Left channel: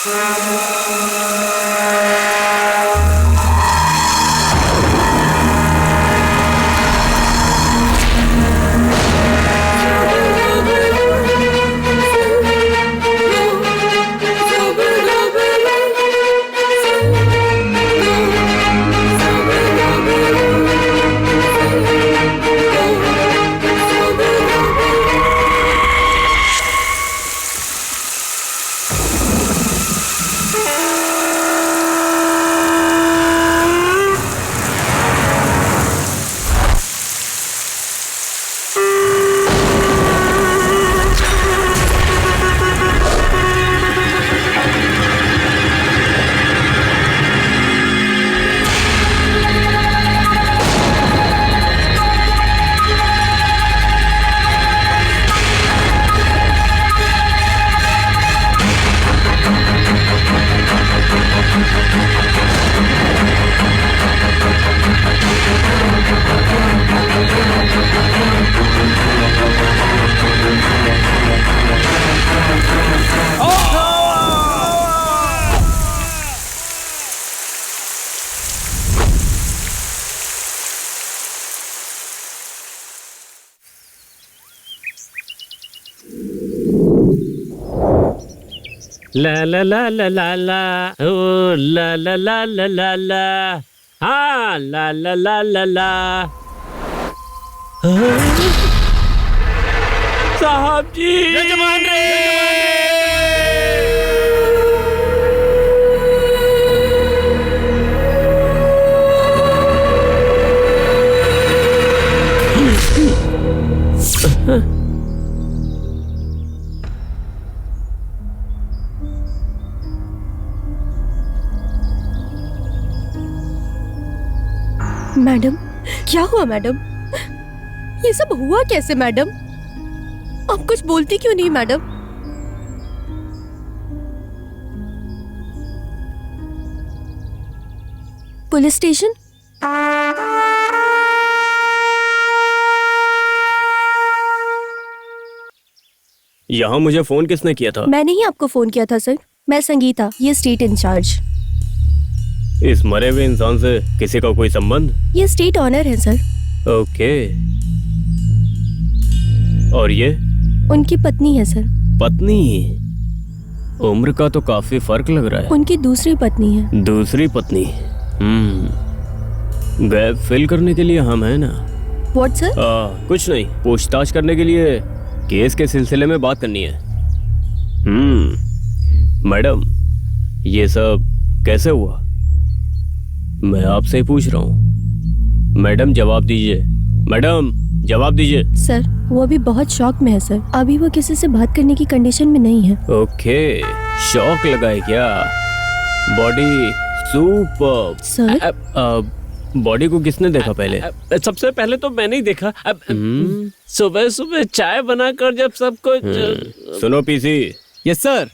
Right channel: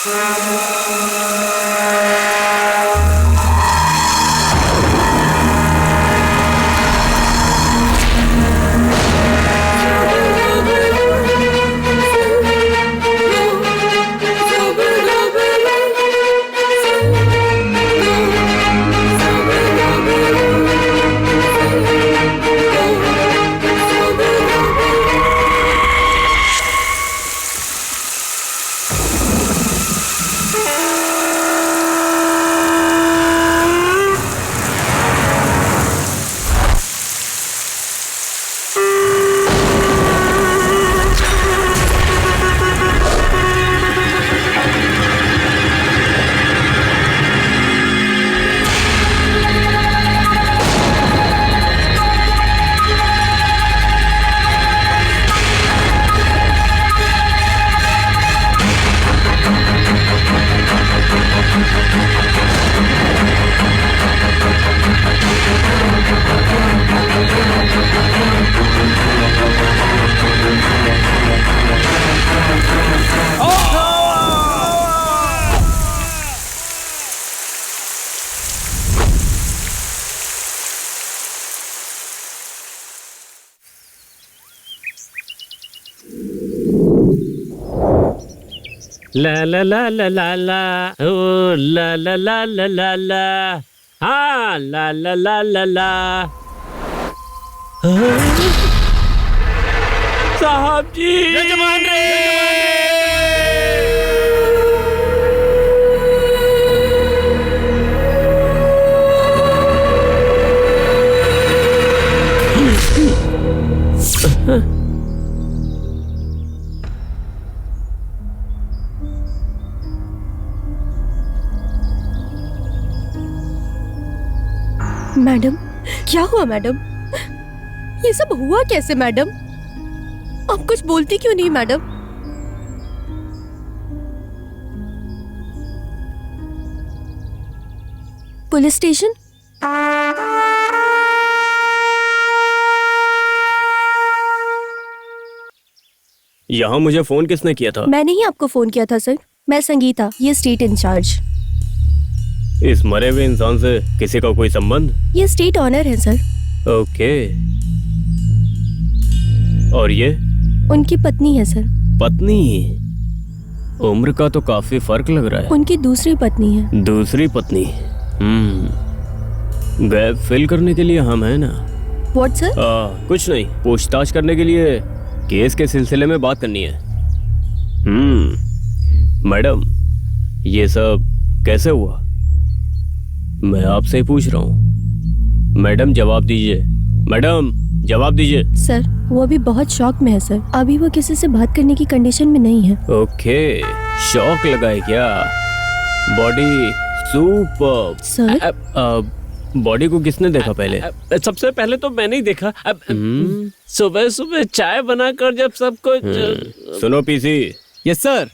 ला ला ला ला ला ला ओ ला ला ला ला ला ला हाँ ला ला ला ला ला साहब जी यजमान रे मैडम, क्या हुआ मैडम? ये सब हुआ कैसे मैडम? आप कुछ बोलती क्यों नहीं मैडम? Police station? यहाँ मुझे फोन किसने किया था? मैंने ही आपको फोन किया था सर। मैं संगीता, ये स्टेट इंचार्ज। इस मरे हुए इंसान से किसी का कोई संबंध? ये स्टेट ऑनर है सर। ओके। और ये? उनकी पत्नी है सर। पत्नी? उम्र का तो काफी फर्क लग रहा है। उनकी दूसरी पत्नी है। दूसरी पत्नी? गैप फिल करने के लिए हम है ना। What sir? कुछ नहीं, पूछताछ करने के लिए केस के सिलसिले में बात करनी है। मैडम, ये सब कैसे हुआ? मैं आपसे ही पूछ रहा हूँ। मैडम जवाब दीजिए, मैडम जवाब दीजिए। सर, वो अभी बहुत शॉक में है सर। अभी वो किसी से बात करने की कंडीशन में नहीं है। ओके, शॉक लगा है क्या? Body super. सर, बॉडी को किसने देखा पहले? सबसे पहले तो मैंने ही देखा। सुबह सुबह चाय बनाकर जब सबको सुनो पीसी। Yes sir.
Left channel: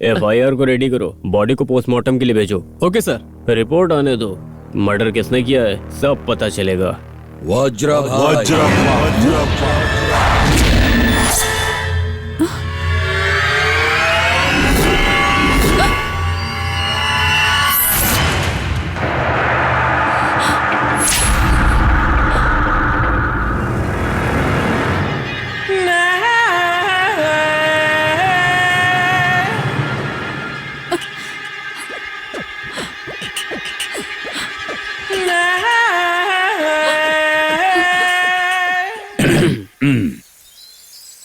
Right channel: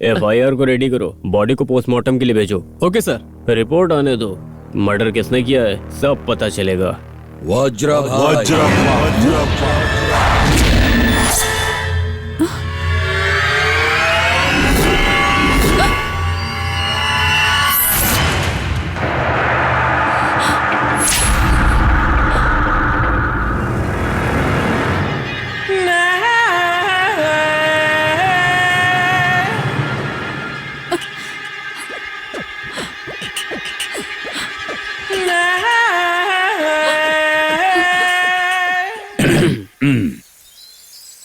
FIR को रेडी करो, बॉडी को पोस्टमार्टम के लिए भेजो। Okay sir. रिपोर्ट आने दो, मर्डर किसने किया है सब पता चलेगा। वज्र भाई।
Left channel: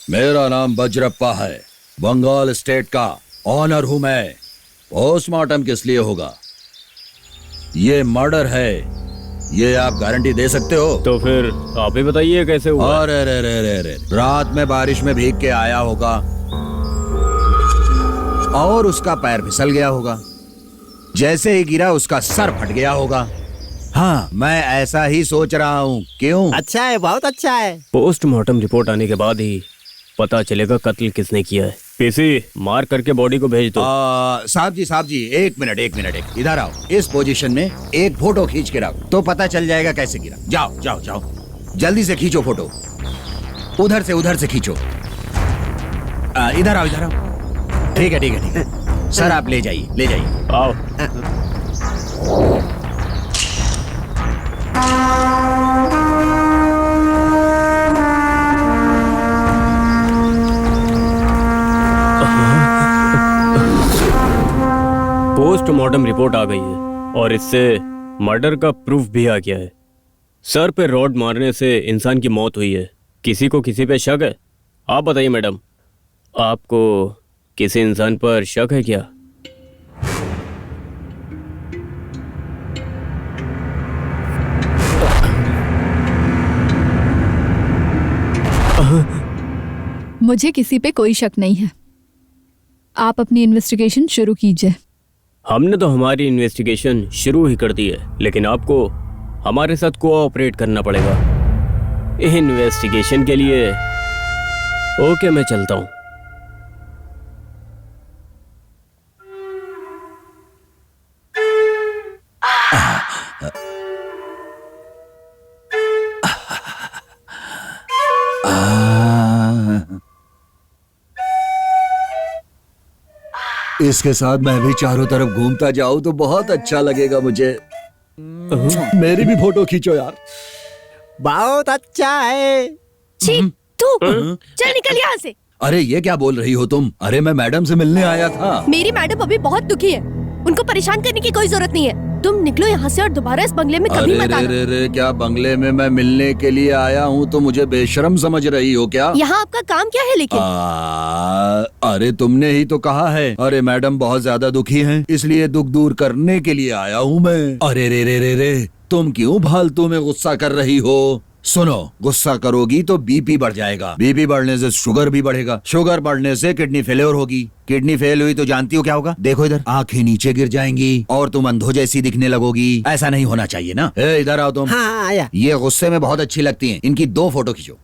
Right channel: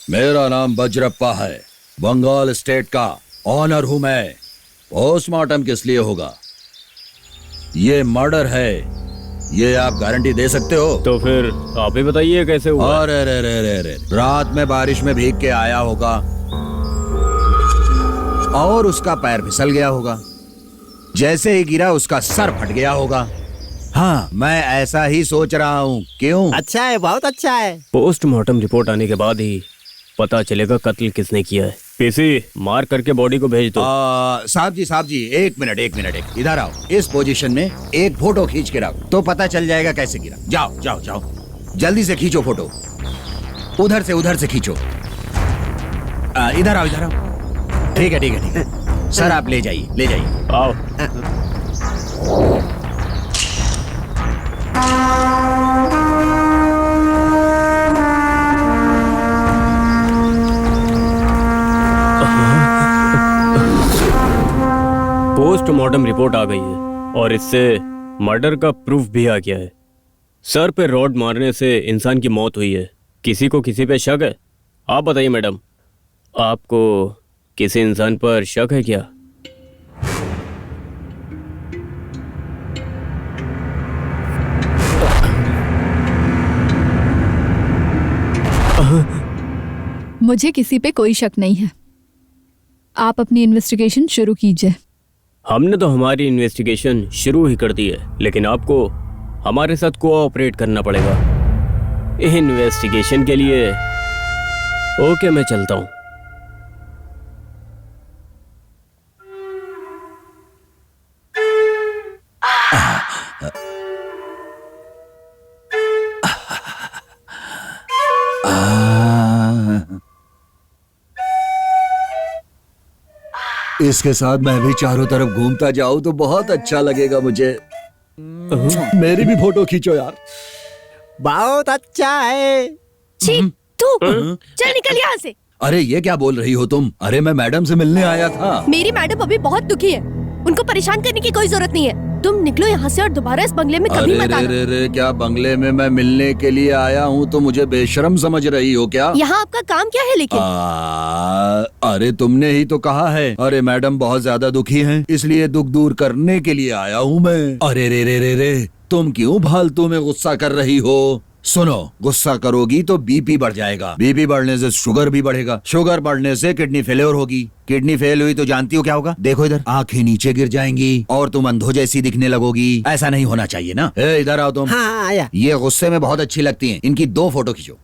मेरा नाम वज्रप्पा है, बंगाल स्टेट का ऑनर हूं मैं। पोस्टमार्टम किस लिए होगा? ये मर्डर है, ये आप गारंटी दे सकते हो? तो फिर आप ही बताइए कैसे हुआ? अरे रे रे रे रे, रात में बारिश में भीग के आया होगा और उसका पैर फिसल गया होगा। जैसे ही गिरा उसका सर फट गया होगा। हाँ, मैं ऐसा ही सोच रहा हूँ। क्यों? अच्छा है, बहुत अच्छा है। पोस्टमार्टम रिपोर्ट आने के बाद ही पता चलेगा कत्ल किसने किया है। पीसी, मार करके बॉडी को भेज दो। साहब जी, एक मिनट, इधर आओ। इस पोजीशन में एक फोटो खींच के रखो तो पता चल जाएगा कैसे गिरा। जाओ, जल्दी से खींचो फोटो। उधर से खींचो। इधर आओ। ठीक है। सर आप ले जाइए, ले जाइए। आओ। पोस्टमार्टम रिपोर्ट आ गई है और इससे मर्डर का प्रूफ भी आ गया है। सर पे रॉड मारने से इंसान की मौत हुई है। किसी को किसी पे शक है? आप बताइए मैडम, आपको किसी इंसान पर शक है क्या? मुझे किसी पे कोई शक नहीं है। आप अपनी इन्वेस्टिगेशन शुरू कीजिए। हमने तो हमारी इन्वेस्टिगेशन शुरू ही कर दी है, लेकिन आपको हमारे साथ कोऑपरेट करना पड़ेगा इन्वेस्टिगेशन के लिए। ओके, मैं चलता हूँ। इसके साथ मैं भी चारों तरफ घूमता जाऊं तो बहुत अच्छा लगेगा मुझे। मेरी भी फोटो खींचो यार। बहुत अच्छा है। छी, तू चल निकल यहाँ से। अरे ये क्या बोल रही हो तुम? अरे मैं मैडम से मिलने आया था। मेरी मैडम अभी बहुत दुखी है, उनको परेशान करने की कोई जरूरत नहीं है। तुम निकलो यहाँ से और दोबारा इस बंगले में कभी अरे मत आना। रे रे, क्या बंगले में मैं मिलने के लिए आया हूँ तो मुझे बेशरम समझ रही हो क्या? यहाँ आपका काम क्या है लेकिन? अरे तुमने ही तो कहा है। अरे मैडम बहुत ज्यादा दुखी हैं, इसलिए दुख दूर करने के लिए आया हूँ मैं। अरे रे रे रे रे, तुम क्यों फालतू में गुस्सा कर रही हो? सुनो, गुस्सा करोगी तो बीपी बढ़ जाएगा, बीपी बढ़ने से शुगर भी बढ़ेगा, शुगर बढ़ने से किडनी फेलियर होगी, किडनी फेल हुई तो जानती हो क्या होगा? देखो इधर, आंखें नीचे गिर जाएंगी और तुम अंधो जैसी दिखने लगोगी। ऐसा नहीं होना चाहिए ना। इधर आओ तुम। हाँ आया। ये गुस्से में बहुत अच्छी लगती हैं, इनकी 2 फोटो खींचो।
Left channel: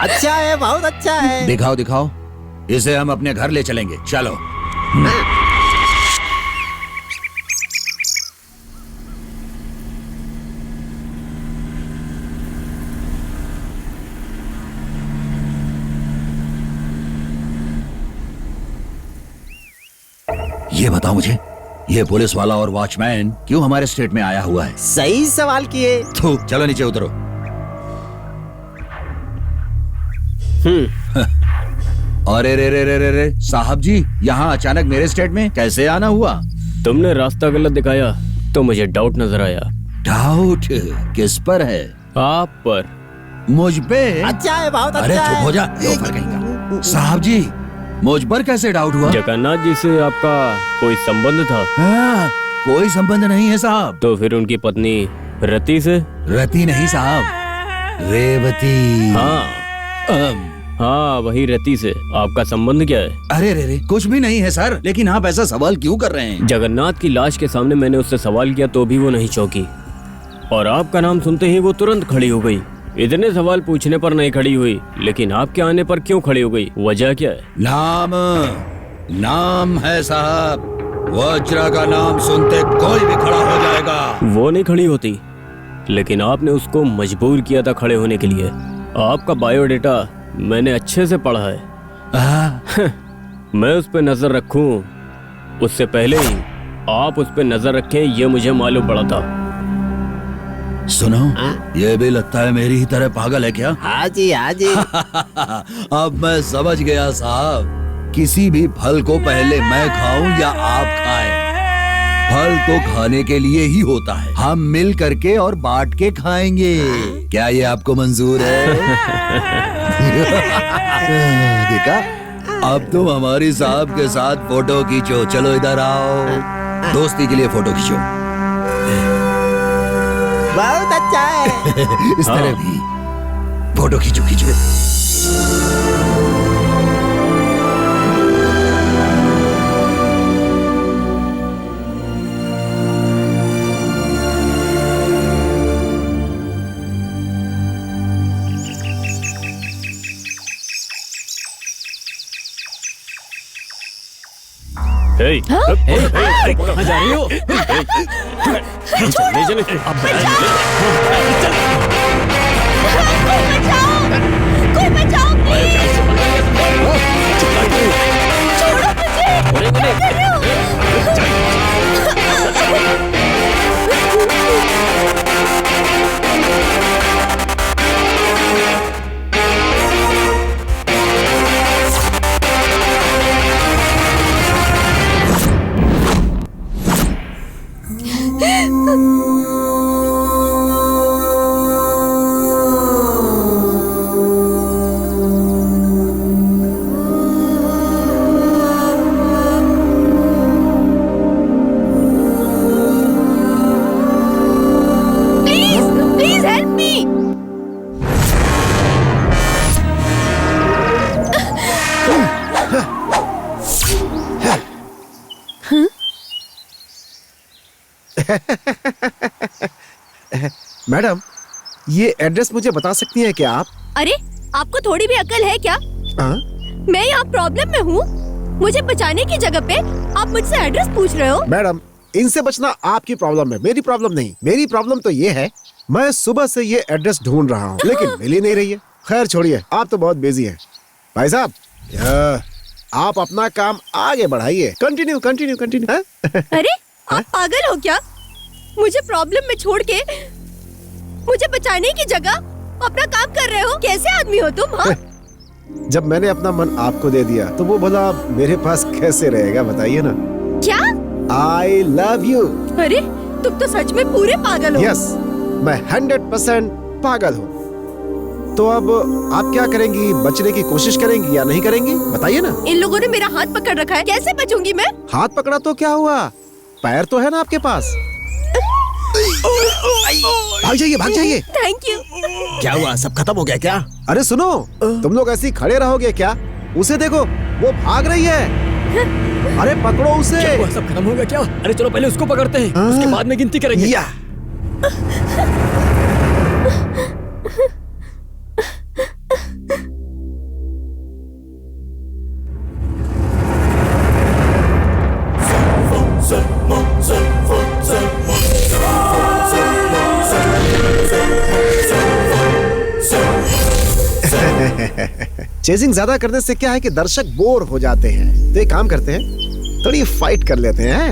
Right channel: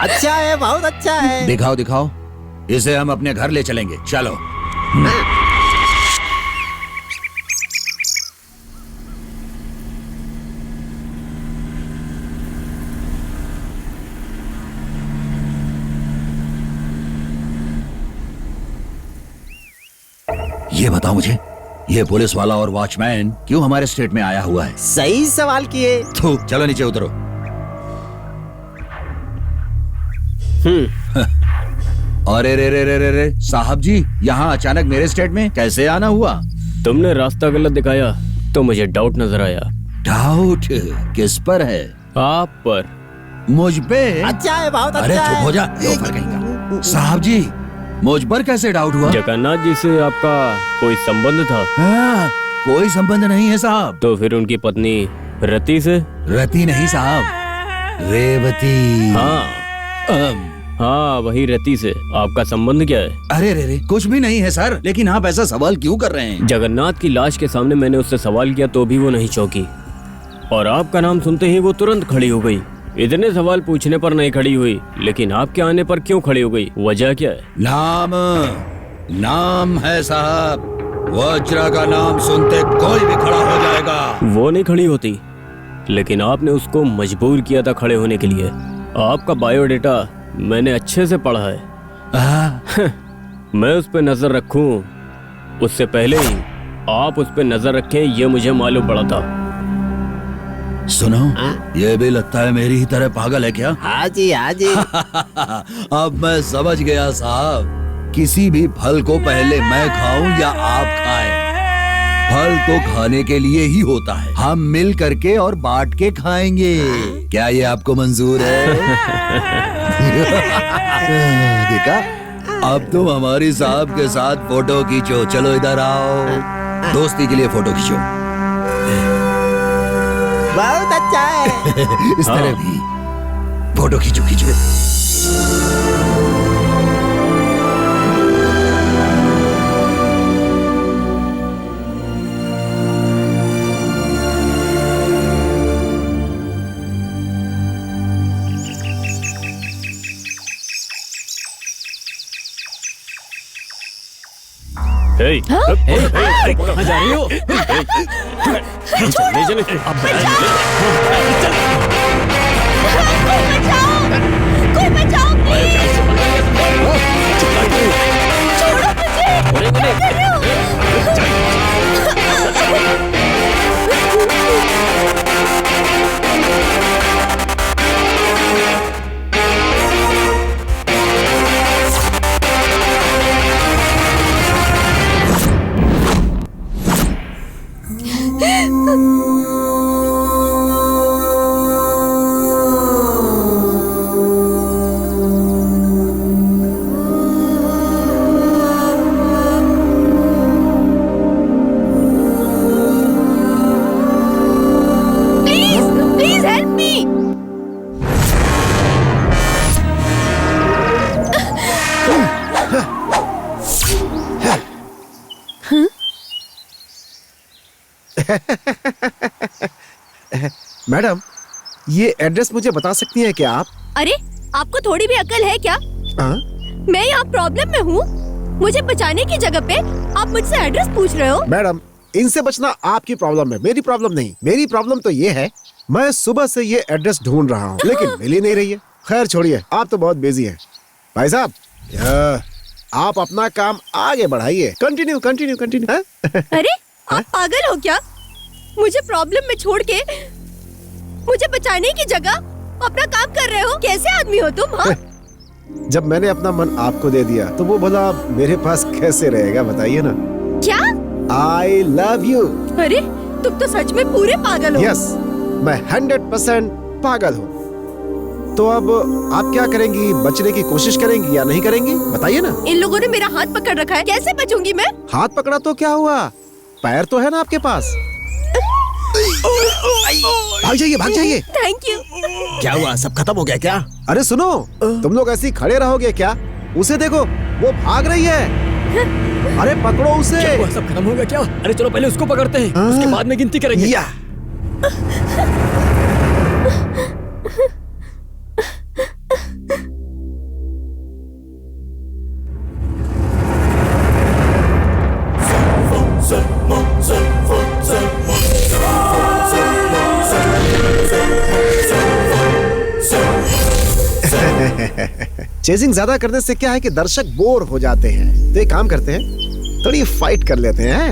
अच्छा है, बहुत अच्छा है। दिखाओ दिखाओ, इसे हम अपने घर ले चलेंगे, चलो। ये बताओ मुझे, ये पुलिस वाला और वॉचमैन क्यों हमारे स्टेट में आया हुआ है? सही सवाल किए। थू, चलो नीचे उतरो। अरे रे रे रे रे रे, साहब जी यहाँ अचानक मेरे स्टेट में कैसे आना हुआ? तुमने रास्ता गलत दिखाया तो मुझे डाउट नजर आया। डाउट किस पर है? आप पर। मुझ पे? अच्छा है, बहुत अच्छा अरे है। चुप हो जा, लोफर कहीं का। साहब जी, मुझ पर कैसे डाउट हुआ? जगन्नाथ जी से आपका कोई संबंध था? हाँ, कोई संबंध नहीं है साहब। तो फिर उनकी पत्नी रति से? रति नहीं साहब, रेवती। हाँ, वही रति से आपका संबंध क्या है? अरे रे रे, कुछ भी नहीं है सर, लेकिन आप ऐसा सवाल क्यों कर रहे हैं? जगन्नाथ की लाश के सामने मैंने उससे सवाल किया तो भी वो नहीं चौंकी, और आपका नाम सुनते ही वो तुरंत खड़ी हो गई। इतने सवाल पूछने पर नहीं खड़ी हुई, लेकिन आपके आने पर क्यों खड़ी हो गई? वजह क्या है? नाम है साहब, वज्रा का नाम सुनते कोई भी खड़ा हो जाएगा। वो नहीं खड़ी होती, लेकिन आपने उसको मजबूर किया था खड़े होने के लिए। आपका बायोडेटा मैंने अच्छे से पढ़ा है। मैं उस पर नजर रखूं उससे पहले ही आप उस पर नजर रखें, ये मुझे मालूम पड़ा था। सुनो, ये भी लगता है मेरी ही तरह पागल है क्या? हाँ जी, हाँ जी। अब मैं समझ गया साहब, किसी भी फल को पहले मैं खाऊं या आप खाएं, फल तो खाने के लिए ही होता है। हम मिल करके और बांट के खाएंगे। क्या ये आपको मंजूर है? देखा, अब तुम हमारी साहब के साथ फोटो खींचो। चलो इधर आओ, दोस्ती के लिए फोटो खींचो। बहुत अच्छा है। इस तरह भी फोटो खींचो खींचो। कहाँ जा रही हो? चले कोई बचाओ, कोई बचाओ प्लीज। मैडम, ये एड्रेस मुझे बता सकती हैं क्या आप? अरे आपको थोड़ी भी अकल है क्या? हाँ? मैं यहाँ प्रॉब्लम में हूँ, मुझे बचाने की जगह पे आप मुझसे एड्रेस पूछ रहे हो? मैडम, इनसे बचना आपकी प्रॉब्लम है, मेरी प्रॉब्लम नहीं। मेरी प्रॉब्लम तो ये है, मैं सुबह से ये एड्रेस ढूंढ रहा हूँ लेकिन मिल ही नहीं रही है। खैर छोड़िए, आप तो बहुत बिजी हैं। भाई साहब, आप अपना काम आगे बढ़ाइए। Continue continue continue. अरे आप पागल हो क्या? मुझे प्रॉब्लम में छोड़ के मुझे बचाने की जगह अपना काम कर रहे हो? कैसे आदमी हो तुम? हाँ? जब मैंने अपना मन आपको दे दिया तो वो भला मेरे पास कैसे रहेगा, बताइए ना। क्या? I love you. अरे तुम तो सच में पूरे पागल हो। यस, मैं 100% पागल हूँ। तो अब आप क्या करेंगी? बचने की कोशिश करेंगी या नहीं करेंगी, बताइए ना। इन लोगों ने मेरा हाथ पकड़ रखा है, कैसे बचूंगी मैं? हाथ पकड़ा तो क्या हुआ, पैर तो है ना आपके पास। भाग जाइए, भाग जाइए। Thank you. क्या हुआ, सब खत्म हो गया क्या? अरे सुनो, तुम लोग ऐसे ही खड़े रहोगे क्या? उसे देखो, वो भाग रही है। अरे पकड़ो उसे। क्या हुआ, सब खत्म हो गया क्या? अरे चलो पहले उसको पकड़ते हैं, उसके बाद में गिनती करेंगे। या चेजिंग ज्यादा करने से क्या है कि दर्शक बोर हो जाते हैं। तो एक काम करते हैं, थोड़ी फाइट कर लेते हैं।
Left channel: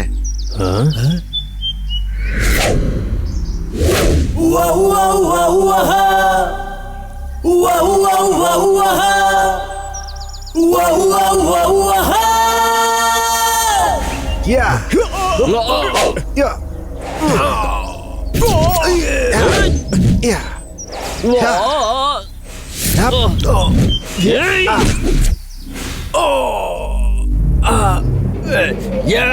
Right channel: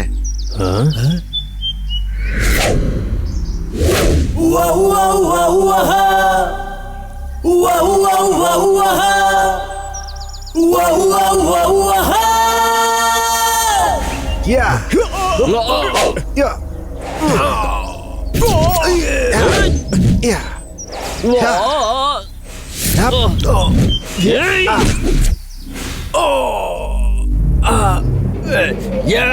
या या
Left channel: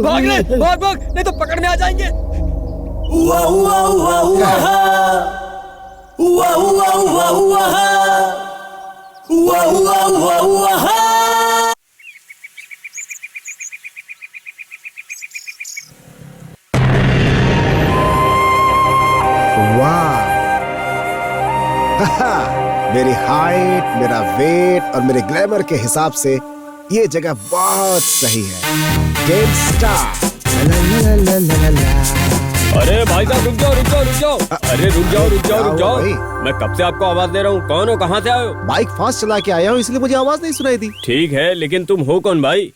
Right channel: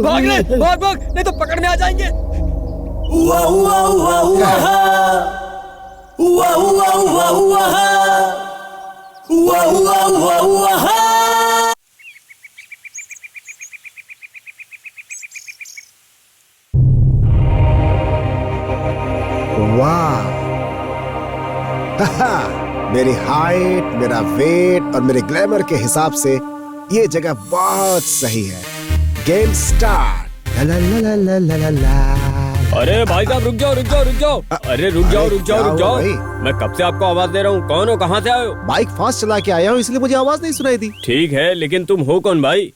भाग ले, भाग भाग, नहीं तो पकड़ में आ जाएंगे। वाह, मेरी हाइट, मेरा वेट और मेरे ग्लैमर के हिसाब से ये जगह बहुत सही है। Game start. ला ला ला ला ला ला। अरे भाई साहब रुक जाओ, रुक जाओ, रुक जाओ। अरे रुक जाओ, रुक जाओ, रुक जाओ। भाई? मैं कब से आपको आवाज दे रहा हूँ, कौन हो, कहाँ से आए हो? बाइक फास्ट चला के आया हूँ इसलिए मुझे आवाज नहीं सुनाई दी। ठीक है, लेकिन तुम हो कौन भाई?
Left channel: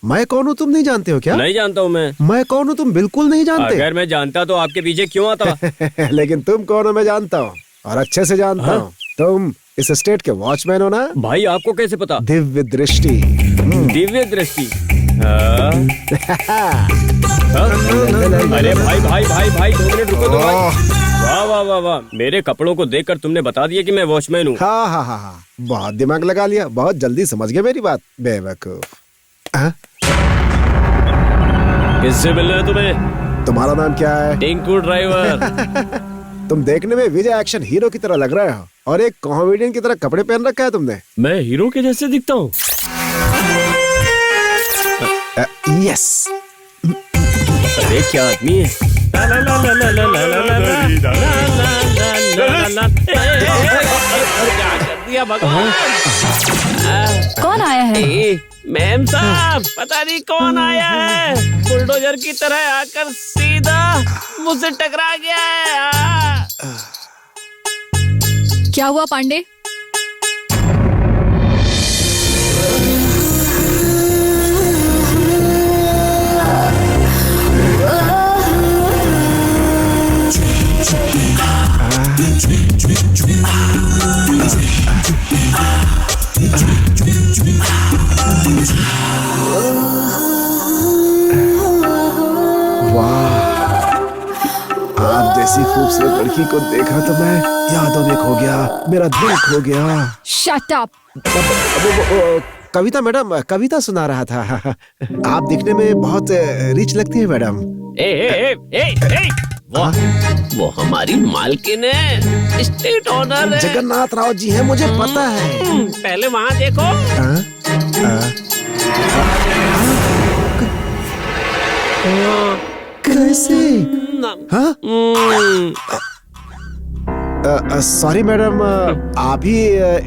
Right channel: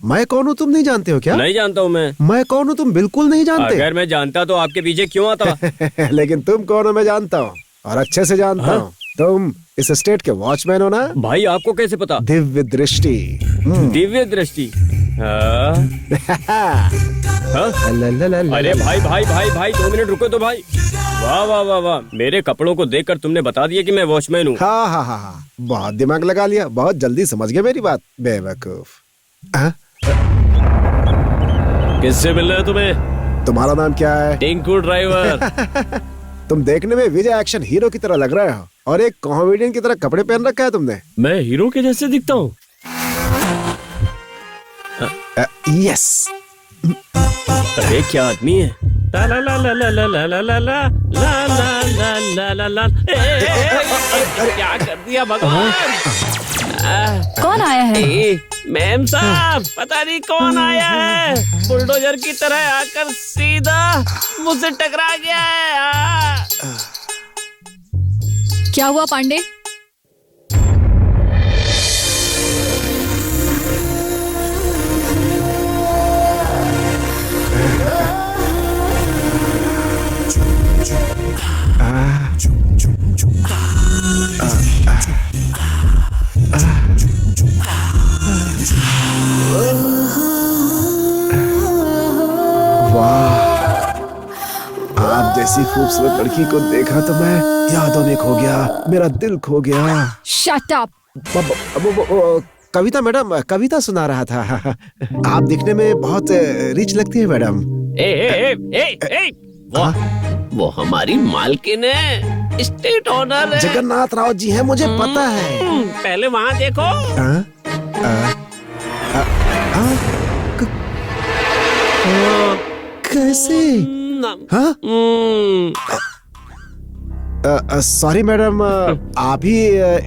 मैं कौन हूँ तुम नहीं जानते हो क्या? नहीं जानता हूँ मैं। मैं कौन हूँ तुम बिल्कुल नहीं जानते। अगर मैं जानता तो आपके पीछे क्यों आता? लेकिन तुम कौन हो मैं जानता हूँ, और अच्छे से जानता हूँ। तुम इस स्टेट के वॉचमैन हो ना? भाई आपको कैसे पता? दिव्य दृष्टि। दिव्य दृष्टि। हाँ? अरे भाई भाई भाई भाई 2 मिनट रुको तो भाई। वाह वाह वाह वाह, मेरे कपड़ों को देखकर तुमने बता दिया कि मैं वॉचमैन हूँ। हाँ हाँ हाँ हाँ, बहुत दिमाग लगा लिया, बहुत जल्दी समझ गए मेरी बात, बेवकूफ। किससे मिलना है तुम्हें? तुम्हारा नाम क्या है? टिंकू ड्राइवर। तुम देखने में विजय एक्शन हीरो की तरह लग रहे हो और एक कॉमेडियन की तरह कपड़े पहन रखा है तुमने। मैं हीरो के जैसे दिखता हूँ? यस। अरे क्या आदमी है? ला ला ला ला ला ला ला ला ला ला ला ला ला ला ला। क्या कर दिया भगवान? कौन आया है? मैम साहब, पता नहीं कौन आया है, बुलडोजर की तरह आकर सीधा मुझसे टकरा गया है। क्या हुआ पांडे? वाह, आप जैसी खूबसूरत लड़की को देखा तो मैं यादों में खो गया, मेरा दिल खो गया। Shut up. कविता मैडम, कविता सुना रहा था। आप दिखने में बहुत रिच लगती है मैडम। ए, वो हमारी मालकिन है, स्टेट ऑनर है। जगन्नाथ राव जी हैं, मुझे पता है। पहले वहाँ देखो। कैसे? हाँ? सॉरी मैडम, आप ही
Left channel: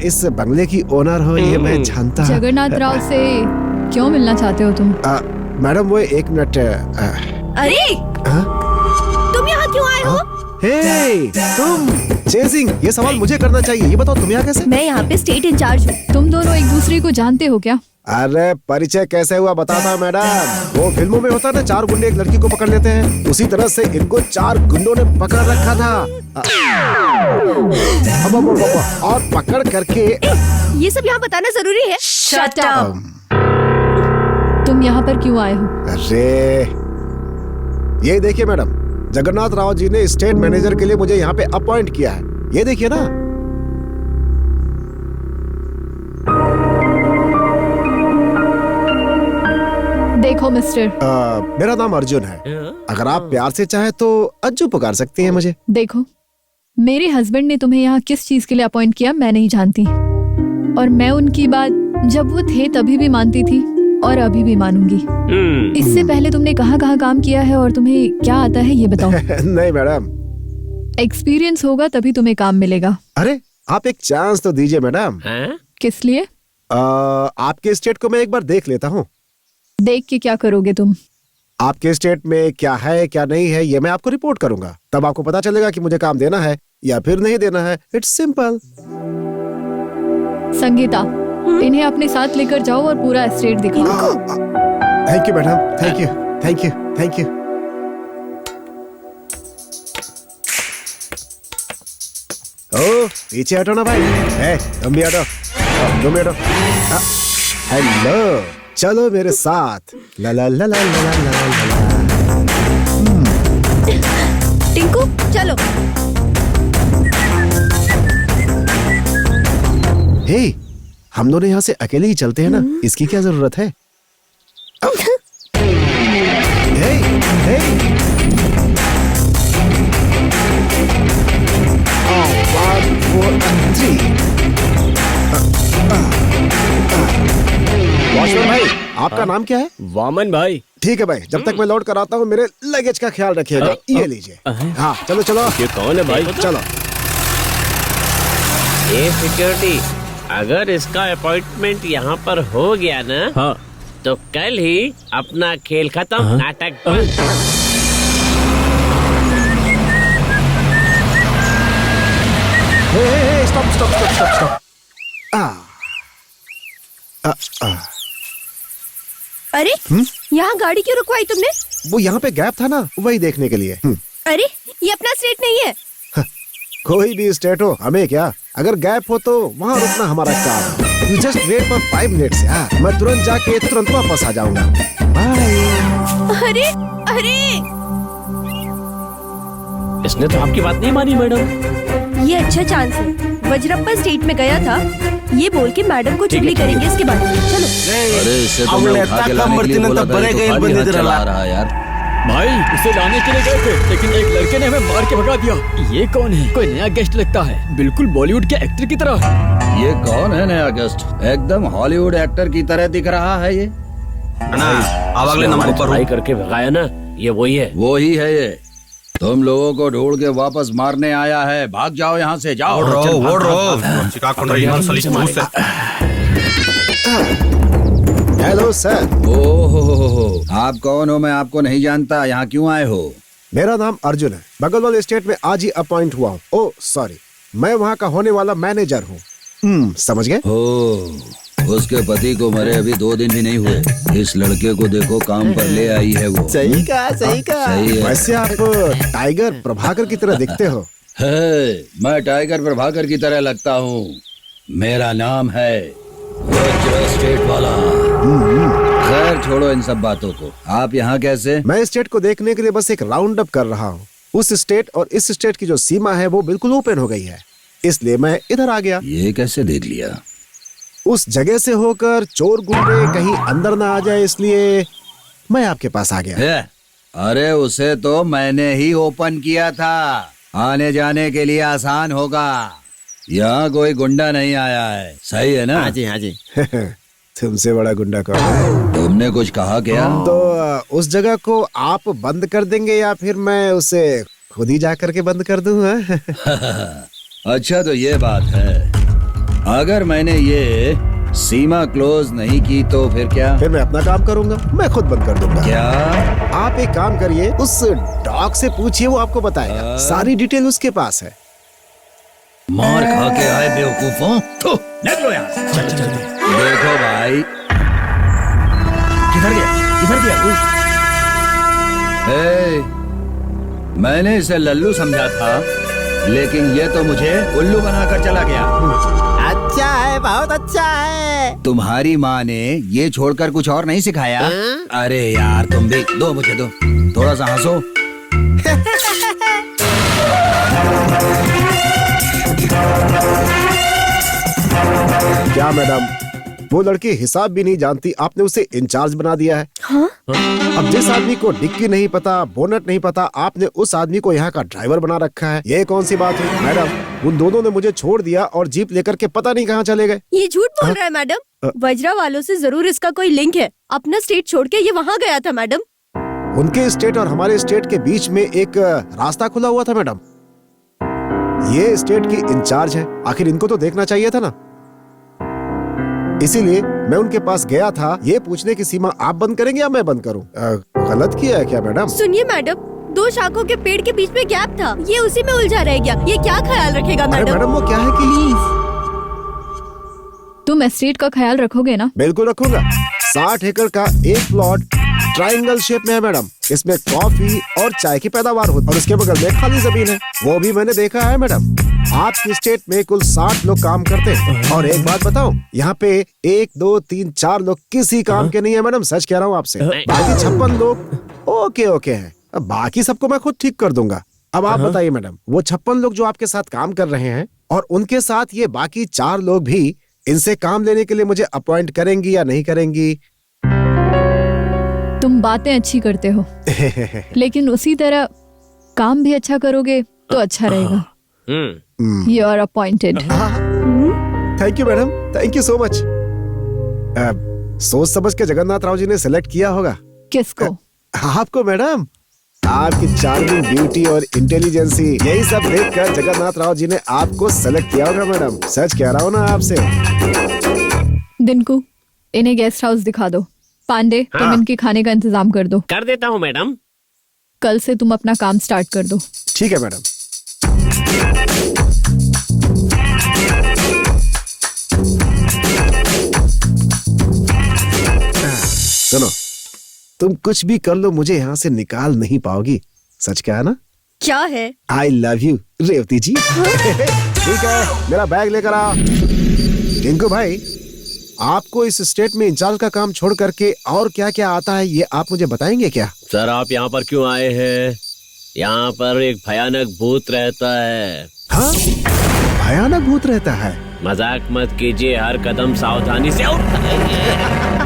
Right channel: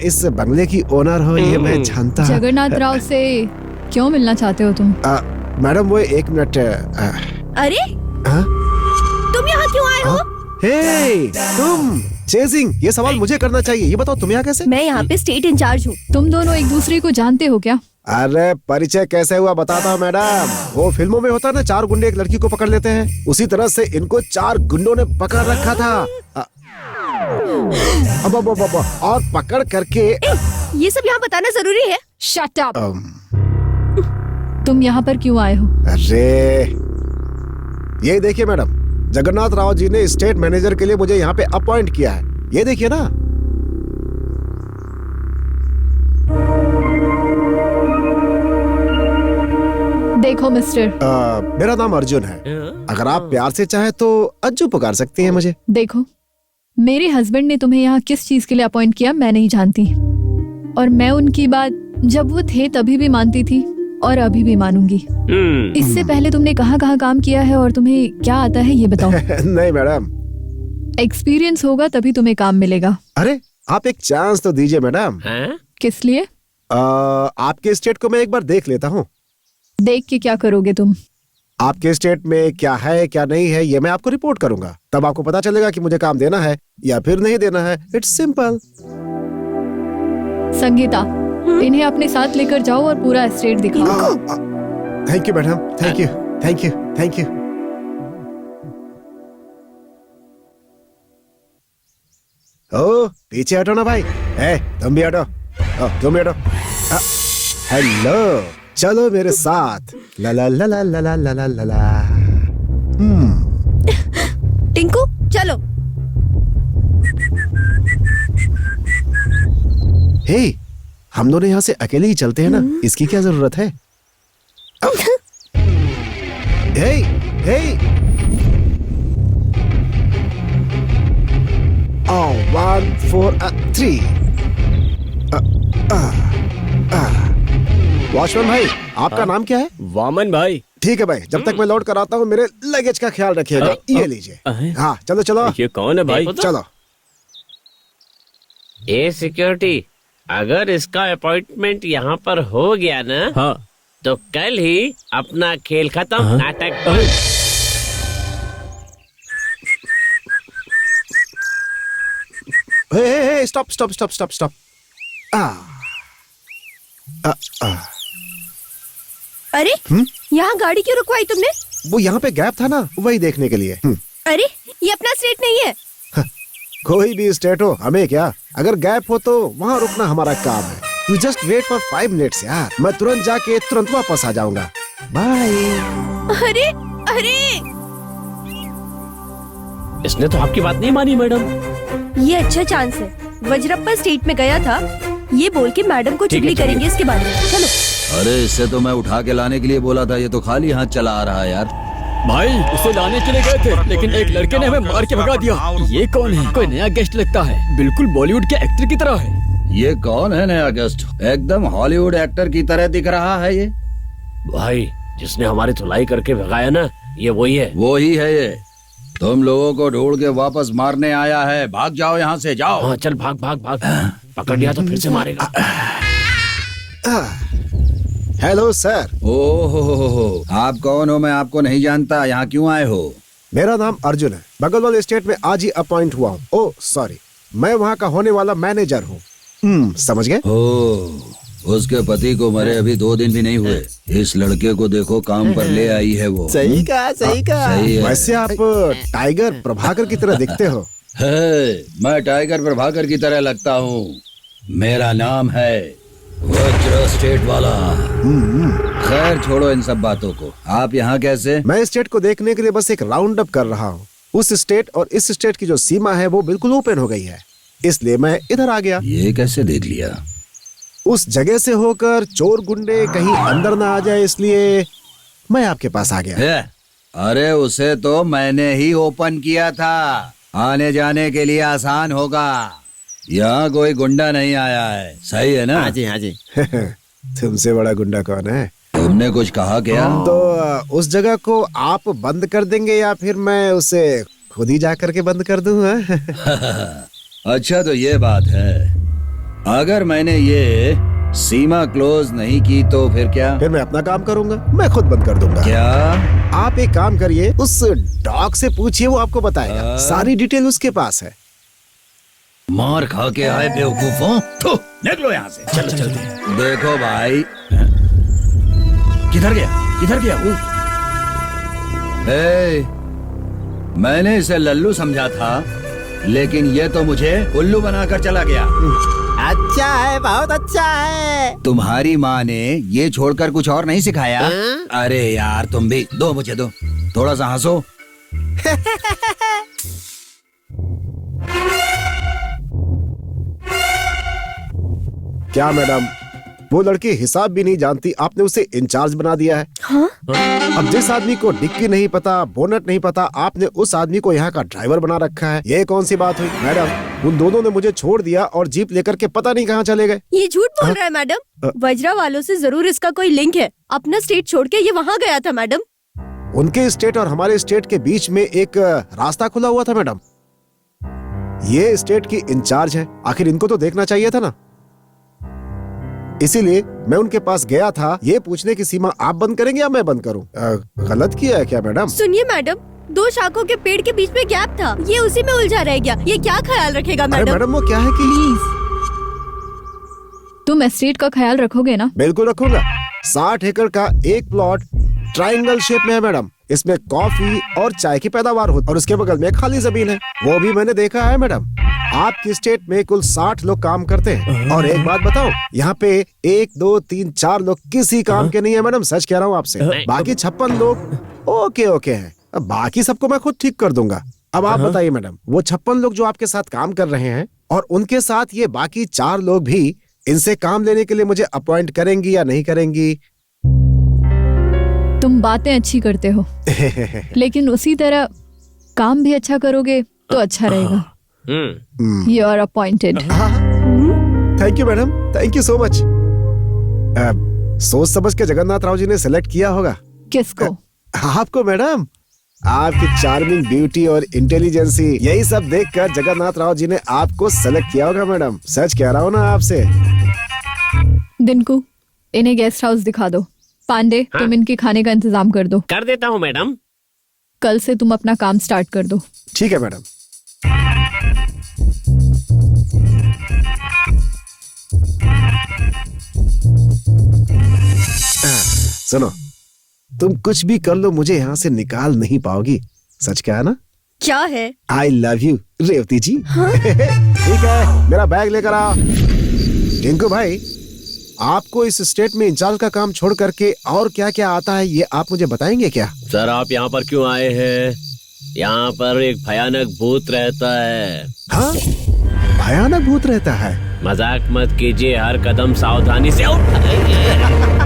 इस बंगले की ओनर हो ये मैं जानता। जगन्नाथ राव से क्यों मिलना चाहते हो तुम? मैडम वो 1 मिनट। अरे तुम यहाँ क्यों आए हो? हे तुम चेजिंग, ये सवाल मुझे करना चाहिए। ये बताओ तुम यहाँ कैसे? मैं यहाँ पे स्टेट इंचार्ज हूँ। तुम दोनों एक दूसरे को जानते हो क्या? अरे परिचय कैसे हुआ बताता हूँ मैडम। वो फिल्मों में होता है ना, 4 गुंडे एक लड़की को पकड़ लेते हैं, उसी तरह से इनको 4 गुंडों ने पकड़ रखा था। अब और पकड़ करके। ये सब यहाँ बताना जरूरी है? Shut up! तुम यहाँ पर क्यों आए हो? अरे ये देखिए मैडम, जगन्नाथ राव जी ने स्टेट मैनेजर के लिए मुझे यहाँ पे अपॉइंट किया है। ये देखिए ना। देखो मिस्टर, मेरा नाम अर्जुन है। अगर आप प्यार से चाहे तो अज्जू पुकार सकती हैं मुझे। देखो, मेरे हस्बैंड ने तुम्हें यहाँ किस चीज के लिए अपॉइंट किया मैं नहीं जानती, और मैं उनकी बात जब वो थे तभी भी मानती थी और अभी भी मानूंगी। इससे पहले तुमने कहाँ काम किया है और तुम्हें क्या आता है ये बताओ। नहीं मैडम, एक्सपीरियंस होगा तभी तुम्हें काम मिलेगा। अरे आप एक चांस तो दीजिए मैडम। किस लिए? आपके स्टेट को मैं एक बार देख लेता हूँ। देख के क्या करोगे तुम? आपके स्टेट में क्या है क्या नहीं है ये मैं आपको रिपोर्ट करूंगा, तब आपको पता चलेगा कि मुझे काम देना है या फिर नहीं देना है। It's simple. संगीता, इन्हें अपने साथ लेकर जाओ और पूरा एस्टेट दिखाओ। Thank you madam, thank you thank you thank you. ओ पीछे हटो ना भाई। तुम भी हटो, तुम भी हटो। हेलो, चलो मेरे साथ। ला ला ला ला ला ला ला ला ला। टिंकू चलो। हे, हम दोनों यहाँ से अकेले ही चलते हैं ना, इसकी क्या जरूरत है? हे, हे। 1 4 3। वॉचमैन भाई, आपका नाम क्या है? वामन भाई। ठीक है भाई, जब तक मैं लौट कर आता हूँ मेरे लगेज का ख्याल रखिएगा। ये लीजिए। हाँ चलो चलो। ये कौन है भाई? चलो। ए सिक्योरिटी, अगर इसका अपॉइंटमेंट यहाँ पर हो गया ना, हाँ, तो कल ही अपना खेल खत्म, नाटक बंद। Hey, stop stop stop stop stop. अरे यहाँ गाड़ी क्यों रुकवाई तुमने? वो यहाँ पे गैप था ना, वही देखने के लिए। अरे ये अपना स्टेट नहीं है। कोई भी स्टेट हो, हमें क्या। अगर गैप हो तो वहाँ रुकना हमारा काम है। You just wait for 5 minutes यार, मैं तुरंत जाके तुरंत वापस आ जाऊंगा। बाय। अरे अरे, इसने तो आपकी बात नहीं मानी मैडम। ये अच्छा चांस है। वज्रप्पा स्टेट में गया था, ये बोल के मैडम को चुगली करेंगे इसके बाद। चलो। अरे इससे तो मैं उठा के लाने के लिए बोला था, ये तो खाली हाथ चला आ रहा है यार। भाई उसे लाने के लिए गए थे, लेकिन एक लड़के ने हमें मार के भगा दिया। ये कौन है? कोई नया गेस्ट लगता है, बिल्कुल बॉलीवुड के एक्टर की तरह। ये कौन है नया गेस्ट? एकदम हॉलीवुड एक्टर की तरह दिख रहा है ये। भाई इसने हमारी धुलाई करके भगाया ना, ये वही है। वो ही है ये। तुम लोगों को ढूंढ के वापस मारने आया है। भाग जाओ यहाँ से, जाओ। चल भाग भाग। पकड़ लिया तो नीचे मारेगा। Hello sir. ओहो, आप कौन हो? मैं आपको नहीं जानता। यहाँ क्यों आए हो? मेरा नाम अर्जुन है, बगल वाले स्टेट में आज ही अपॉइंट हुआ हूँ। ओह सॉरी, मैं वहाँ का होने वाला मैनेजर हूँ। समझ गए? उसके पति को मरे अभी 2 दिन भी नहीं हुए। इस लड़के को देखो, काम पर ले आई है वो। सही कहा, सही कहा। सही है। वैसे आप टाइगर प्रभाकर की तरह दिखते हो। मैं टाइगर प्रभाकर की तरह लगता हूँ। मेरा नाम है वज्र स्टेट वाला। खैर छोड़ो इन सब बातों को। आप यहाँ कैसे? मैं स्टेट को देखने के लिए बस एक राउंड अप कर रहा हूँ। उस स्टेट और इस स्टेट की जो सीमा है वो बिल्कुल ओपन हो गई है, इसलिए मैं इधर आ गया। ये कैसे देख लिया? उस जगह से होकर चोर गुंडे कहीं अंदर ना आ जाए, इसलिए मैं आपके पास आ गया। अरे उसे तो मैंने ही ओपन किया था, आने जाने के लिए आसान होगा। यहाँ कोई गुंडा नहीं आया है, सही है ना? हाँ जी हाँ जी। तुमसे बड़ा गुंडा कौन है? तुमने कुछ कहा क्या? तो उस जगह को आप बंद कर देंगे या फिर मैं उसे खुद ही जा करके बंद कर दूं? अच्छा तो ये बात है, अगर मैंने ये सीमा क्लोज नहीं की तो फिर क्या? फिर मैं अपना काम करूंगा, मैं खुद बंद कर दूंगा। क्या? आप एक काम करिए, उस डॉग से पूछिए, वो आपको बताएगा। सारी डिटेल उसके पास है। मार खा के आए बेवकूफों, निकलो यहाँ से। चलो चलते। देखो भाई, किधर गया? किधर गया? मैंने इसे लल्लू समझा था, लेकिन ये तो मुझे उल्लू बनाकर चला गया। अच्छा है, बहुत अच्छा है। तुम्हारी माँ ने ये छोड़कर कुछ और नहीं सिखाया? अरे यार तुम भी दो, मुझे दो, थोड़ा सा हंसो। क्या मैडम, वो लड़की हिसाब भी नहीं जानती, आपने उसे इंचार्ज बना दिया है। हाँ? अब जिस आदमी को डिक्की नहीं पता, बोनट नहीं पता, आपने उस आदमी को यहाँ का ड्राइवर बना रखा है। ये कौन सी बात हुई मैडम? उन दोनों ने मुझे छोड़ दिया और जीप लेकर के पता नहीं कहाँ चले गए। ये झूठ बोल रहा है मैडम। वज्रा वालों से जरूर इसका कोई लिंक है। अपना स्टेट छोड़ के ये वहाँ गया था मैडम। उनके स्टेट और हमारे स्टेट के बीच में एक रास्ता खुला हुआ था मैडम। ये स्टेट की इंचार्ज है, आखिर इनको तो देखना चाहिए था ना। इसीलिए मैं उनके पास गया था, ये पूछने की सीमा आप बंद करेंगे या मैं बंद करूं? गलत किया है क्या मैडम? सुनिए मैडम, 2 शाखों के पेड़ के बीच में गैप था, ये उसी में उलझा रह गया। ये क्या ख्याल रखेगा अरे मैडम? मैडम वो क्या है कि प्लीज तुम एस्टेट का ख्याल रखोगे ना? बिल्कुल रखूंगा। 60 एकड़ का एक प्लॉट ट्रायंगल शेप में है मैडम। इसमें कॉफी और चाय की पैदावार होती है और उसके बगल में खाली जमीन है, वो भी मैंने देखा है मैडम। आपकी स्टेट में कुल 60 लोग काम करते हैं और एक बात बताओ, यहाँ पे 1 2 3 4 लोग किसी काम के नहीं है मैडम, सच कह रहा हूँ आपसे। बाकी 56 लोग ओके हैं, अब बाकी सबको मैं खुद ठीक कर दूंगा। अब आप बताइए मैडम, वो 56 लोग जो आपके साथ काम कर रहे हैं और उनके साथ ये बाकी 4 लोग भी, इनसे काम लेने के लिए मुझे अपॉइंट करेंगी या नहीं करेंगी? तुम बातें अच्छी करते हो लेकिन उसी तरह काम भी अच्छा करोगे तो अच्छा रहेगा। You are appointed. Thank you madam, thank you so much. सोच समझ के जगन्नाथ राव जी ने सेलेक्ट किया होगा। किसको? आपको मैडम। आपकी चार्मिंग ब्यूटी और इंटेलिजेंसी, यही सब देखकर जगन्नाथ राव जी ने आपको सेलेक्ट किया होगा मैडम, सच कह रहा हूँ ना आपसे। दिनकू, इन्हें गेस्ट हाउस दिखा दो। पांडे, तुम इनके खाने का इंतजाम कर दो। कर देता हूँ मैडम। कल से तुम अपना काम स्टार्ट कर दो। ठीक है मैडम। सुनो, तुम कुछ भी कर लो, मुझे यहाँ से निकाल नहीं पाओगी, सच क्या है ना? क्या है? आई लव यू रेवती जी। ठीक है, मेरा बैग लेकर आओ। टिंकू भाई, आपको इस स्टेट में इंचार्ज का काम छोड़ करके और क्या क्या आता है, ये आप मुझे बताएंगे क्या? सर आप यहाँ पर क्यों आए हैं? यहाँ पर एक भयानक भूत रहता है। हाँ, भयानक भूत रहता है? मजाक मत कीजिए, हर कदम सावधानी से उठाइए।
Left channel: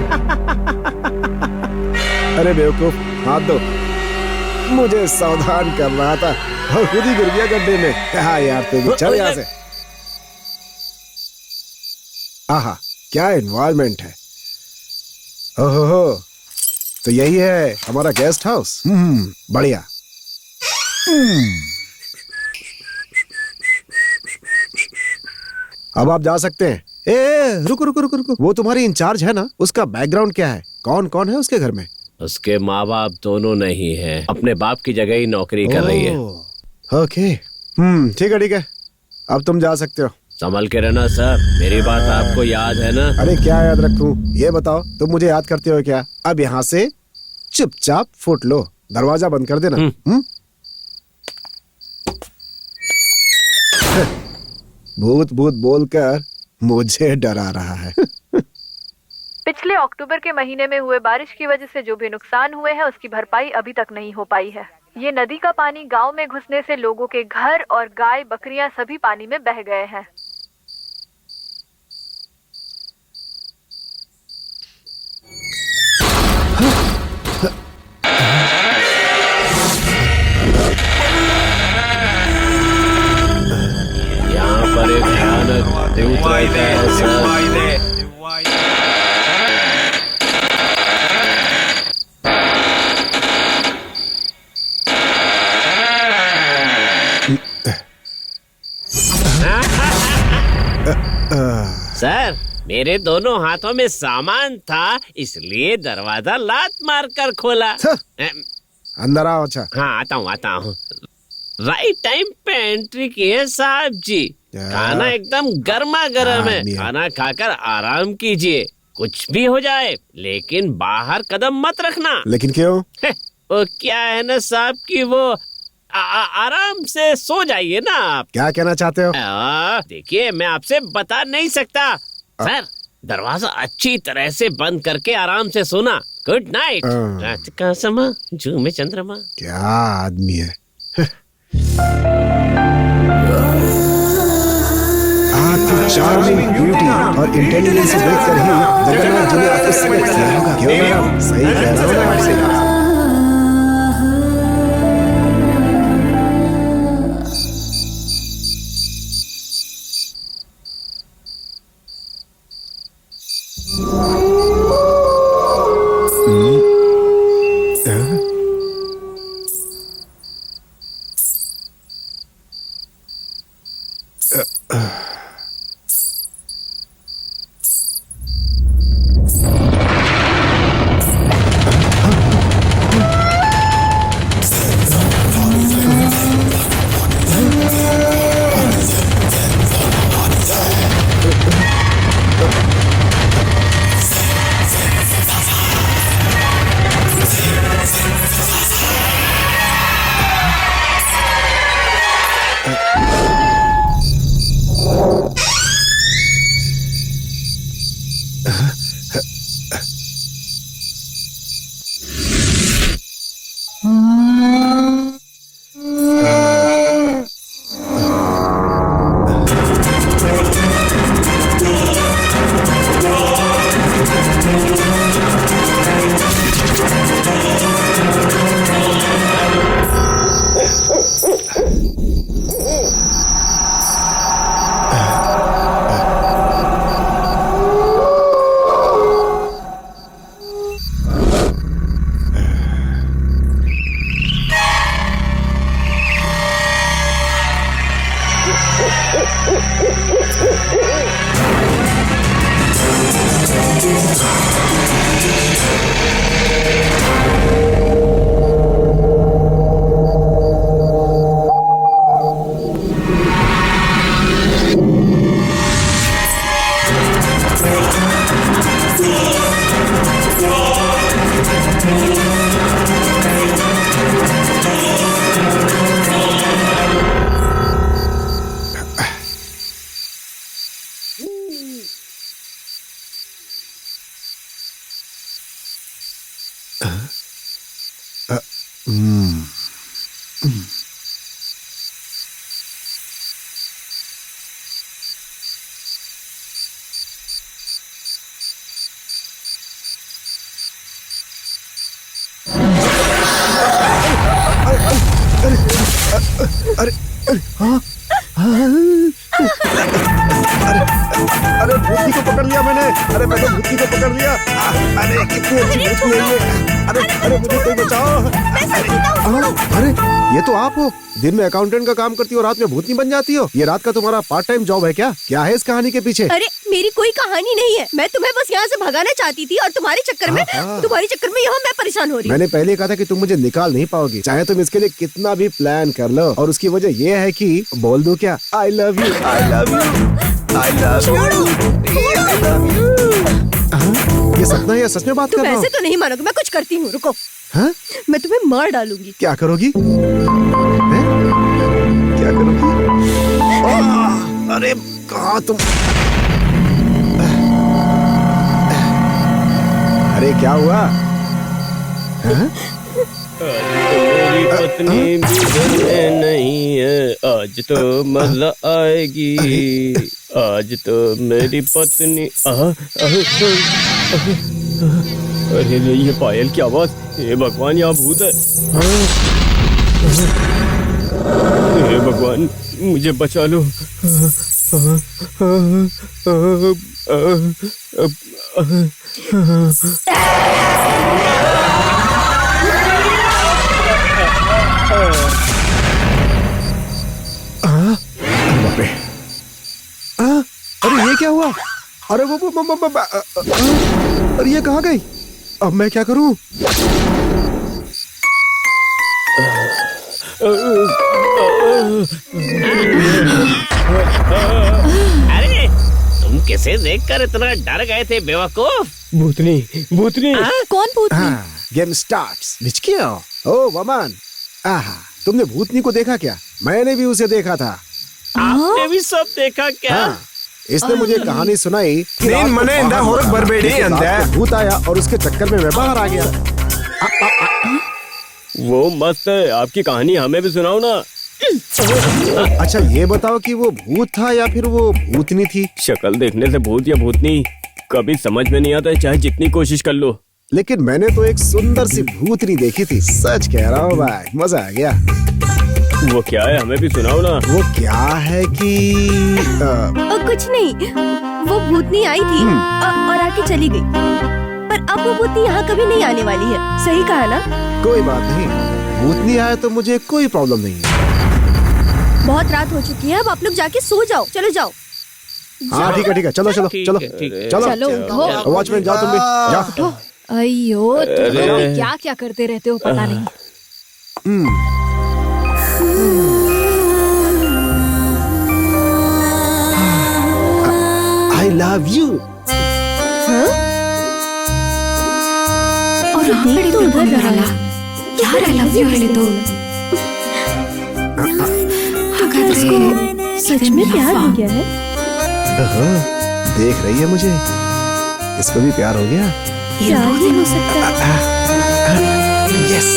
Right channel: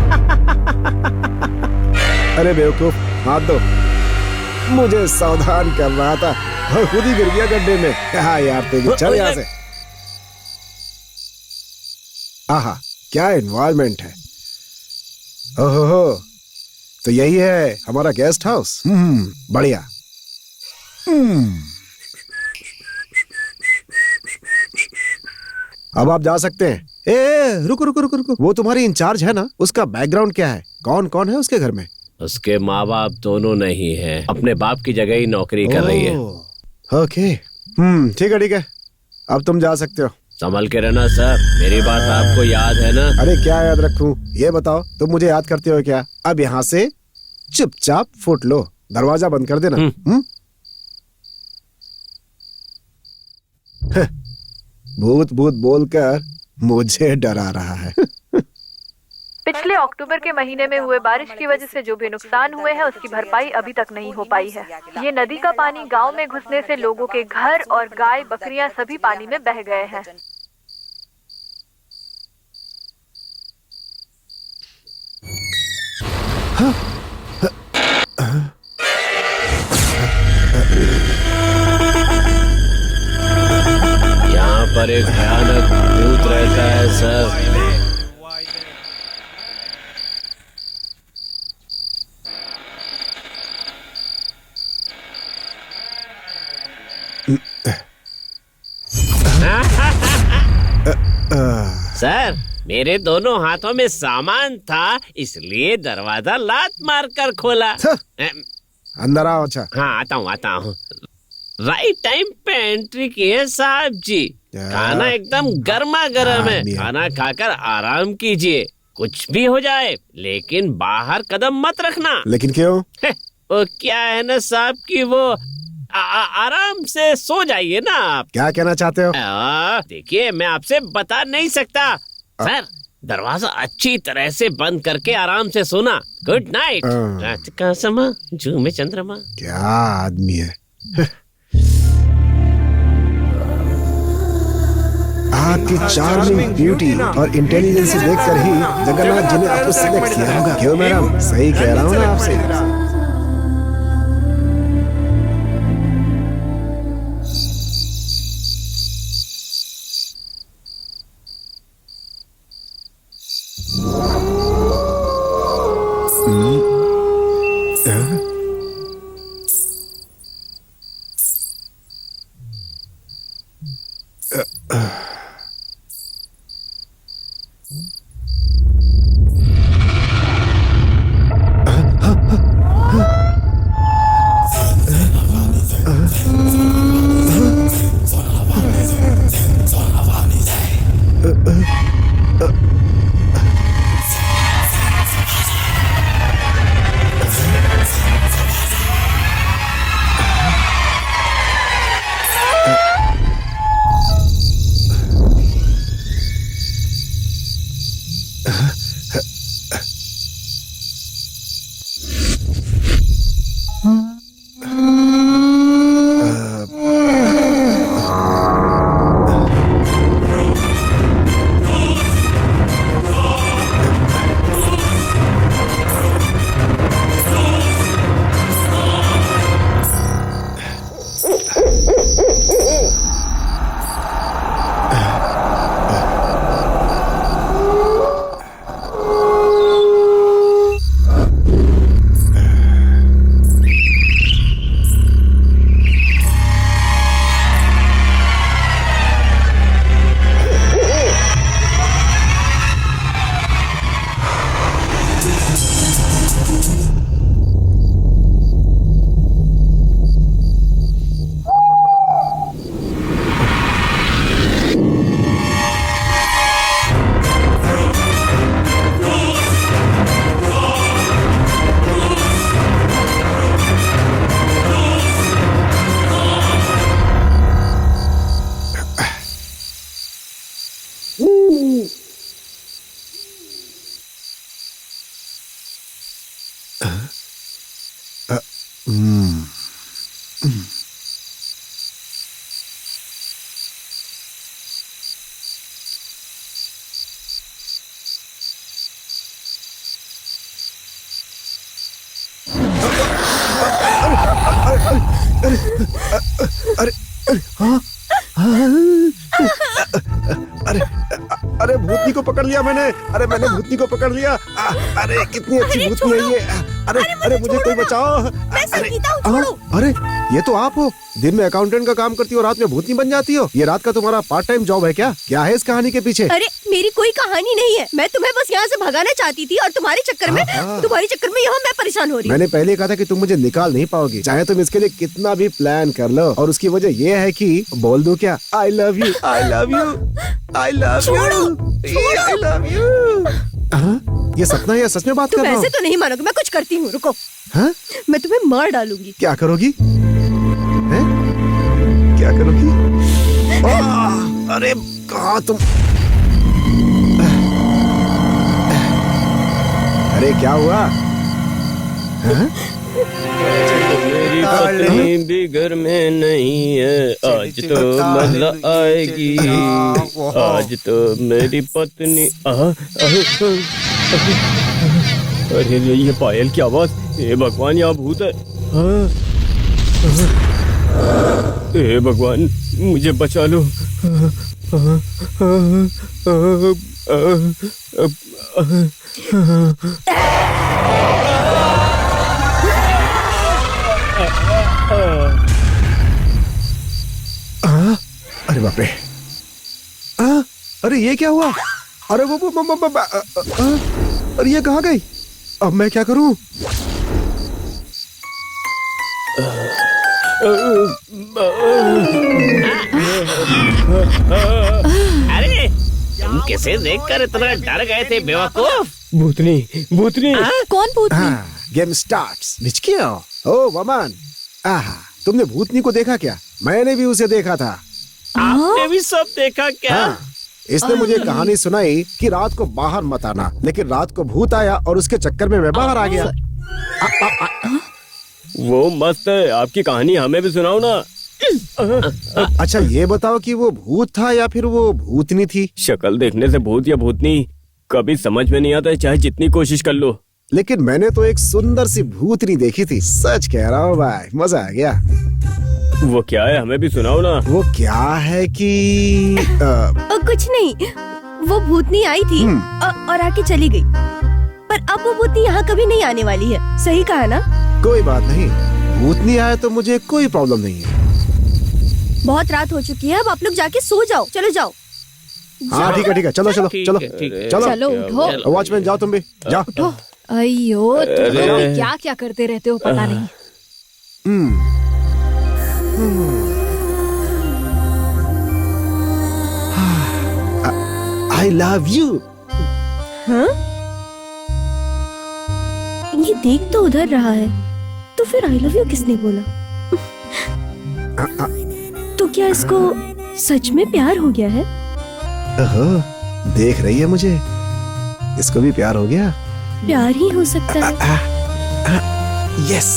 अरे बेवकूफ, हाथ दो। मुझे सावधान कर रहा था और खुद ही गिर गया गड्ढे में। हाँ यार, तेरी चल यहाँ से। आहा, क्या एनवायरनमेंट है। ओहो, तो यही है हमारा गेस्ट हाउस। बढ़िया। अब आप जा सकते हैं। रुको रुको रुको रुको, वो तुम्हारी इंचार्ज है ना, उसका बैकग्राउंड क्या है? कौन कौन है उसके घर में? उसके माँ बाप दोनों नहीं हैं, अपने बाप की जगह ही नौकरी कर रही है। ओके, ठीक है, अब तुम जा सकते हो। संभल के रहना सर, मेरी बात आपको याद है ना? अरे क्या याद रखूं, ये बताओ, तुम मुझे याद करते हो क्या? अब यहाँ से चुपचाप फुट लो, दरवाजा बंद कर देना। भूत भूत बोलकर मुझे डरा रहा है। पिछले अक्टूबर के महीने में हुए बारिश की वजह से जो भी नुकसान हुए हैं उसकी भरपाई अभी तक नहीं हो पाई है। ये नदी का पानी गांव में घुसने से लोगों के घर और गाय बकरियां सभी पानी में बह गए हैं। पर एक भयानक भूत रहता है सर। सर, मेरे दोनों हाथों में सामान था, इसलिए दरवाजा लात मार कर खोला। अंदर आओ। अच्छा हाँ, आता हूँ। राइट टाइम पे एंट्री की है साहब जी। खाना एकदम गर्मा गर्म है, खाना खाकर आराम कीजिए। कुछ भी हो जाए, लेकिन बाहर कदम मत रखना। लेकिन क्यों? वो क्या है ना साहब कि वो आराम से सो जाइए ना आप। क्या कहना चाहते हो? देखिए, मैं आपसे बता नहीं सकता। सर, दरवाजा अच्छी तरह से बंद करके आराम से सोना। Good night. रात का समा, जू में चंद्रमा। क्या आदमी है। आपकी चार्मिंग ब्यूटी और इंटेलिजेंस देखकर ही जगन्नाथ जी ने आपको सिलेक्ट किया होगा। क्यों मैडम, सही कह रहा हूँ ना आपसे? अरे हाँ अरे भूतनी को पकड़ लिया मैंने। अरे मैंने भूतनी को पकड़ लिया। अरे कितनी अच्छी भूतनी है ये। अरे मुझे कोई बचाओ। अरे ये तो आप हो, दिन में अकाउंटेंट का काम करती हो, रात में भूतनी बन जाती हो। ये रात का तुम्हारा पार्ट टाइम जॉब है क्या? क्या है इस कहानी के पीछे? अरे मेरी कोई कहानी नहीं है, मैं तुम्हें बस यहाँ से भगाना चाहती थी और तुम्हारे चक्कर में यहाँ मैं परेशान हो रही हूँ। मैंने पहले कहा था कि तुम मुझे निकाल नहीं पाओगी, चाहे तुम इसके लिए कितना भी प्लान कर लो। और उसकी वजह ये है कि बोल दूं क्या? I love you, I love you, I love you, I love you. ये सपना है या सच में बात कर रहा हूँ? वैसे तो नहीं मानोगे, मैं कुछ करती हूँ, रुको। हाँ? मैं तुम्हें मार डालूंगी। क्या करोगी? क्या करोगी? अरे कहाँ तुम? अरे क्या हुआ? मेरी पत्नी भी घर में नहीं है, आज तो मजा आएगी। आज तो मेरी पत्नी अरे ये पायल की आवाज। हे भगवान, यहाँ भूत है। हे भगवान, मुझे बचा लो। अरे बाप रे, अरे ये क्या हुआ? अरे अरे ये कहाँ गई? अब मैं क्या करूं? अरे तुम किसे देखकर इतना डर गए थे बेवकूफ? भूतनी, भूतनी। कौन भूतनी? Game starts. निचकियो, ओ वमन, तुमने भूतनी को देखा क्या? मैंने भी उसे देखा था। आपने भी सब देखा क्या? इसने मुझे कहानी सुनाई कि रात को बाहर मत आना, लेकिन रात को भूत आया और उसके चक्कर में मैं बाहर आ गया। वो मस्त है, आपकी कहानी हमें भी सुनाओ ना। अच्छा ये बताओ कि वो भूत था या फिर वो भूतनी थी? शक्ल देखने से भूत या भूतनी कभी समझ में नहीं आता है, चाहे जितनी कोशिश कर लो। लेकिन मैंने तो एक सुंदर सी भूतनी देखी थी, सच कह रहा हूँ भाई, मजा आ गया। वो क्या है, हमें भी सुनाओ ना। वो क्या है कि कुछ नहीं, वो भूतनी आई थी और आके चली गई, पर अब वो भूतनी यहाँ कभी नहीं आने वाली है। सही कहा ना? कोई बात नहीं, भूतनी आए तो मुझे कोई प्रॉब्लम नहीं है। बहुत रात हो चुकी है, अब आप लोग जाके सो जाओ। चलो जाओ। हाँ ठीक है, चलो चलो ठीक चलो है, ठीक है। चलो चलो उठो। वॉचमैन जाओ, तुम भी जाओ। अयो, तुम लोग भी क्या क्या करते रहते हो पता नहीं। I love you. और देख तो उधर रहा है, तो फिर आई लव यू किसने बोला? तो क्या इसको सच में प्यार हो गया है? देख रही है मुझे, इसको भी प्यार हो गया। प्यार ही हो सकता है। यस।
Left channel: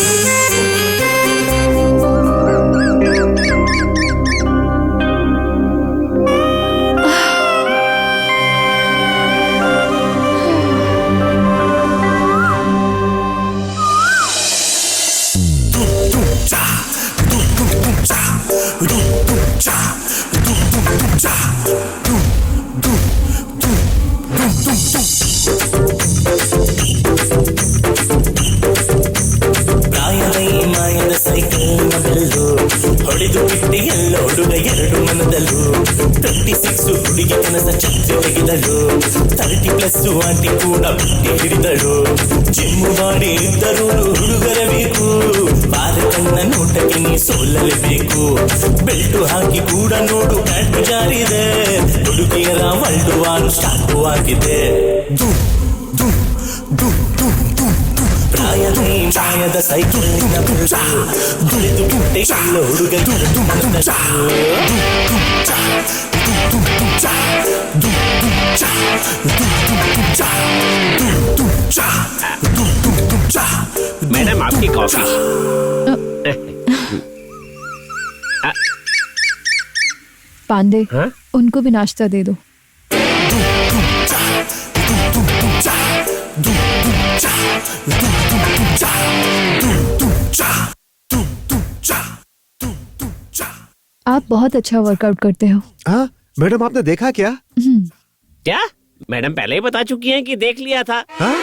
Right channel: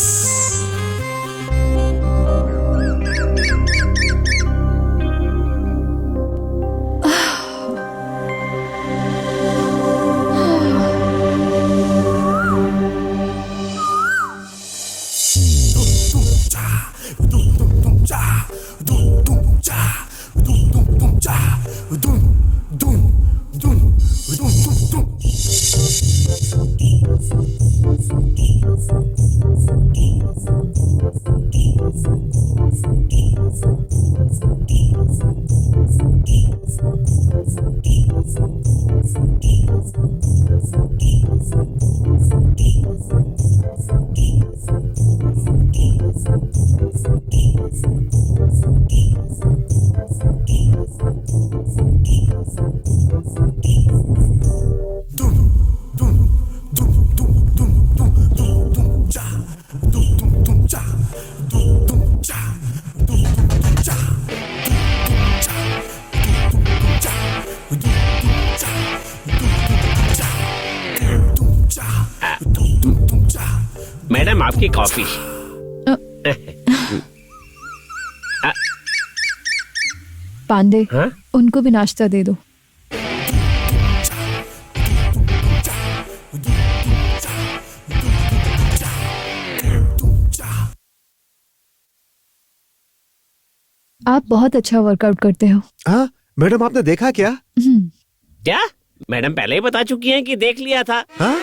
मैडम आपकी कॉफी। पांडे, हाँ? उनको भी नाश्ता दे दो। आप बहुत अच्छा वर्कआउट करते हो। हाँ मैडम, आपने देखा क्या? क्या मैडम पहले ही बता चुकी हैं कि देख लिया था। हाँ?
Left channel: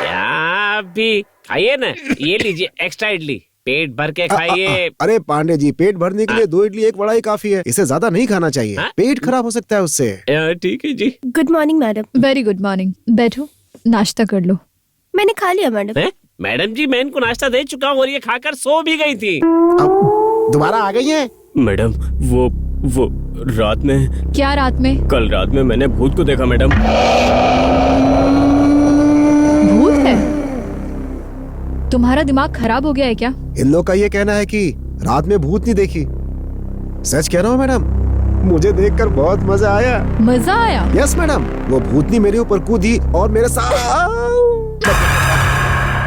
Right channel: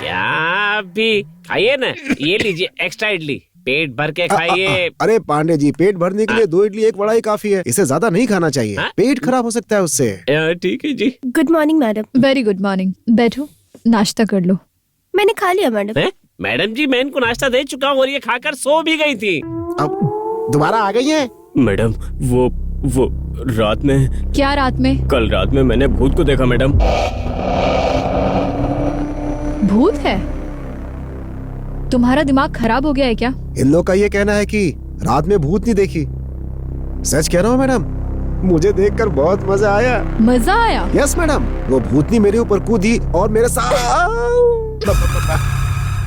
क्या भी खाइए ना, ये लीजिए एक्स्ट्रा इडली, पेट भर के खाइए। अरे पांडे जी, पेट भरने के लिए 2 इडली 1 वड़ा ही काफी है, इसे ज्यादा नहीं खाना चाहिए। पेट खराब हो सकता है उससे। ठीक है जी। Good morning madam. Very good morning. बैठो, नाश्ता कर लो। मैंने खा लिया मैडम। मैडम जी मैं इनको नाश्ता दे चुका हूँ और ये खाकर सो भी गई थी। अब दोबारा आ गई है? मैडम वो रात में। क्या रात में? कल रात में मैंने भूत को देखा मैडम। भूत है? तुम्हारा दिमाग खराब हो गया है क्या? इन लोग का ये कहना है कि रात में भूत नहीं देखी। सच कह रहा हूँ मैडम, मुझे देखकर बहुत मजा आया। मजा आया? यस मैडम, वो भूतनी मेरे ऊपर कूदी और मेरे साथ,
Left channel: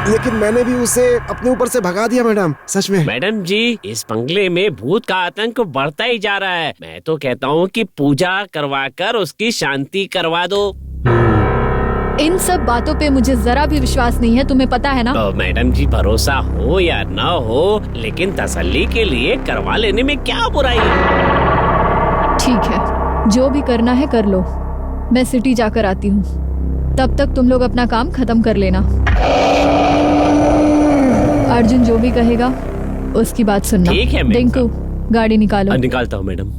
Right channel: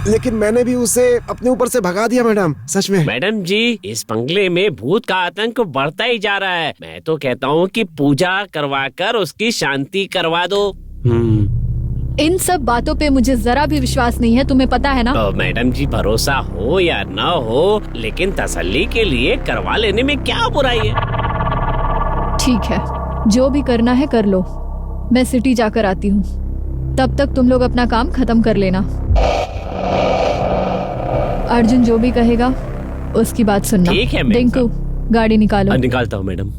लेकिन मैंने भी उसे अपने ऊपर से भगा दिया मैडम। सच में मैडम जी, इस बंगले में भूत का आतंक बढ़ता ही जा रहा है। मैं तो कहता हूँ कि पूजा करवाकर उसकी शांति करवा दो। इन सब बातों पे मुझे जरा भी विश्वास नहीं है, तुम्हें पता है ना? मैडम जी, भरोसा हो या ना हो, लेकिन तसल्ली के लिए करवा लेने में क्या बुराई है? ठीक है, जो भी करना है कर लो, मैं सिटी जाकर आती हूँ। तब तक तुम लोग अपना काम खत्म कर लेना। अर्जुन जो भी कहेगा उसकी बात सुनना। ठीक है, मैम डिंकू, गाड़ी निकालो। निकालता हूँ मैडम।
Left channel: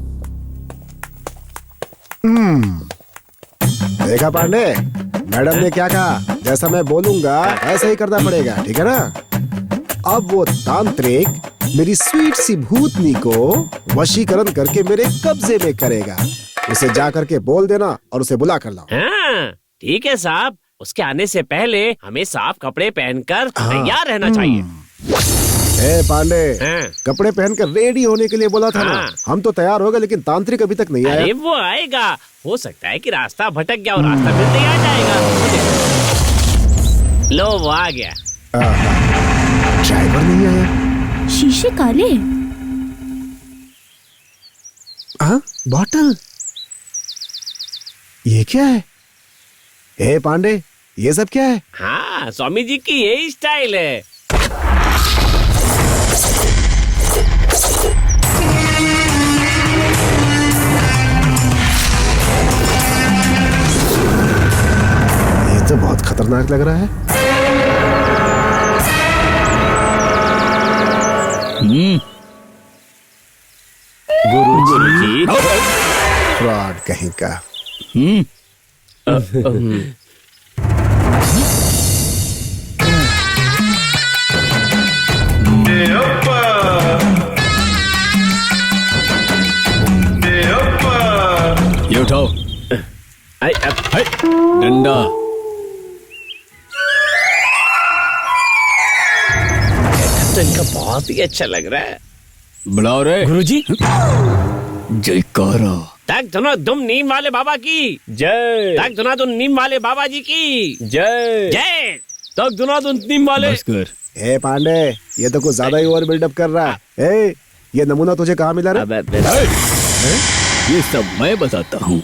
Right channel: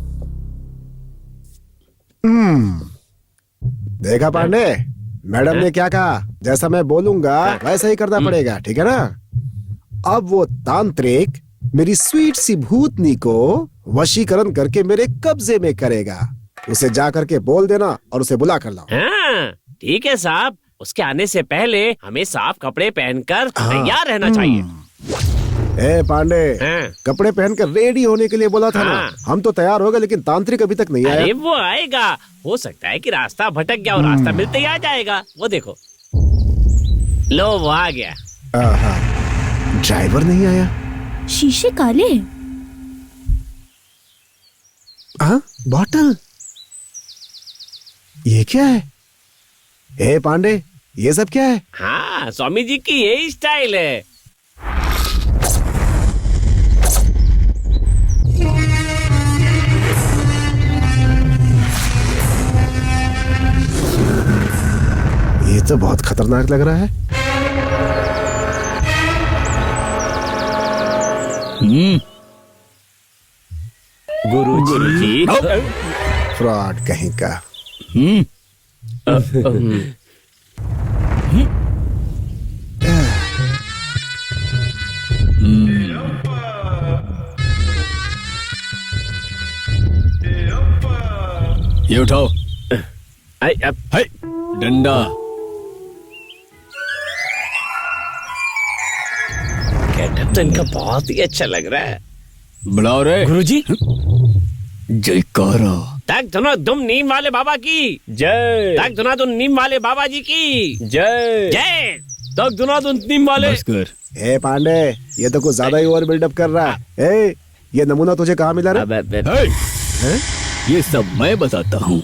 देखा पांडे, मैडम ने क्या कहा? जैसा मैं बोलूंगा वैसा ही करना पड़ेगा, ठीक है ना? अब वो तांत्रिक मेरी स्वीट सी भूतनी को वशीकरण करके मेरे कब्जे में करेगा। उसे जा करके बोल देना और उसे बुला कर लाओ। हाँ, ठीक है साहब। उसके आने से पहले हमें साफ कपड़े पहनकर तैयार रहना चाहिए। ए पांडे, कपड़े पहनकर रेडी होने के लिए बोला था ना। हम तो तैयार हो गए, लेकिन तांत्रिक अभी तक नहीं आया। अरे वो आएगा। हो सकता है कि रास्ता भटक गया और रास्ता मिलते ही आ जाएगा। वो देखो, लो वो आ गया। ड्राइवर नहीं आया। शीशे काले। बॉटल, ये क्या है? ए पांडे, ये सब क्या है? हाँ, स्वामी जी की यही स्टाइल है। ये तो बहुत खतरनाक लग रहा है। गुरुजी। फ्रॉड कहीं का। ये उठाओ। डंडा। गेटअप तो इनका बहुत ही अच्छा लग रहा है। बुलाओ रे गुरुजी। जयकारा। तक धुनो धुम नीम वाले बाबा की जय। तक धुना धुन नीम वाले बाबा जी की जय। जय। तक धुना धुन नीम वाले। बस कर। ए पांडे, ये तो कुछ ज्यादा ही ओवर बिल्डअप कर रहा है। ए, ये नमूना तुझे कहाँ मिला रे? ये सब मैं बताता हूँ।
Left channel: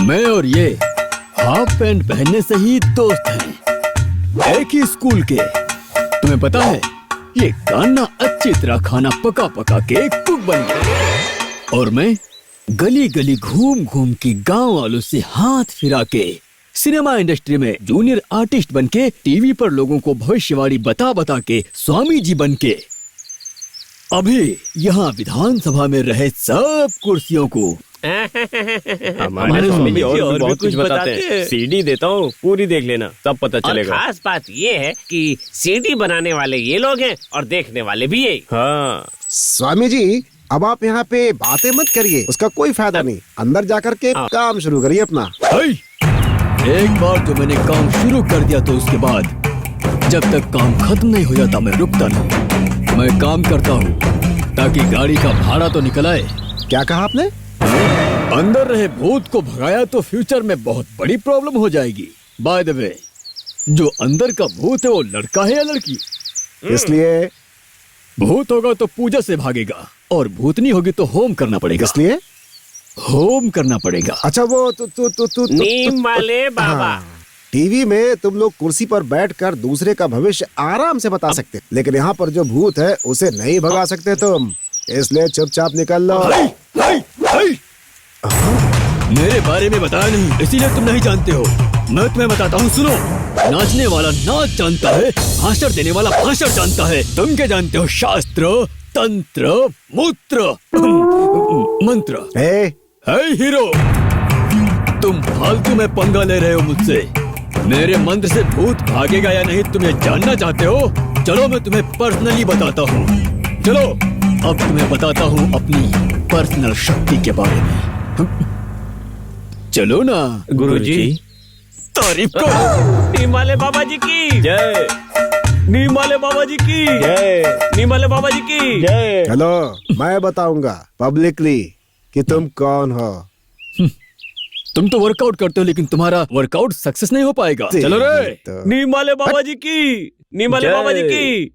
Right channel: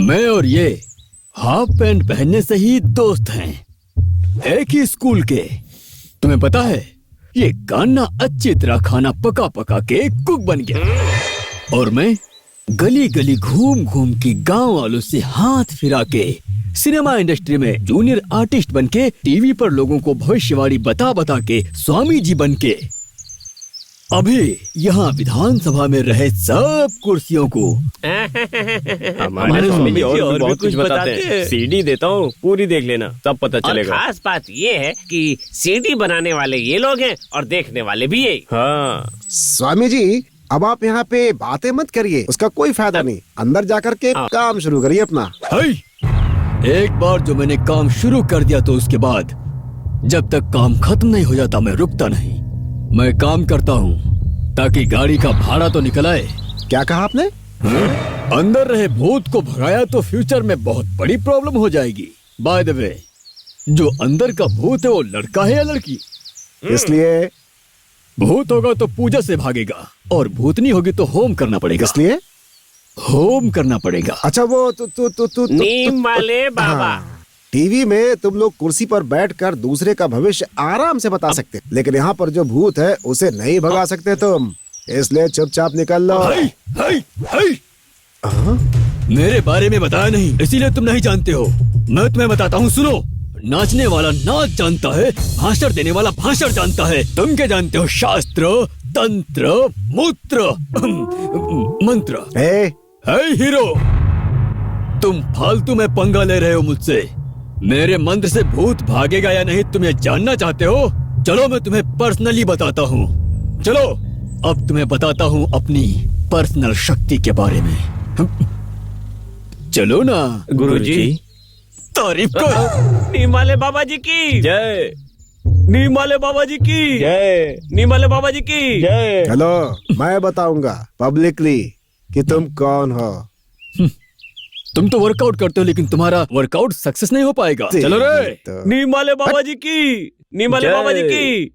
मैं और ये हाफ पैंट पहनने से ही दोस्त हैं, एक ही स्कूल के। तुम्हें पता है, ये कान्हा अच्छी तरह खाना पका पका के कुक बन गया और मैं गली गली घूम घूम के गांव वालों से हाथ फिरा के सिनेमा इंडस्ट्री में जूनियर आर्टिस्ट बन के टीवी पर लोगों को भविष्यवाणी बता बता के स्वामी जी बन के अभी यहाँ विधानसभा में रहे सब कुर्सियों को हमारे स्वामी जी और भी बहुत कुछ बताते हैं। सीडी देता हूँ, पूरी देख लेना, सब पता और चलेगा। खास बात ये है कि सीडी बनाने वाले ये लोग हैं और देखने वाले भी यही। हाँ स्वामी जी, अब आप यहाँ पे बातें मत करिए, उसका कोई फायदा नहीं। अंदर जाकर के काम शुरू करिए अपना। एक बार जो मैंने काम शुरू कर दिया तो उसके बाद जब तक काम खत्म नहीं हो जाता मैं रुकता नहीं। मैं काम करता हूँ ताकि गाड़ी का भाड़ा तो निकल आए। क्या कहा आपने? अंदर रहे भूत को भगाया तो फ्यूचर में बहुत बड़ी प्रॉब्लम हो जाएगी। बाय द वे, जो अंदर का भूत है वो लड़का है या लड़की? इसलिए भूत होगा तो पूजा से भागेगा और भूतनी होगी तो होम करना पड़ेगा। इसलिए होम करना पड़ेगा। अच्छा, वो नीम वाले बाबा। टीवी में तुम लोग कुर्सी पर बैठकर दूसरे का भविष्य आराम से बता सकते, लेकिन यहाँ पर जो भूत है उसे नहीं भगा सकते तुम। इसलिए चुपचाप निकल लो। मेरे बारे में बताया नहीं, इसीलिए तुम नहीं जानते हो। मैं तुम्हें बताता हूँ, सुनो। नाचने वाला नाच जानता है, भाषण देने वाला भाषण जानता है। तुम क्या जानते हो? शास्त्र, तंत्र, मूत्र, मंत्र। हे हीरो, तुम फालतू में पंगा ले रहे हो मुझसे। मेरे मंत्र से भूत भागेगा या नहीं तुम ये जानना चाहते हो? चलो मैं तुम्हें पर्सनली बताता हूँ। चलो अब तुम्हें बताता हूँ अपनी पर्सनल शक्ति के बारे में। चलो ना गुरुजी। तारीफ कर। नीम वाले बाबा जी की जय। नीम वाले बाबा जी की जय। नीम वाले बाबा जी की जय। चलो, मैं बताऊंगा पब्लिकली कि तुम कौन हो। तुम तो वर्कआउट करते हो लेकिन तुम्हारा वर्कआउट सक्सेस नहीं हो पाएगा। चलो रे। नीम वाले बाबा जी की नीम वाले बाबा जी की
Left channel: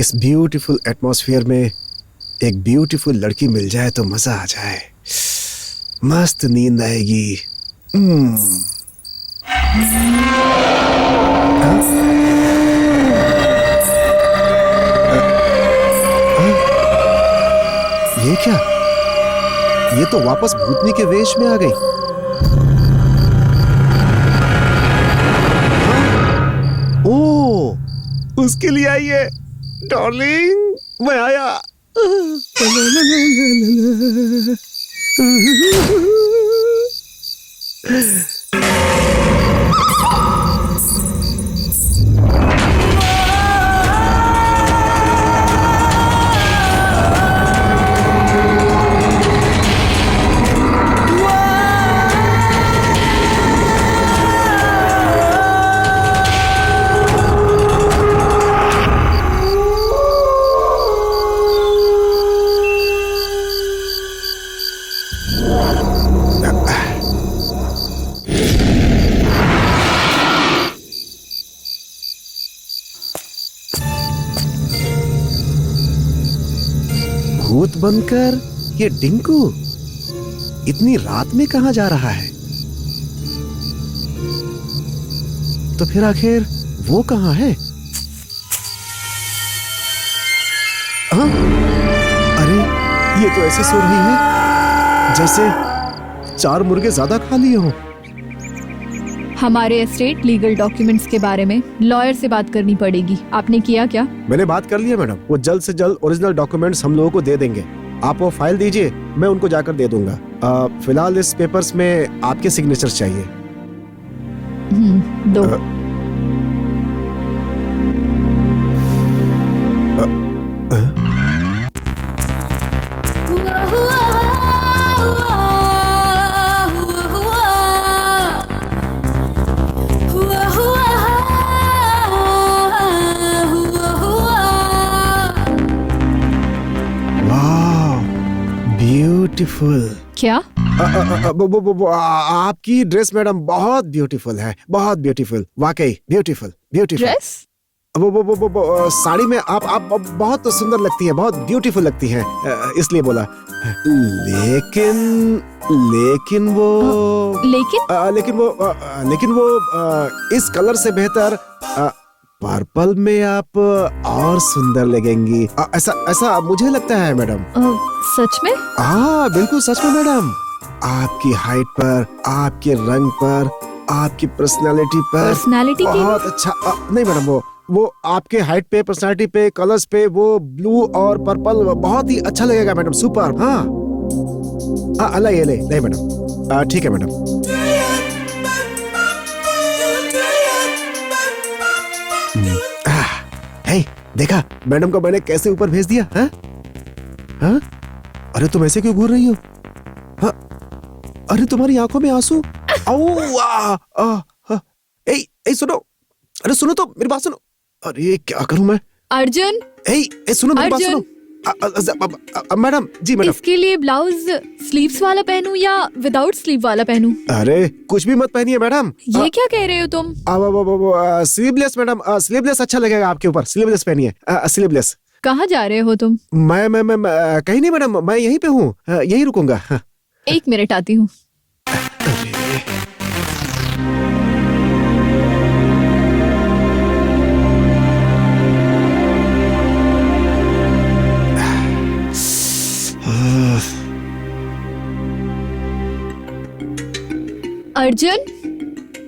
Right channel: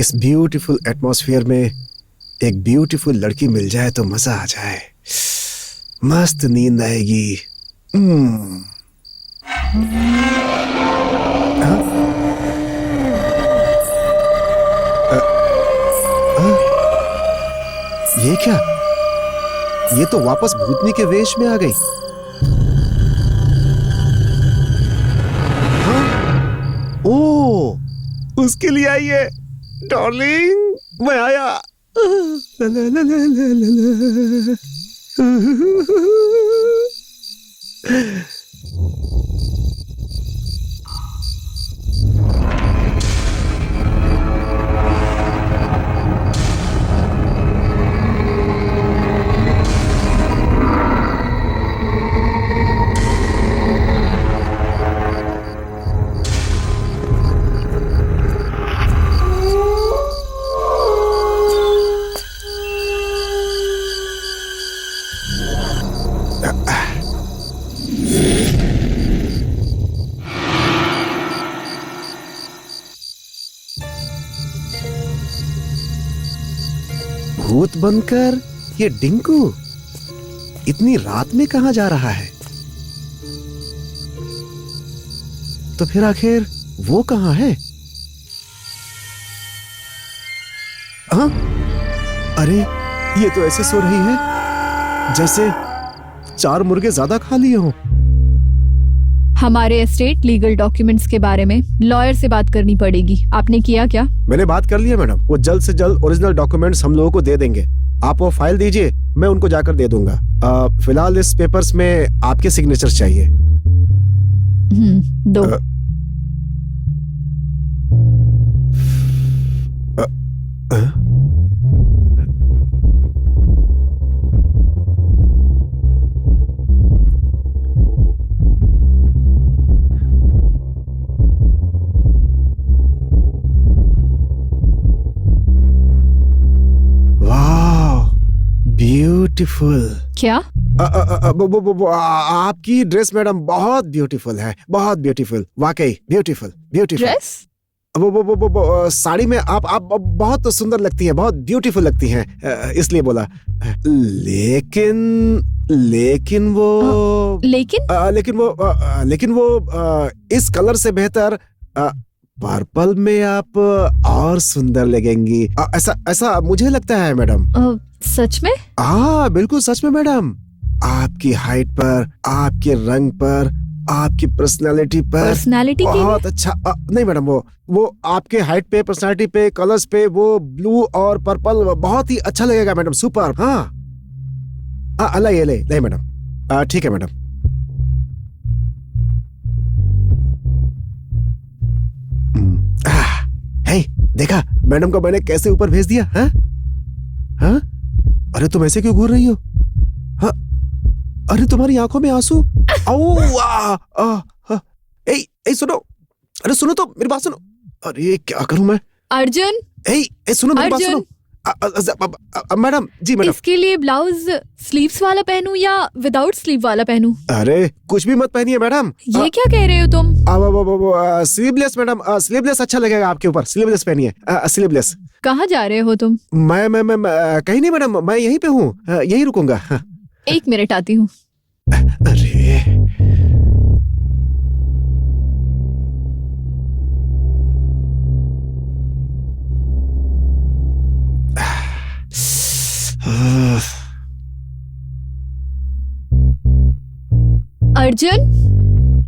इस ब्यूटीफुल एटमॉस्फेयर में एक ब्यूटीफुल लड़की मिल जाए तो मजा आ जाए, मस्त नींद आएगी। ये क्या? ये तो वापस भूतनी के वेश में आ गई। हाँ? ओ, उसके लिए आई है। डार्लिंग, मैं आया। भूत बनकर ये डिंकू इतनी रात में कहां जा रहा है? तो फिर आखिर वो कहां है? हाँ? अरे ये तो ऐसे सो रही है जैसे 4 मुर्गे ज्यादा खा लिए हों। हमारे एस्टेट लीगल डॉक्यूमेंट्स के बारे में लॉयर से बात करनी पड़ेगी। आपने किया क्या? मैंने बात कर लिया मैडम, वो जल्द से जल्द ओरिजिनल डॉक्यूमेंट्स हम लोगों को दे देंगे। आप वो फाइल दीजिए, मैं उनको जाकर दे दूंगा। फिलहाल इस पेपर्स में आपके सिग्नेचर चाहिए। दो। ब्यूटीफुल। क्या? आपकी ड्रेस मैडम बहुत ब्यूटीफुल है, बहुत ब्यूटीफुल, वाकई ब्यूटीफुल, ब्यूटीफुल। ड्रेस? वो साड़ी में आप बहुत सुंदर लगती हैं, बहुत ब्यूटीफुल लगती हैं, इसलिए बोला। लेकिन वो इस कलर से बेहतर पर्पल में आप और सुंदर लगेंगी। ऐसा मुझे लगता है मैडम। सच में? हाँ बिल्कुल सच में मैडम। आपकी हाइट पर, आपके रंग पर, आपकी पर्सनालिटी पर बहुत अच्छा। नहीं मैडम, वो आपके हाइट पे, पर्सनालिटी पे, कलर्स पे वो ब्लू और पर्पल बहुत ही अच्छा लगेगा मैडम। सुपर। हाँ ले नहीं मैडम, ठीक है मैडम। देखा मैडम को मैंने कैसे ऊपर भेज दिया? हाँ? अरे तुम ऐसे क्यों घूर रही हो? हाँ? अरे तुम्हारी आंखों में आंसू। सुनो, अरे सुनो तो, मेरी बात सुनो। अरे क्या करूं मैं? अर्जुन, सुनो मेरी बात सुनो। मैडम जी मैडम, इसके लिए ब्लाउज स्लीव्स वाला पहनूं या विदाउट स्लीव वाला पहनूं? अरे कुछ भी मत पहनिए मैडम। ये क्या कह रहे हो तुम? स्लीवलेस मैडम, स्लीवलेस अच्छा लगेगा आपके ऊपर। स्लीवलेस पहनिए, स्लीवलेस। कहाँ जा रहे हो तुम? मैं कहीं नहीं मैडम, मैं यहीं पे हूँ, यहीं रुकूंगा। 1 मिनट आती हूँ।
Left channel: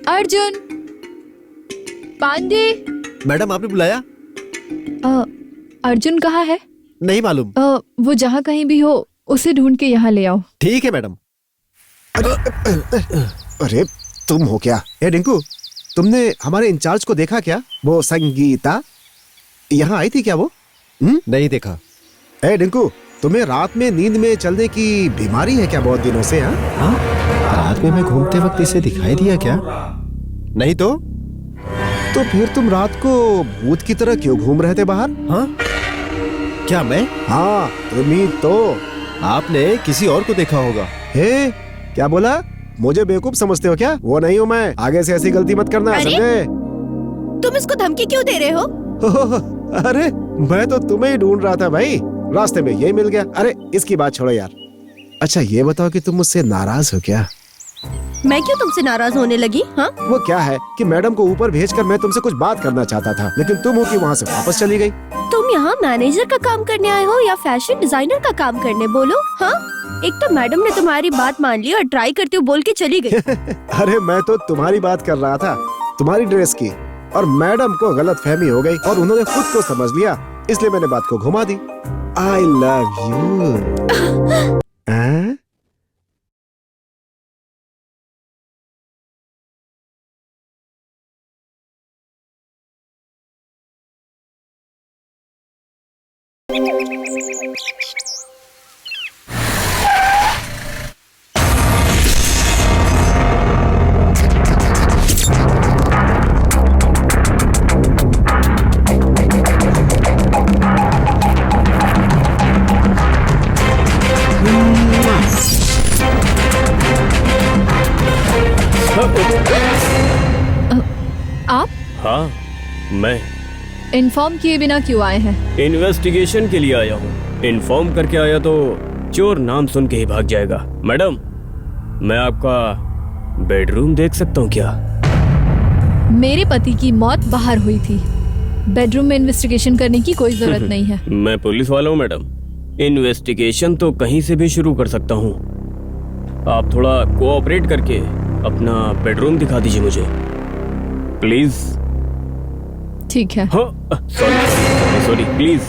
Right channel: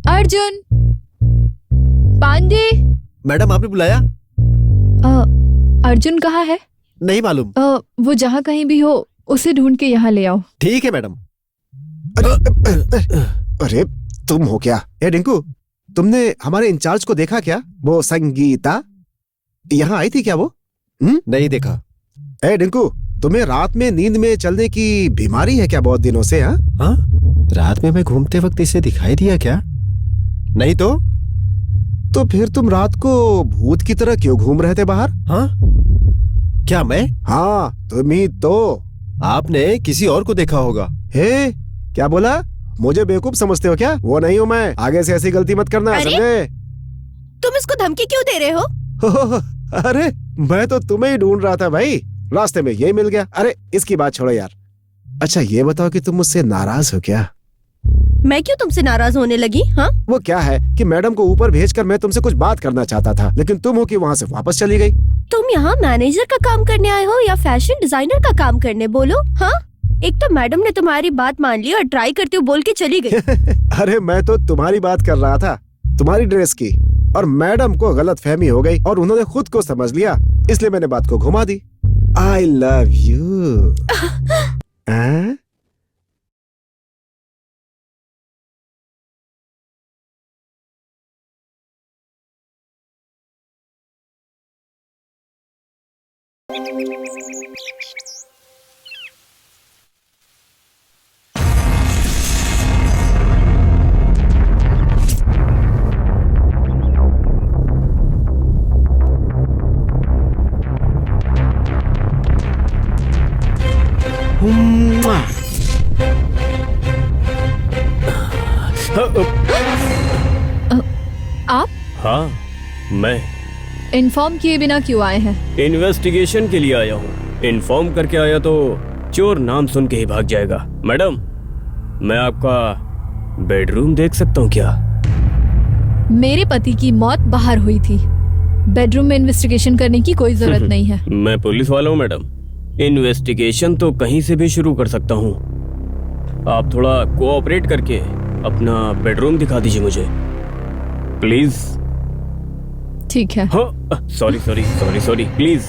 अर्जुन पांडे। मैडम आपने बुलाया? अर्जुन कहाँ है? नहीं मालूम। वो जहाँ कहीं भी हो उसे ढूंढ के यहाँ ले आओ। ठीक है मैडम। अरे तुम हो क्या? डिंकू, तुमने हमारे इंचार्ज को देखा क्या? वो संगीता यहाँ आई थी क्या? वो नहीं देखा। डिंकू, तुम्हें रात में नींद में चलने की बीमारी है क्या बहुत दिनों से? हाँ? रात में मैं घूमते वक्त इसे दिखाई दिया क्या? नहीं तो फिर तुम रात को भूत की तरह क्यों घूम रहे थे बाहर? हाँ? क्या मैं? हाँ तुम ही तो। आपने किसी और को देखा होगा। क्या बोला? मुझे बेवकूफ समझते हो क्या? वो नहीं हूँ मैं। आगे से ऐसी गलती मत करना, समझे? तुम इसको धमकी क्यों दे रहे हो? अरे मैं तो तुम्हें ही ढूंढ रहा था भाई, रास्ते में यही मिल गया। अरे इसकी बात छोड़ो यार। अच्छा ये बताओ कि तुम मुझसे नाराज हो क्या? मैं क्यों तुमसे नाराज होने लगी? हाँ, वो क्या है कि मैडम को ऊपर भेजकर मैं तुमसे कुछ बात करना चाहता था, लेकिन तुम हो कि वहाँ से वापस चली गई। तुम यहाँ मैनेजर का काम करने आए हो या फैशन डिजाइनर का काम करने? बोलो। हाँ, एक तो मैडम ने तुम्हारी बात मान ली और ट्राई करते हुए बोल के चली गई। अरे मैं तो तुम्हारी बात कर रहा था, तुम्हारी ड्रेस की, और मैडम को गलतफहमी हो गई और उन्होंने खुद को समझ लिया, इसलिए मैंने बात को घुमा दी। I love you। हाँ? आप हाँ, मैं इन्फॉर्म किए बिना क्यों आए हैं? इन्वेस्टिगेशन के लिए आया हूँ। इन्फॉर्म करके आया तो चोर नाम सुन के ही भाग जाएगा। मैडम, मैं आपका बेडरूम देख सकता हूँ क्या? मेरे पति की मौत बाहर हुई थी, बेडरूम में इन्वेस्टिगेशन करने की कोई जरूरत नहीं है। मैं पुलिस वाला हूँ मैडम, इन्वेस्टिगेशन तो कहीं से भी शुरू कर सकता हूँ। आप थोड़ा कोऑपरेट करके अपना बेडरूम दिखा दीजिए मुझे, प्लीज। ठीक है। हाँ, sorry sorry sorry sorry, please.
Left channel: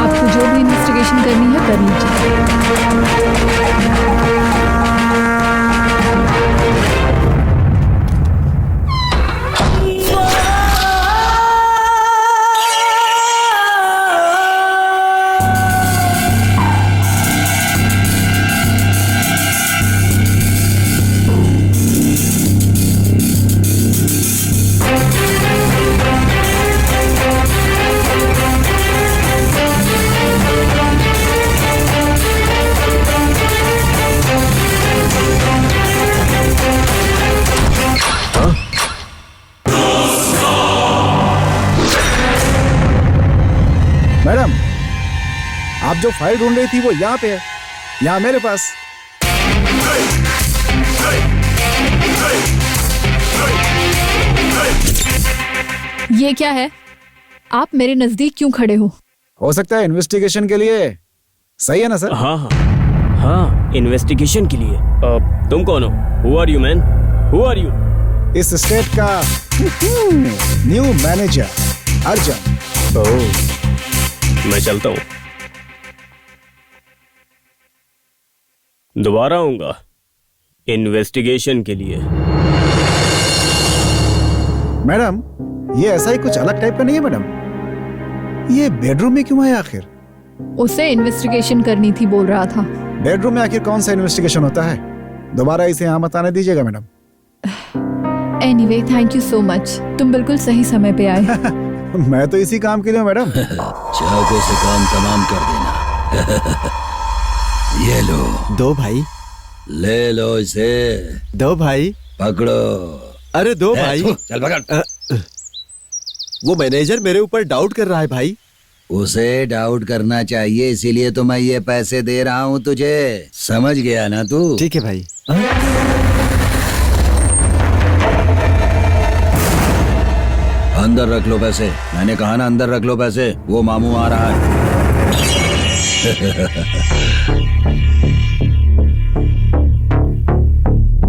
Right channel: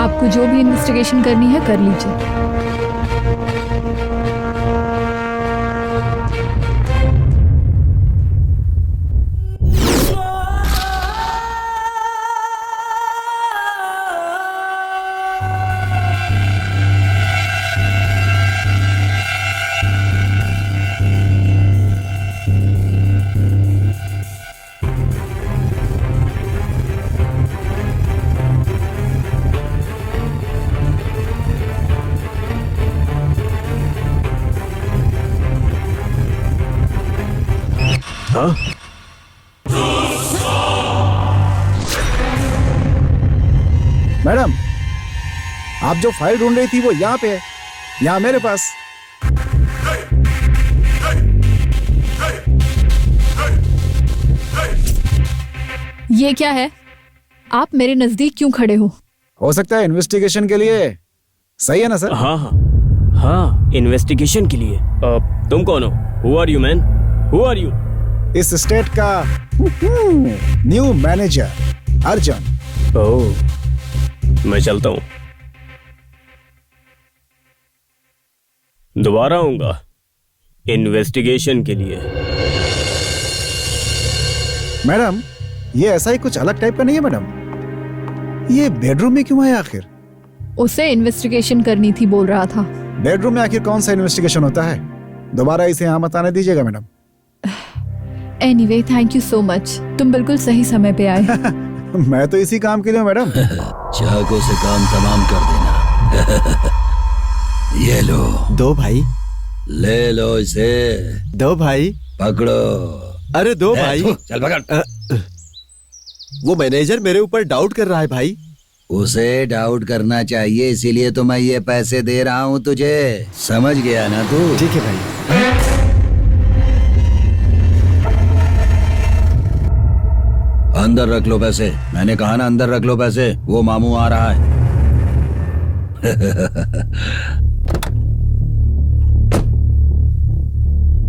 आपको जो भी इन्वेस्टिगेशन करनी है कर लीजिए। मैडम, आप जो फाइल ढूंढ रही थी वो यहाँ पे है, यहाँ मेरे पास। ये क्या है? आप मेरे नजदीक क्यों खड़े हो सकता है इन्वेस्टिगेशन के लिए। सही है ना सर? हाँ हाँ हाँ, इन्वेस्टिगेशन के लिए। तुम कौन हो? Who are you man? Who are you? इस स्टेट का न्यू मैनेजर अर्जुन। ओह, मैं चलता हूँ, दोबारा आऊंगा इन्वेस्टिगेशन के लिए। मैडम, ये ऐसा ही कुछ अलग टाइप का नहीं है मैडम? ये बेडरूम में क्यों है आखिर? उसे इन्वेस्टिगेशन करनी थी बोल रहा था। बेडरूम में आखिर कौन सा इन्वेस्टिगेशन होता है? दोबारा इसे यहाँ मत आने दीजिएगा madam. Anyway, thank you so much, तुम बिल्कुल सही समय पे आए। मैं तो इसी काम के लिए हूँ मैडम। चाकू से काम तमाम कर देना। ये लो। दो भाई। ले लो इसे। दो भाई। पकड़ो। अरे दो भाई। चल पकड़। वो मैनेजर मेरे ऊपर डाउट कर रहा है भाई। उसे डाउट करना चाहिए, इसीलिए तो मैं ये पैसे दे रहा हूँ तुझे। समझ गया ना तू? ठीक है भाई। अंदर रख लो पैसे। मैंने कहा ना अंदर रख लो पैसे। वो मामू आ रहा है।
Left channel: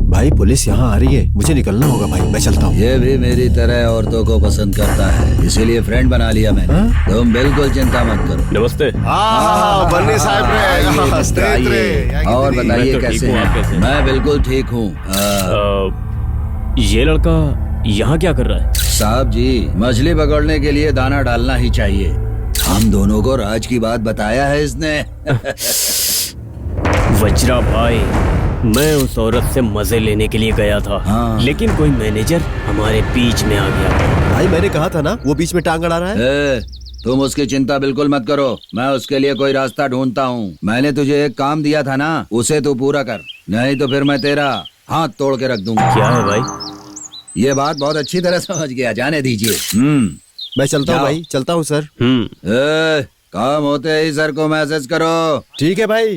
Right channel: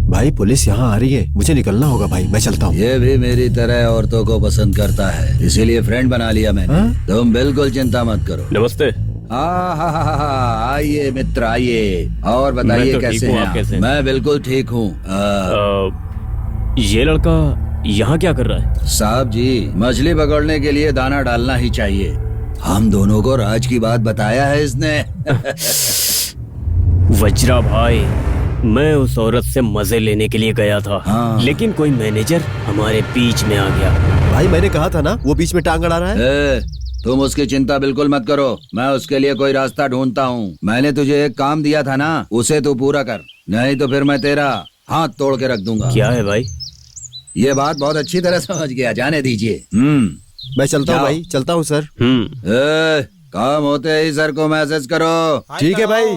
भाई पुलिस यहाँ आ रही है, मुझे निकलना होगा भाई, मैं चलता हूँ। ये भी मेरी तरह औरतों को पसंद करता है, इसीलिए फ्रेंड बना लिया मैंने। तुम बिल्कुल चिंता मत करो। नमस्ते। आइए मिस्टर, आइए। और बताइए कैसे हैं? मैं बिल्कुल ठीक हूँ। ये लड़का यहाँ क्या कर रहा है? साहब जी, मछली पकड़ने के लिए दाना डालना ही चाहिए। हम दोनों को राज की बात बताया है इसने। वज्रा भाई, मैं उस औरत से मजे लेने के लिए गया था। हाँ। लेकिन कोई मैनेजर हमारे बीच में आ गया। भाई मैंने कहा था ना वो बीच में टांग अड़ा रहा है। तुम उसकी चिंता बिल्कुल मत करो, मैं उसके लिए कोई रास्ता ढूंढता हूँ। मैंने तुझे एक काम दिया था ना, उसे तू पूरा कर, नहीं तो फिर मैं तेरा हाथ तोड़ के रख दूंगा। क्या है भाई? ये बात बहुत अच्छी तरह समझ गया, जाने दीजिए। मैं चलता हूँ भाई, चलता हूँ सर। काम होते ही सर को मैसेज करो। ठीक है भाई।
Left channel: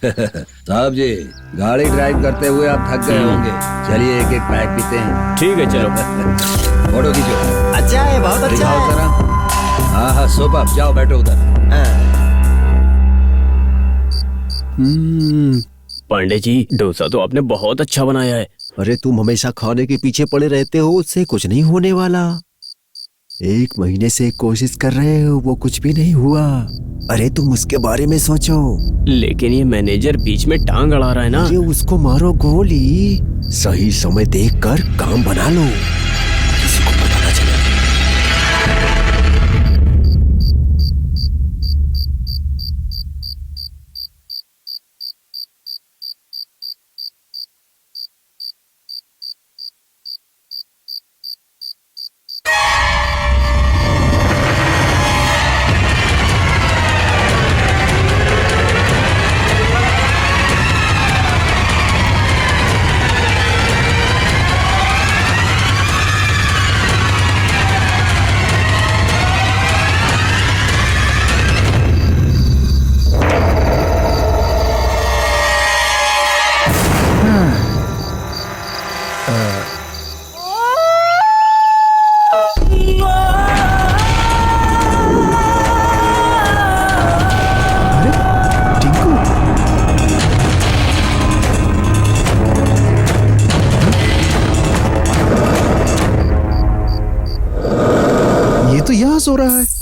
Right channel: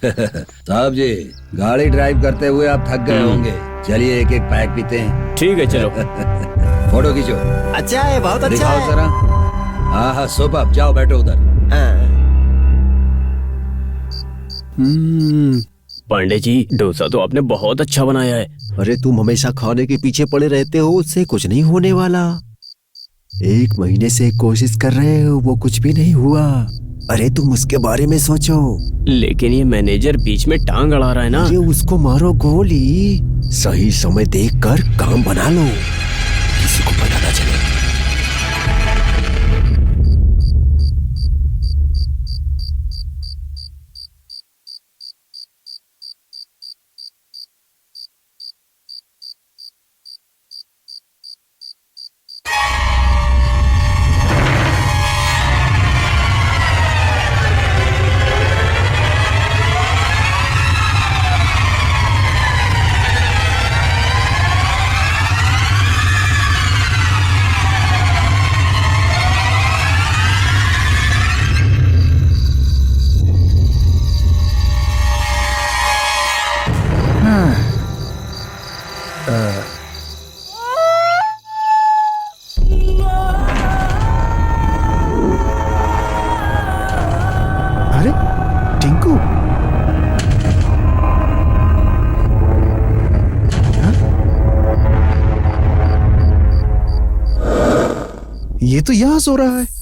साहब जी, गाड़ी ड्राइव करते हुए आप थक गए होंगे, चलिए एक एक पैक पीते हैं। ठीक है चलो। फोटो खींचो। अच्छा है, बहुत अच्छा दिखाओ है। जरा। हाँ सुपर, जाओ बैठो उधर। पांडे जी, डोसा तो आपने बहुत अच्छा बनाया है। अरे तुम हमेशा खाने के पीछे पड़े रहते हो, उससे कुछ नहीं होने वाला। 1 महीने से कोशिश कर रहे हो, वो कुछ भी नहीं हुआ। अरे तुम उसके बारे में सोचो। लेकिन ये मैनेजर बीच में टांग अड़ा रहा है ना। अरे उसको मारो गोली, सही समय देखकर काम बना लो, किसी को पता ना चले। अरे टिंकू, हाँ? ये तो यहाँ सो रहा है।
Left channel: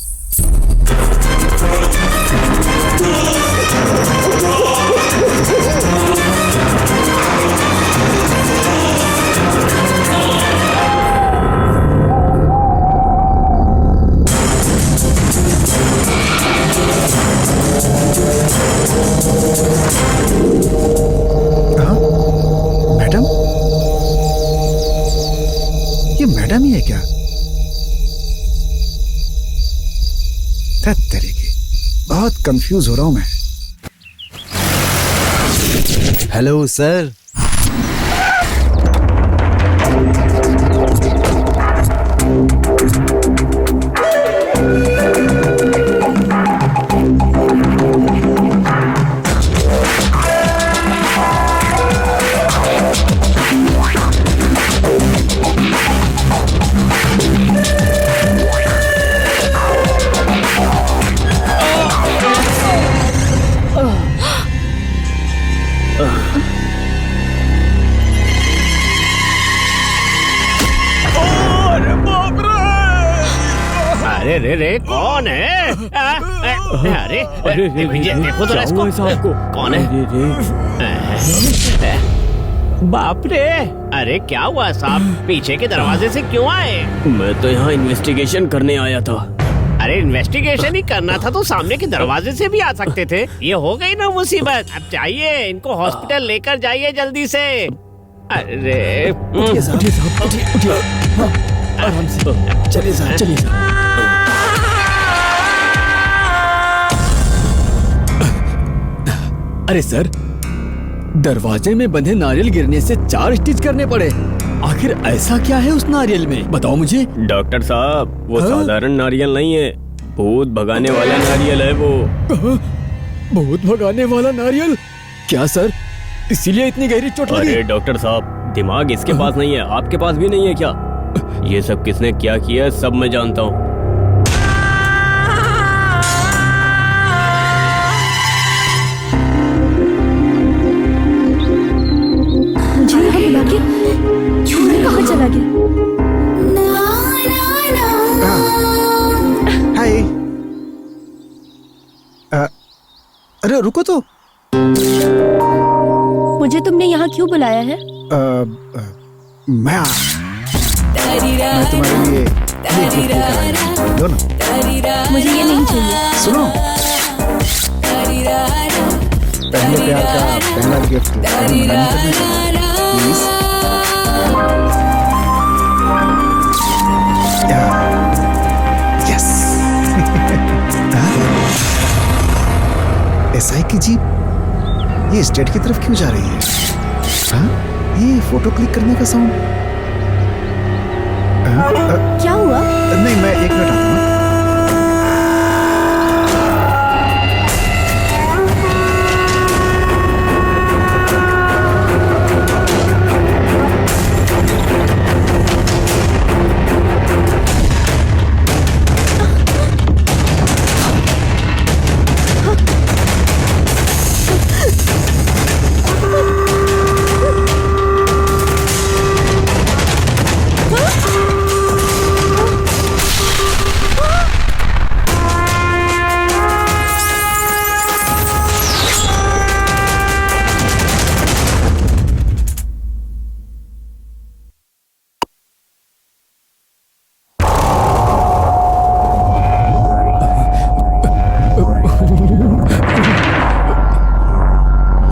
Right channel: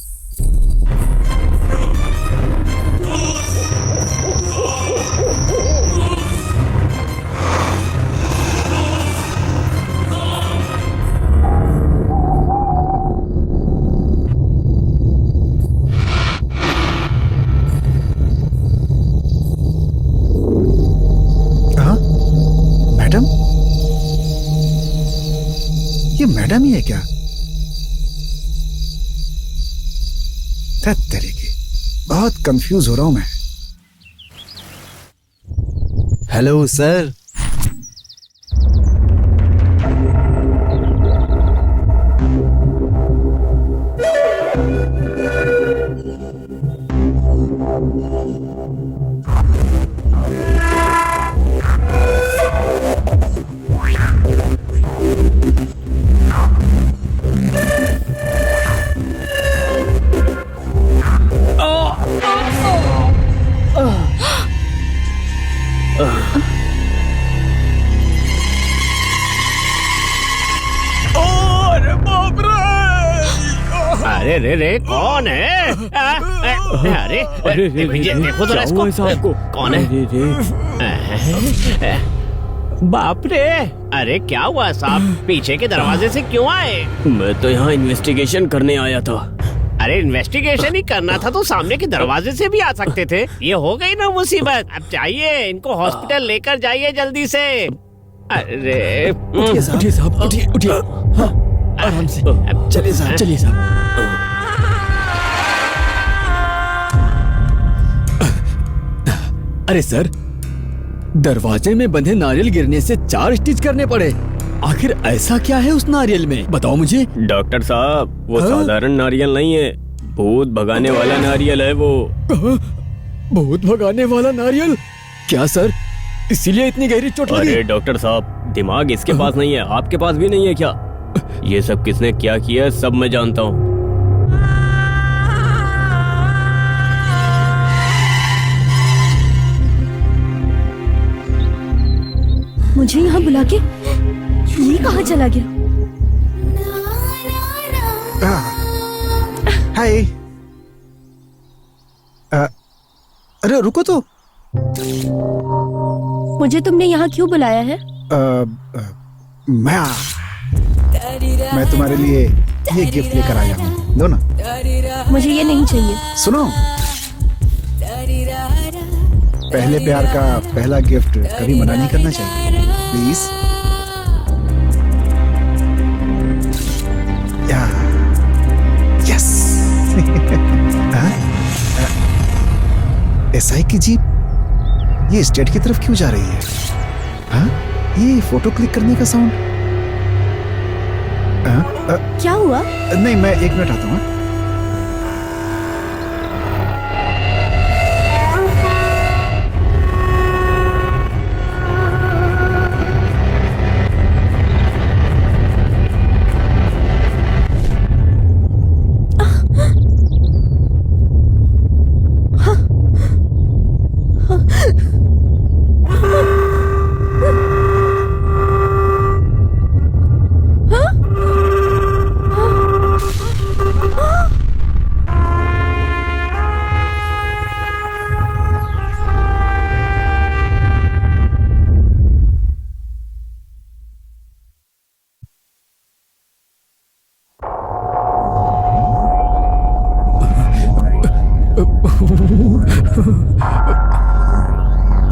हाँ? मैडम, ये मैडम ही है क्या? तरीके, बहुत कंफ्यूज हो रहा हूं मैं। Hello sir. अरे रे रे, कौन है? अरे देखो तो इसको, कौन है? बाप रे, अरे क्या हुआ साहब, पीछे के दरवाजे से क्यों आए? मैं तो यहाँ इन्वेस्टिगेशन करने आया था। अरे इन्वेस्टिगेशन ही करना था तो सामने के दरवाजे से भी आ सकते थे। ये हो गई ना मुसीबत। अब चाहिए इनको हॉस्पिटल लेकर जाइए जल्दी से। अरे उठिए साहब, उठिए। हाँ, आराम से चलिए साहब, चलिए साहब। अरे सर, दरवाजे में बंधे नारियल गिरने से 4 स्टिच करने पड़े। आखिर ऐसा क्या है उस नारियल में, बताओ मुझे। डॉक्टर साहब, वो हाँ? साधारण नारियल नहीं है, भूत भगाने वाला नारियल है वो। भूत भगाने वाला नारियल? क्या सर, इसीलिए इतनी गहरी चोट लगी? अरे डॉक्टर साहब, दिमाग इसके पास नहीं है, आपके पास भी नहीं है क्या? ये सब किसने क्या किया है सब मैं जानता हूँ। मुझे यहाँ बुला के ये कहाँ चला गया? हाय। अरे रुको तो। मुझे तुमने यहाँ क्यों बुलाया है? मैं तुम्हारे लिए ये गिफ्ट लेकर आया हूँ, लो ना। मुझे ये नहीं चाहिए। सुनो, पहले प्यार का पहला गिफ्ट कभी मना नहीं करना चाहिए, प्लीज। यस। एसआई की जीप ये स्टेट की तरफ क्यों जा रही है? हाँ, ये फोटो क्लिक करने का साउंड। क्या हुआ? नहीं, मैं 1 मिनट आता हूँ।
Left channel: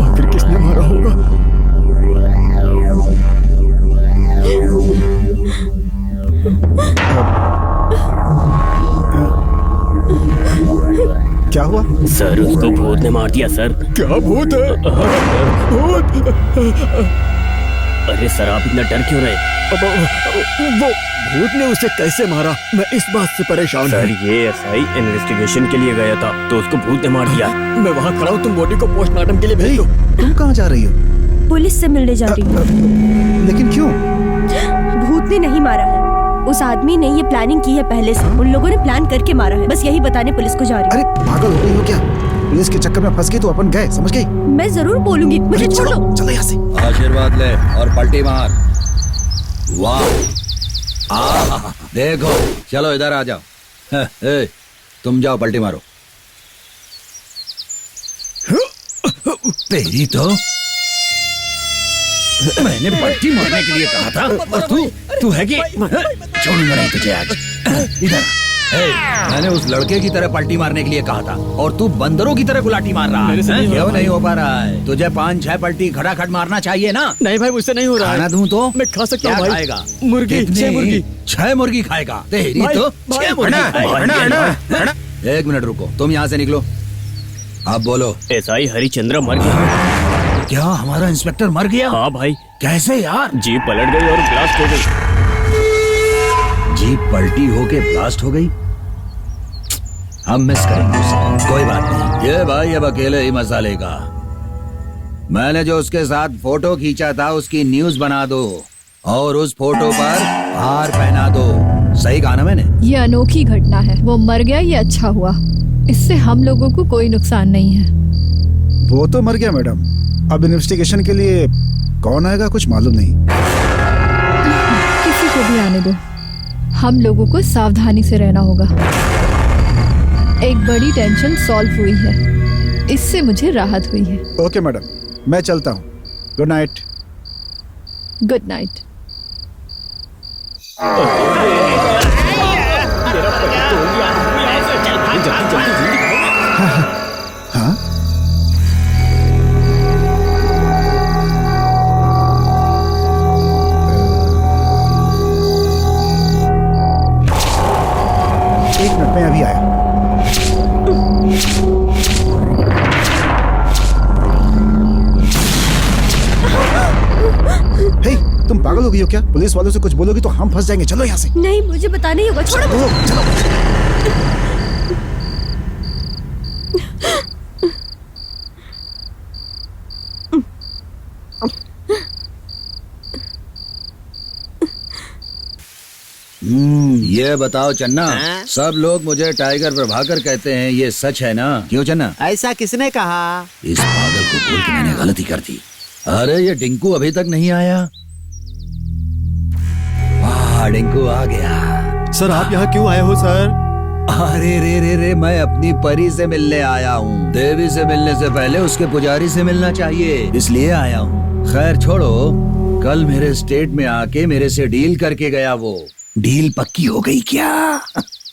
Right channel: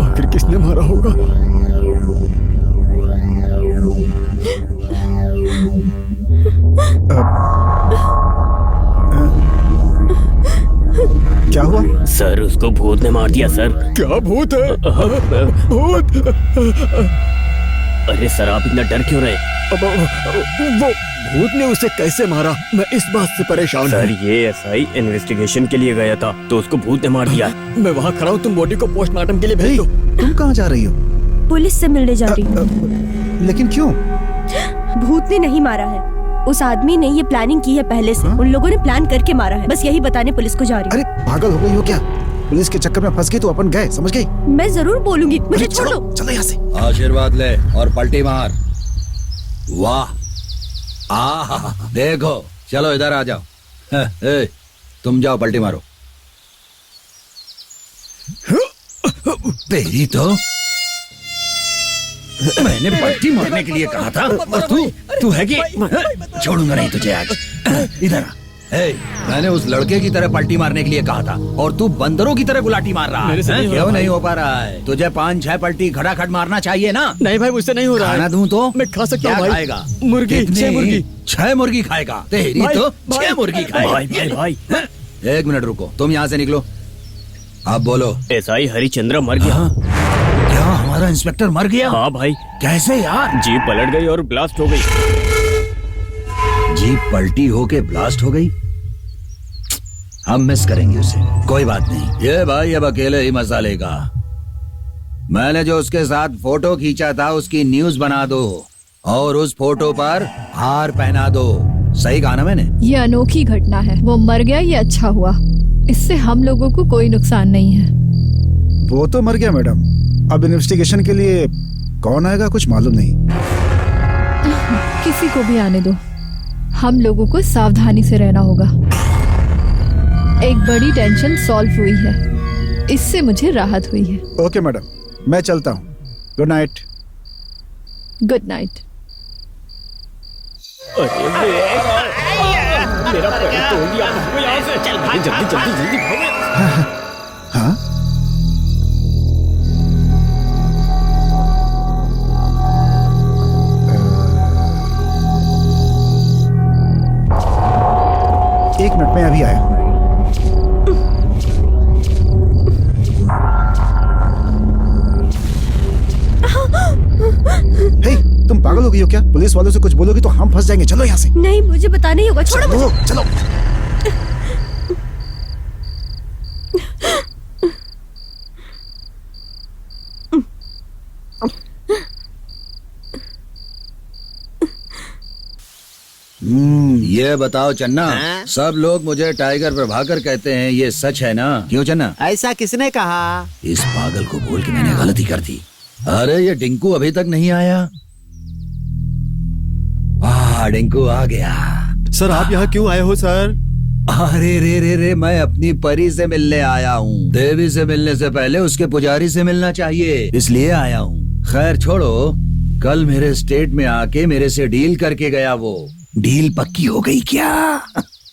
आखिर किसने मारा होगा? क्या हुआ? सर उसको भूत ने मार दिया सर। क्या भूत है? भूत? अरे सर आप इतना डर क्यों रहे? वो भूत ने उसे कैसे मारा, मैं इस बात से परेशान सर हूँ। ये एसआई इन्वेस्टिगेशन के लिए गया था तो उसको भूत ने मार दिया। मैं वहाँ खड़ा हूँ, तुम बॉडी को पोस्टमार्टम के लिए भेज दो। तुम कहाँ जा रही हो? पुलिस से मिलने जा रही हूँ। लेकिन क्यों? भूत ने नहीं मारा है, उस आदमी ने ये प्लानिंग की है पहले से। उन लोगों ने प्लान करके मारा है, बस यही बताने पुलिस को जा रही हूँ। अरे पागल हो गई हो क्या? पुलिस के चक्कर में फंस गई तो अपन गए, समझ गई? मैं जरूर बोलूंगी, मुझे छोड़ दो। चलो यहाँ से। आशीर्वाद ले और पलटी मार। वाह, देखो, चलो इधर आ जाओ। ए, तुम जाओ पलटी मारो। तेरी तो मैंने पलटी मारने के लिए कहा था और तू है कि छोड़ूंगा नहीं तुझे आज। इधर मैंने उस लड़के की तरह पलटी मारने के लिए कहा था और तू बंदरों की तरह गुलाटी मार रहा है। क्यों नहीं हो पा रहा है? तुझे 5-6 पलटी खटाखट मारना चाहिए ना। नहीं भाई, मुझसे नहीं हो रहा है। खाना दूं तो मैं खा सकता हूँ भाई। खाएगा? मुर्गी, 6 मुर्गी। 6 मुर्गी खाएगा? तेरी भाई, तो भाई, 6 मुर्गी खाएगा। 1 मिनट रुको, तुम यहाँ से निकलो। अब बोलो। एसआई हरिचंद्र मर गया। क्या हमारा इंस्पेक्टर मर गया? हाँ भाई। कैसे यार? जीप पलट गई और ब्लास्ट हो गई। जीप पलटी होके ब्लास्ट हो गई? हम मिस करेंगे उसे, कोई बात नहीं। ये भाई अब अकेले ही मजा लेगा। मैंने जो उसके साथ फोटो खींचा था उसकी न्यूज बना दो और उस फोटो पर हार पहना दो। सही कहा ना मैंने? ये अनोखी घटना है, वो मर गया ये अच्छा हुआ, इससे हम लोगों को कोई नुकसान नहीं है। वो तो मर गया मैडम, अब इन्वेस्टिगेशन के लिए कौन आएगा कुछ मालूम नहीं। किसी को भी आने दो, हम लोगों को सावधानी से रहना होगा। एक बड़ी टेंशन सॉल्व हुई है, इससे मुझे राहत हुई है। ओके मैडम, मैं चलता हूँ। Good night. Good night. मेरा पैर तोड़ दिया। भागो यहाँ से। चल भाग, जल्दी जल्दी जल्दी भागो। हाँ? एक मिनट में अभी आया। हे, तुम पागल हो गई हो क्या? पुलिस वालों से कुछ बोलोगी तो हम फंस जाएंगे। चलो यहाँ से। नहीं, मुझे बताना ही होगा। छोड़ो मुझे। चलो। ये बताओ चन्ना, सब लोग मुझे टाइगर प्रभाकर कहते हैं, ये सच है ना? क्यों चन्ना? ऐसा किसने कहा? इस पागल को बोल के मैंने गलती कर दी। अरे ये डिंकू अभी तक नहीं आया। वाह, डिंकू आ गया। सर आप यहाँ क्यों आए हो सर? अरे रे, मैं अपनी परी से मिलने आया हूँ। देवी से मिलने से पहले उसके पुजारी से मिलना चाहिए, इसलिए आया हूँ। खैर छोड़ो, कल मेरे स्टेट में आके मेरे से डील करके गया वो। डील पक्की हो गई क्या?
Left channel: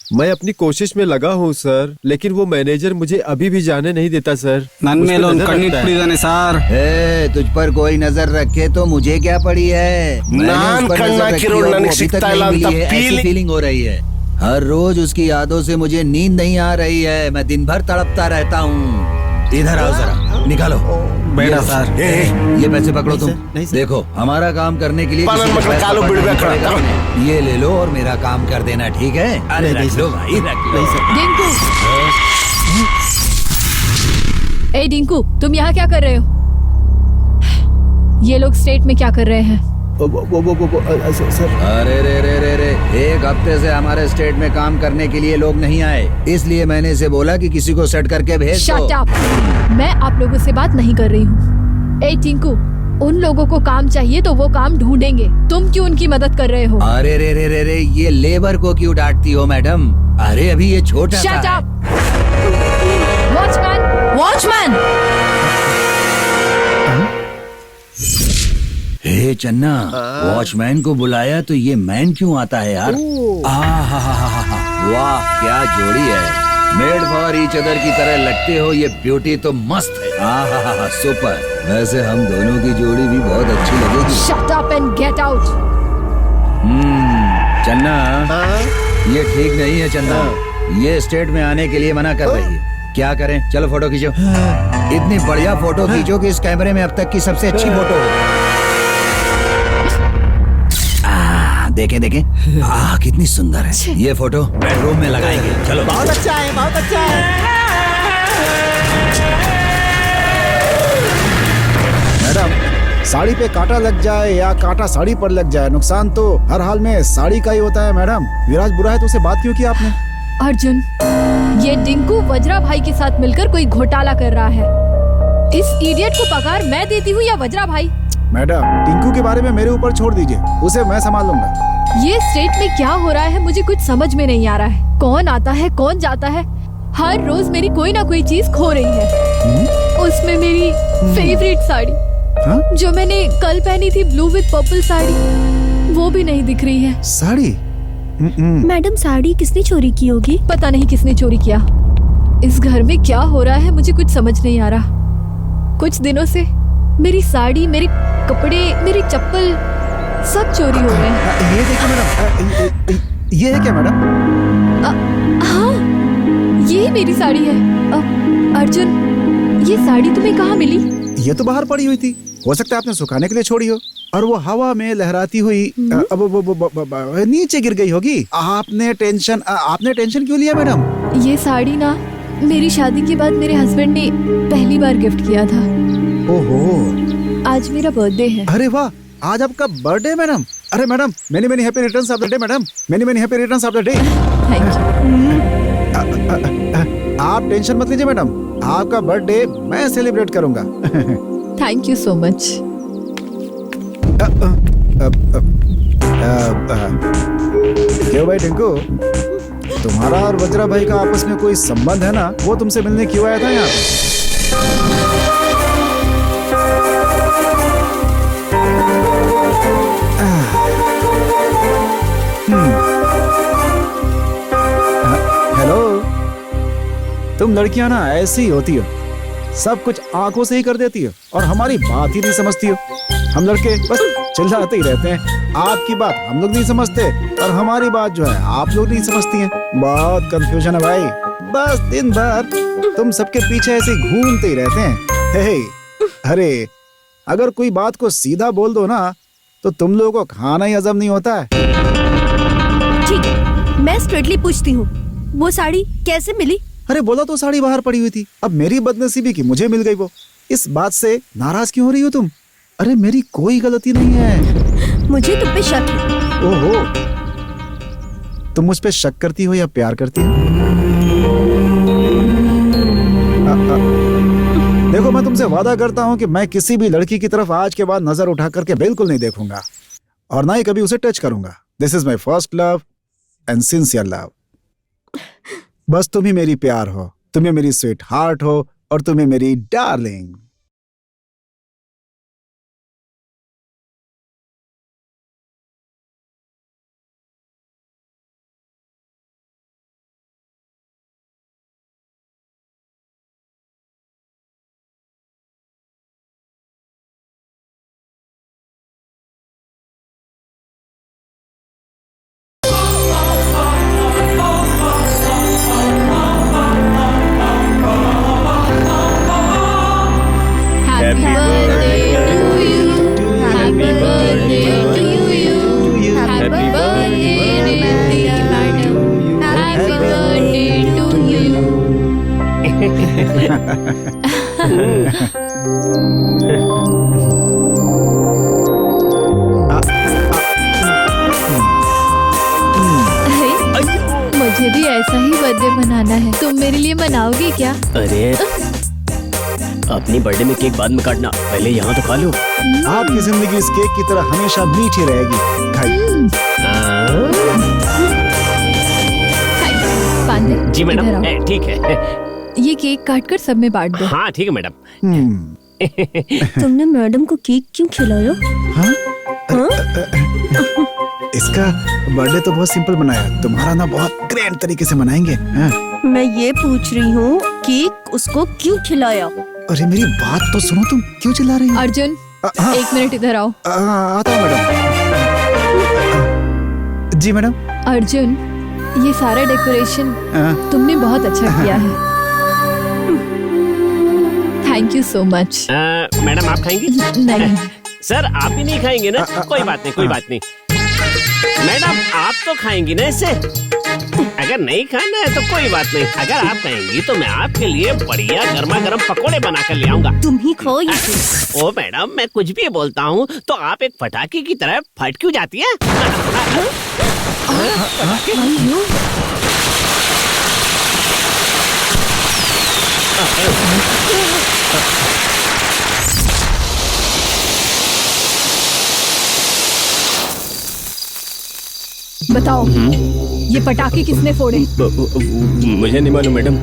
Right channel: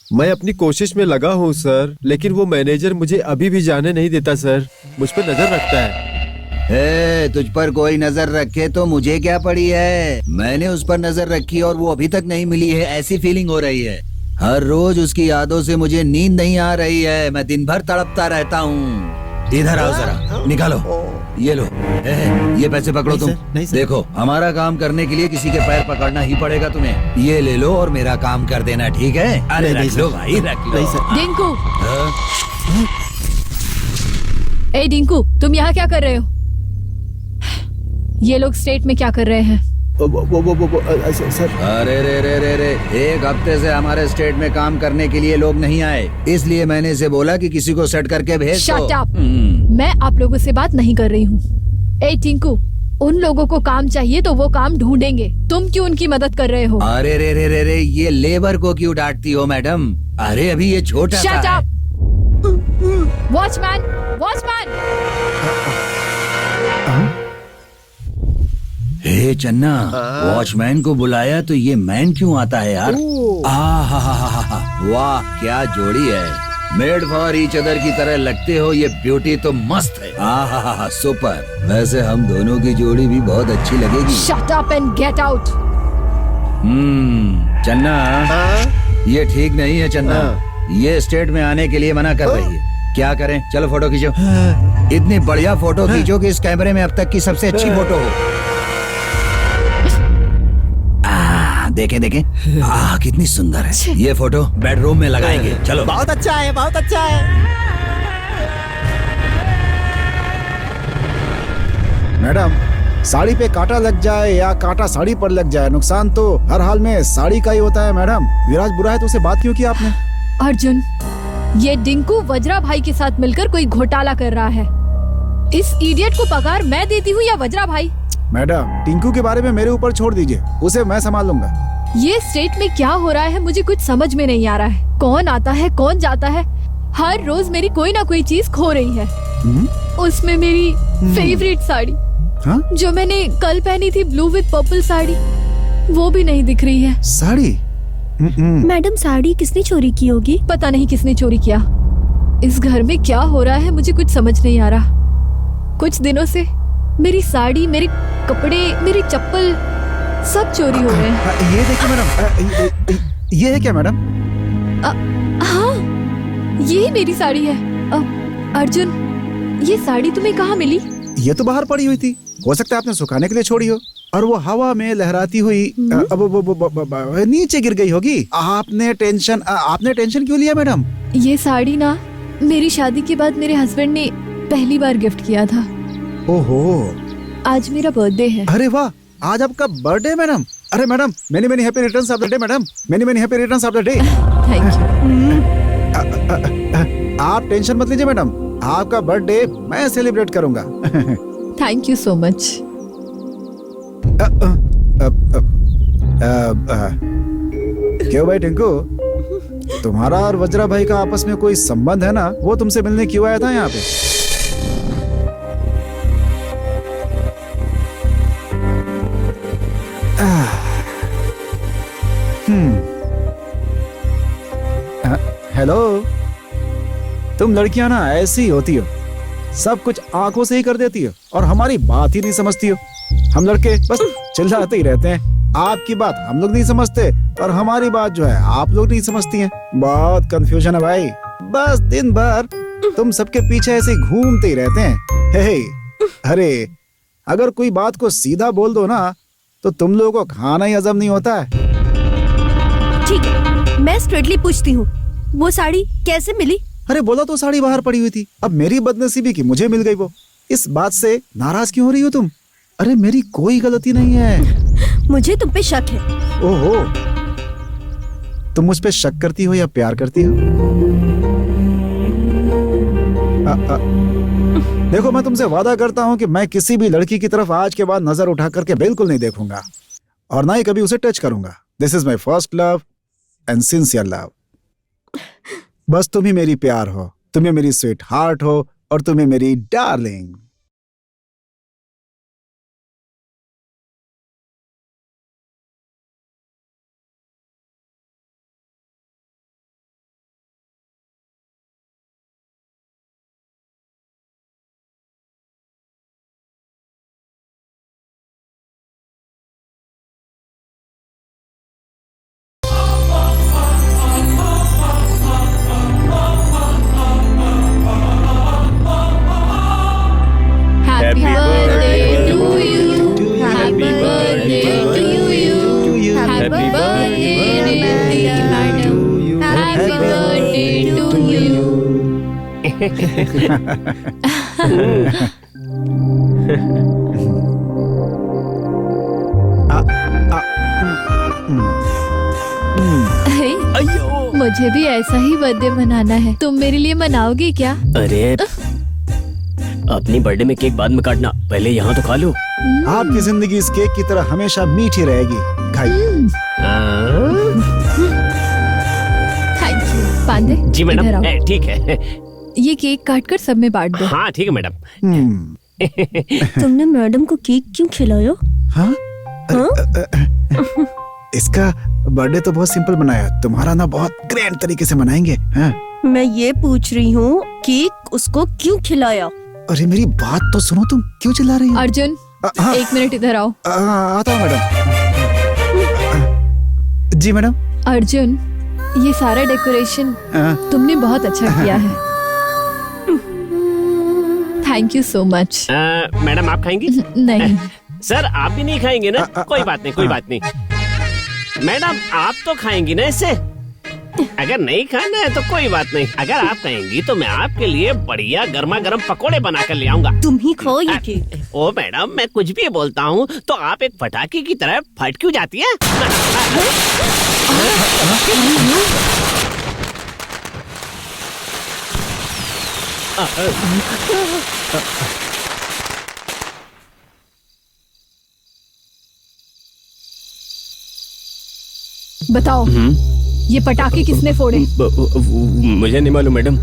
मैं अपनी कोशिश में लगा हूँ सर, लेकिन वो मैनेजर मुझे अभी भी जाने नहीं देता सर। मुझ पर नजर रखता है। तुझ पर कोई नजर रखे तो मुझे क्या पड़ी है, मैंने उस पर नजर रखी और वो अभी तक नहीं मिली है, ऐसी फीलिंग हो रही है। हर रोज उसकी यादों से मुझे नींद नहीं आ रही है, मैं दिन भर तड़पता रहता हूँ। इधर आओ जरा, निकालो ये लो। ये पैसे पकड़ो तुम। देखो, हमारा काम करने के लिए किसी के पैर पकड़ना ही पड़ेगा तुम्हें। ये ले लो और मेरा काम कर देना, ठीक है? अरे रख लो भाई, रख लो। डिंकू, ए डिंकू, तुम यहाँ क्या कर रहे हो? ये लोग स्टेट में क्या कर रहे हैं? सर, अरे रे रे रे रे, एक हफ्ते से हमारे स्टेट में काम करने के लिए लोग नहीं आए, इसलिए मैंने इसे बोला कि किसी को सेट करके भेज दो। Shut up! मैं आप लोगों से बात नहीं कर रही हूँ। ए टिंकू, उन लोगों को काम चाहिए तो वो काम ढूंढेंगे, तुम क्यों उनकी मदद कर रहे हो? अरे रे रे रे रे, ये लेबर को क्यों डांटती हो मैडम? अरे अभी ये छोटा सा है। Shut up! Watchman, watchman! Hey Channa, watchman को बुलाया तो ये मैन क्यों आता है यार? वाह क्या जोड़ी है, मेड फॉर ईच अदर की तरह लगते हो, ये ब्यूटी तो मस्त है। सुपर। वैसे हम दोनों की जोड़ी भी बहुत अच्छी लगेगी। Shut up and get out! चन्ना, ये ठीक नहीं है चन्ना, ये स्टेट में आने के लिए मना कर रही है। क्या करें, चलो फोटो खींचो। इतनी बढ़िया फोटो खींचो कि इस कैमरे में अब तक की सबसे अच्छी फोटो हो। देखें देखें, कितनी सुंदर है। ये फोटो बेडरूम में लगाएंगे, चलो। बहुत अच्छा है, बहुत अच्छा है। मैडम, साड़ी पे कांटा लग जाए या कांटा साड़ी पर लग जाए, नुकसान तो हर हाल में साड़ी का ही होता है मैडम। विराज बुरा है तो उसे बात क्यों की आपने? अर्जुन, ये डिंकू वज्रा भाई के साथ मिलकर कोई घोटाला कर रहा है। इस इडियट को पगार मैं देती हूँ या वज्रा भाई? मैडम, टिंकू के बारे में मेरे ऊपर छोड़ दीजिए, उसे मैं संभाल लूंगा। ये स्टेट में क्या हो रहा है मुझे कुछ समझ में नहीं आ रहा है। कौन आता है कौन जाता है, हर रोज मेरी कोई ना कोई चीज खो रही है। उसमें मेरी फेवरेट साड़ी, जो मैंने कल पहनी थी, ब्लू विद पर्पल साड़ी, वो भी नहीं दिख रही है। साड़ी? मैडम, साड़ी किसने चोरी की होगी? पता नहीं किसने चोरी किया। इस घर में क्या हो रहा है मुझे कुछ समझ नहीं आ रहा। कुछ दिनों से मेरी साड़ी, मेरे कपड़े, मेरी चप्पल सब चोरी हो रहे हैं। ये देखिए मैडम, ये है क्या मैडम? हाँ, ये मेरी साड़ी है। अर्जुन, ये साड़ी तुम्हें कहाँ मिली? ये तो बाहर पड़ी हुई थी, हो सकता है आपने सुखाने के लिए छोड़ी हो और वो हवा में लहराती हुई नीचे गिर गई होगी। आपने टेंशन क्यों लिया मैडम? ये साड़ी ना मेरी शादी के बाद मेरे हस्बैंड ने पहली बार गिफ्ट किया था। ओहो, आज मेरा बर्थडे है। अरे वाह, आज आपका बर्थडे मैडम? अरे madam, many many happy returns of the day madam, many many happy returns of the day. Thank you. आप टेंशन मत लीजिए मैडम, आपका बर्थडे मैं सेलिब्रेट करूंगा। Thank you so much. क्यों भाई टिंकू, तुम्हारा और वज्रा भाई का आपस में कोई संबंध है ना? वो तुमसे मिलने क्यों आया था यहाँ पे? हेलो, तुम लड़कियां ना ऐसी ही होती हो, सब कुछ आंखों से ही कर देती हो और हमारी बात ही नहीं समझती हो। हम लड़के बस चिल्लाते ही रहते हैं, आपकी बात हम लोग नहीं समझते और हमारी बात जो है आप लोग नहीं समझती हैं। बहुत कंफ्यूजन है भाई, बस दिन भर तुम सबके पीछे ऐसे घूमते ही रहते हैं। हे, अरे अगर कोई बात को सीधा बोल दो ना तो तुम लोगों को खाना ही हजम नहीं होता है। ठीक है, मैं स्ट्रेटली पूछती हूँ, वो साड़ी कैसे मिली? अरे बोला तो साड़ी बाहर पड़ी हुई थी, अब मेरी बदनसीबी की मुझे मिल गई वो। इस बात से नाराज क्यों हो रही हो तुम? अरे मेरी कोई गलती नहीं है। मुझे तुम पे शक है। ओहो, तुम मुझ पे शक करती हो या प्यार करती हो? देखो, मैं तुमसे वादा करता हूँ कि मैं किसी भी लड़की की तरफ आज के बाद नजर उठा करके बिल्कुल नहीं देखूंगा और ना ही कभी उसे टच करूंगा। This is my first love and sincere love. बस तुम ही मेरी प्यार हो, तुम्हें मेरी स्वीट हार्ट हो और तुम्हें मेरी डार्लिंग। मुझे भी ऐसा ही बर्थडे मनाना है। तुम मेरे लिए मनाओगे क्या? अरे अपनी बर्थडे में केक बाद में काटना, पहले यहाँ तो खा लो। आपकी जिंदगी इस केक की तरह हमेशा मीठी रहेगी। खाइए। पांडे, जी इधर मैडम, आओ। ठीक है। ये केक काट कर सब में बांट दो। हाँ ठीक है मैडम। तुमने मैडम को केक क्यों खिलाया? हाँ? इसका बर्थडे तो बहुत सिंपल बनाया, तुम्हारा ना बहुत ग्रैंड तरीके से मनाएंगे। हाँ? मैं ये पूछ रही हूँ केक उसको क्यों खिलाया? अरे मेरी बात तो सुनो, तुम क्यों चिल्ला रही हो? अर्जुन, हाँ। 1 मिनट इधर आओ। आता हूँ मैडम। जी मैडम। अर्जुन, ये सारा डेकोरेशन तुमने बहुत अच्छा किया है। Thank you so much. Madam आप खाएंगी? नहीं। सर आप भी नहीं खाएंगे ना? कोई बात नहीं, कोई बात नहीं। मैडम आप तो खाएंगी ना इससे? अगर नहीं खाना है तो कोई बात नहीं, अगर आप कहेंगी तो मैं आपके लिए बढ़िया गर्मा गर्म पकोड़े बना कर ले आऊंगा। तुम ही खाओ ये केक। ओ मैडम, मैं कुछ भी बोलता हूँ तो आप एक पटाखे की तरह फट क्यों जाती है? बताओ, ये पटाखे किसने फोड़े? मुझे नहीं मालूम मैडम।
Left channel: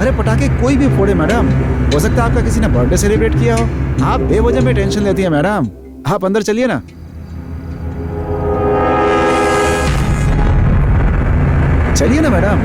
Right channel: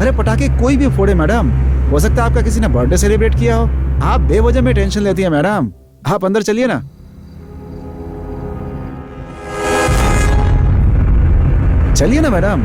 अरे पटाखे कोई भी फोड़े मैडम, हो सकता है आपका किसी ने बर्थडे सेलिब्रेट किया हो। आप बेवजह में टेंशन लेती है मैडम। आप अंदर चलिए ना। चलिए ना मैडम।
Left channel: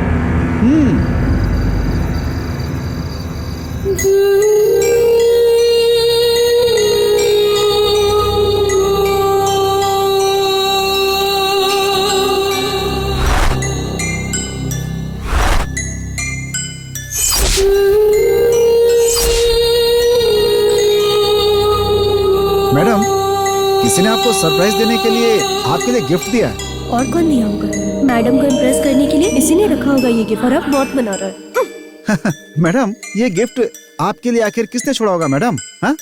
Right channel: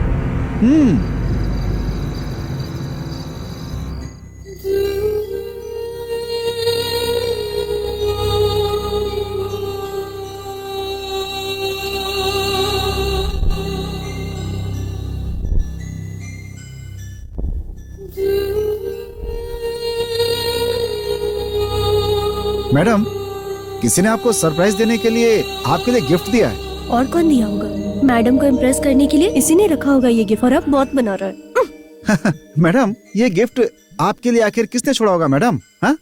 मैडम, किसी ने आपको सरप्राइज देने के लिए आपके लिए गिफ्ट दिया है। और कौन दिया होगा? मैडम को इम्प्रेस करने के लिए इसी ने रखा होगा ये गिफ्ट, और अब बहुत बना रहा है। मैडम, ये गिफ्ट आपके लिए आखिर किसने छोड़ा होगा मैडम? हाँ?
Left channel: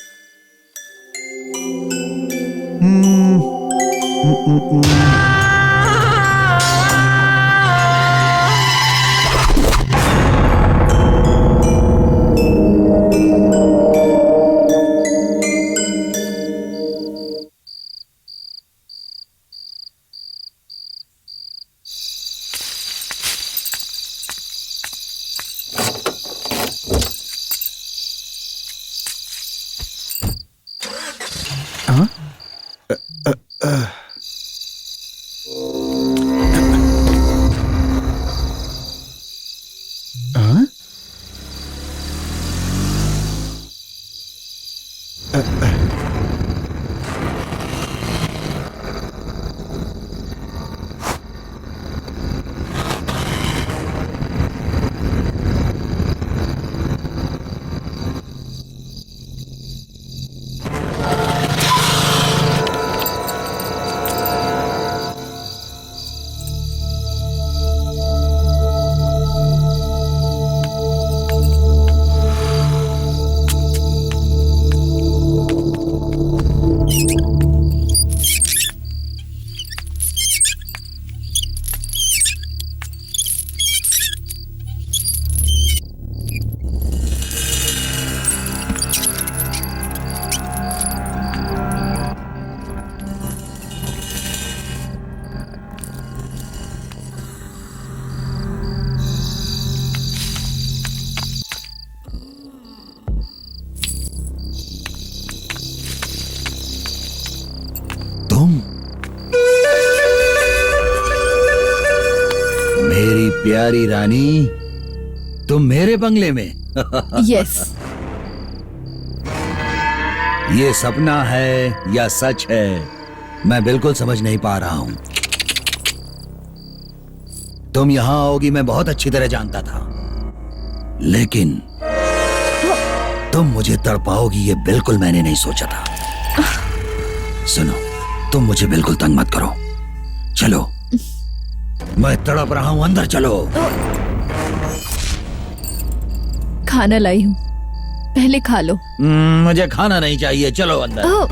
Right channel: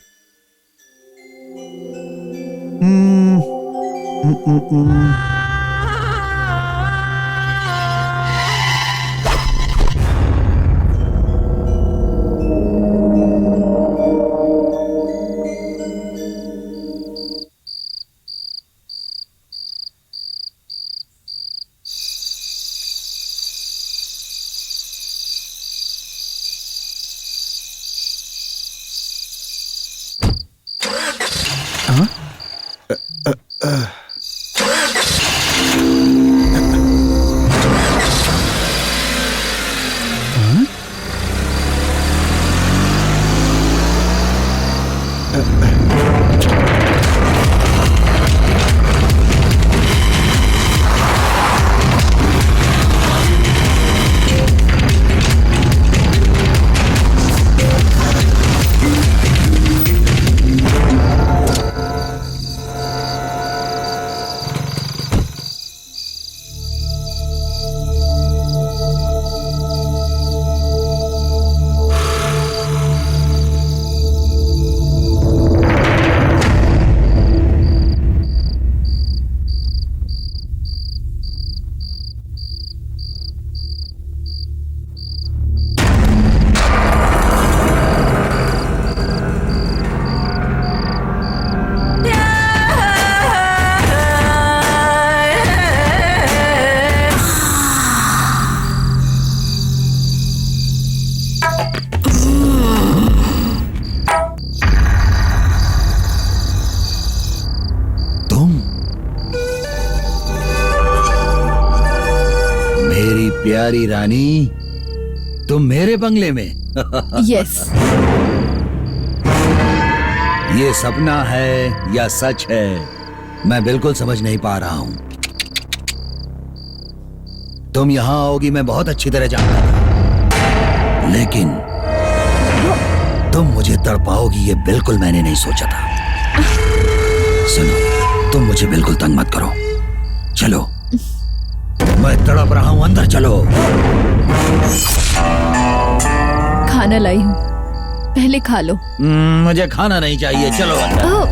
मेरी प्यारी रानी, तुम मेरे बंगले में? यस। ये सपना है या सच है, मैं बिल्कुल समझ नहीं पा रहा हूं। तुम यहां आओगी मैं बहुत अच्छी तरह जानता था, लेकिन तुम मुझे तड़पाओगी ये बिल्कुल मैंने नहीं सोचा था। सुनो, तुम मुझे बिल्कुल तंग मत करो। चलो, मैं तड़प रहा हूं, अंदर चलो। खाना लाई हूँ, पहले खा लो। मुझे खाना नहीं चाहिए, चलो अंदर। ओह,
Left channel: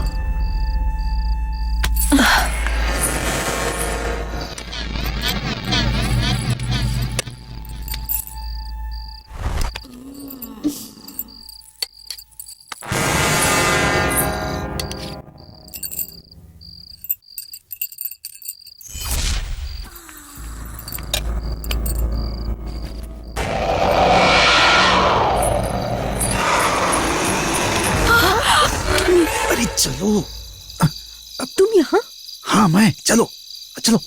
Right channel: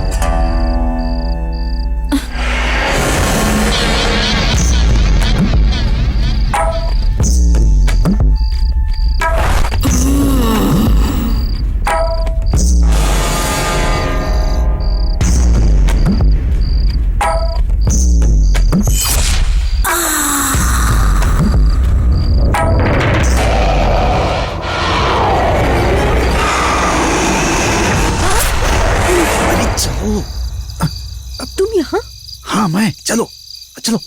अरे चलो। तुम यहाँ? हाँ मैं, चलो चलो।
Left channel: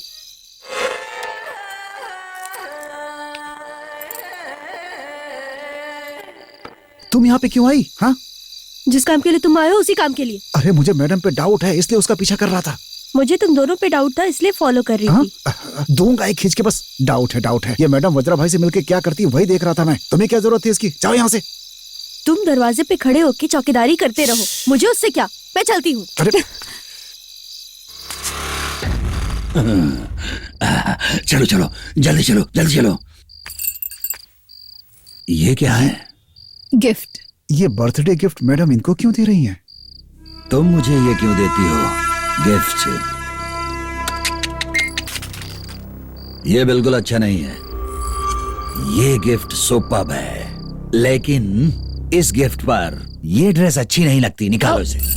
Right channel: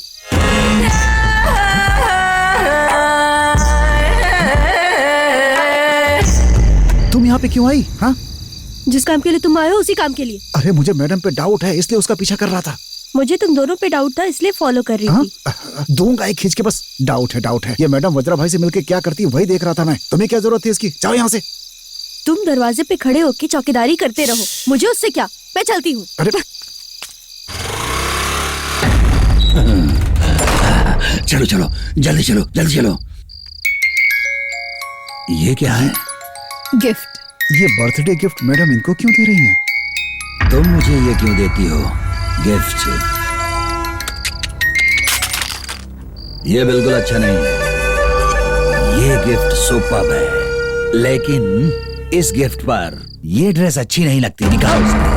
तुम यहाँ पे क्यों आई? हाँ, जिस काम के लिए तुम आए हो उसी काम के लिए। अरे मुझे मैडम पे डाउट है, इसलिए उसका पीछा कर रहा था। मुझे तुम दोनों पे डाउट था, इसलिए फॉलो कर रही हाँ? थी। दूंगा एक खींच के, बस डाउट है डाउट है। ये मैडम वज्रा भाई से मिलके क्या करती है वही देख रहा था मैं। तुम्हें क्या जरूरत थी इसकी? जाओ यहाँ से। तुम दरवाजे पे खड़े होके चौकीदारी करते रहो, मुझे उससे क्या, मैं चलती हूँ। अरे चलो चलो, जल्दी चलो, जल्दी चलो। ये क्या है? गिफ्ट। ये बर्थडे गिफ्ट मैडम इनको क्यों दे रही हैं? तुम मुझे ये क्यों देती हो गिफ्ट? ये बिल्कुल अच्छा नहीं है। ये गिफ्ट सुपर्ब है, लेकिन इस गिफ्ट पर ये ड्रेस अच्छी नहीं लगती। निकालो इसे।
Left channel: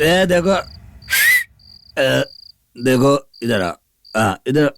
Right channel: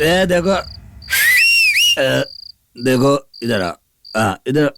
ए देखो, देखो इधर आ, इधर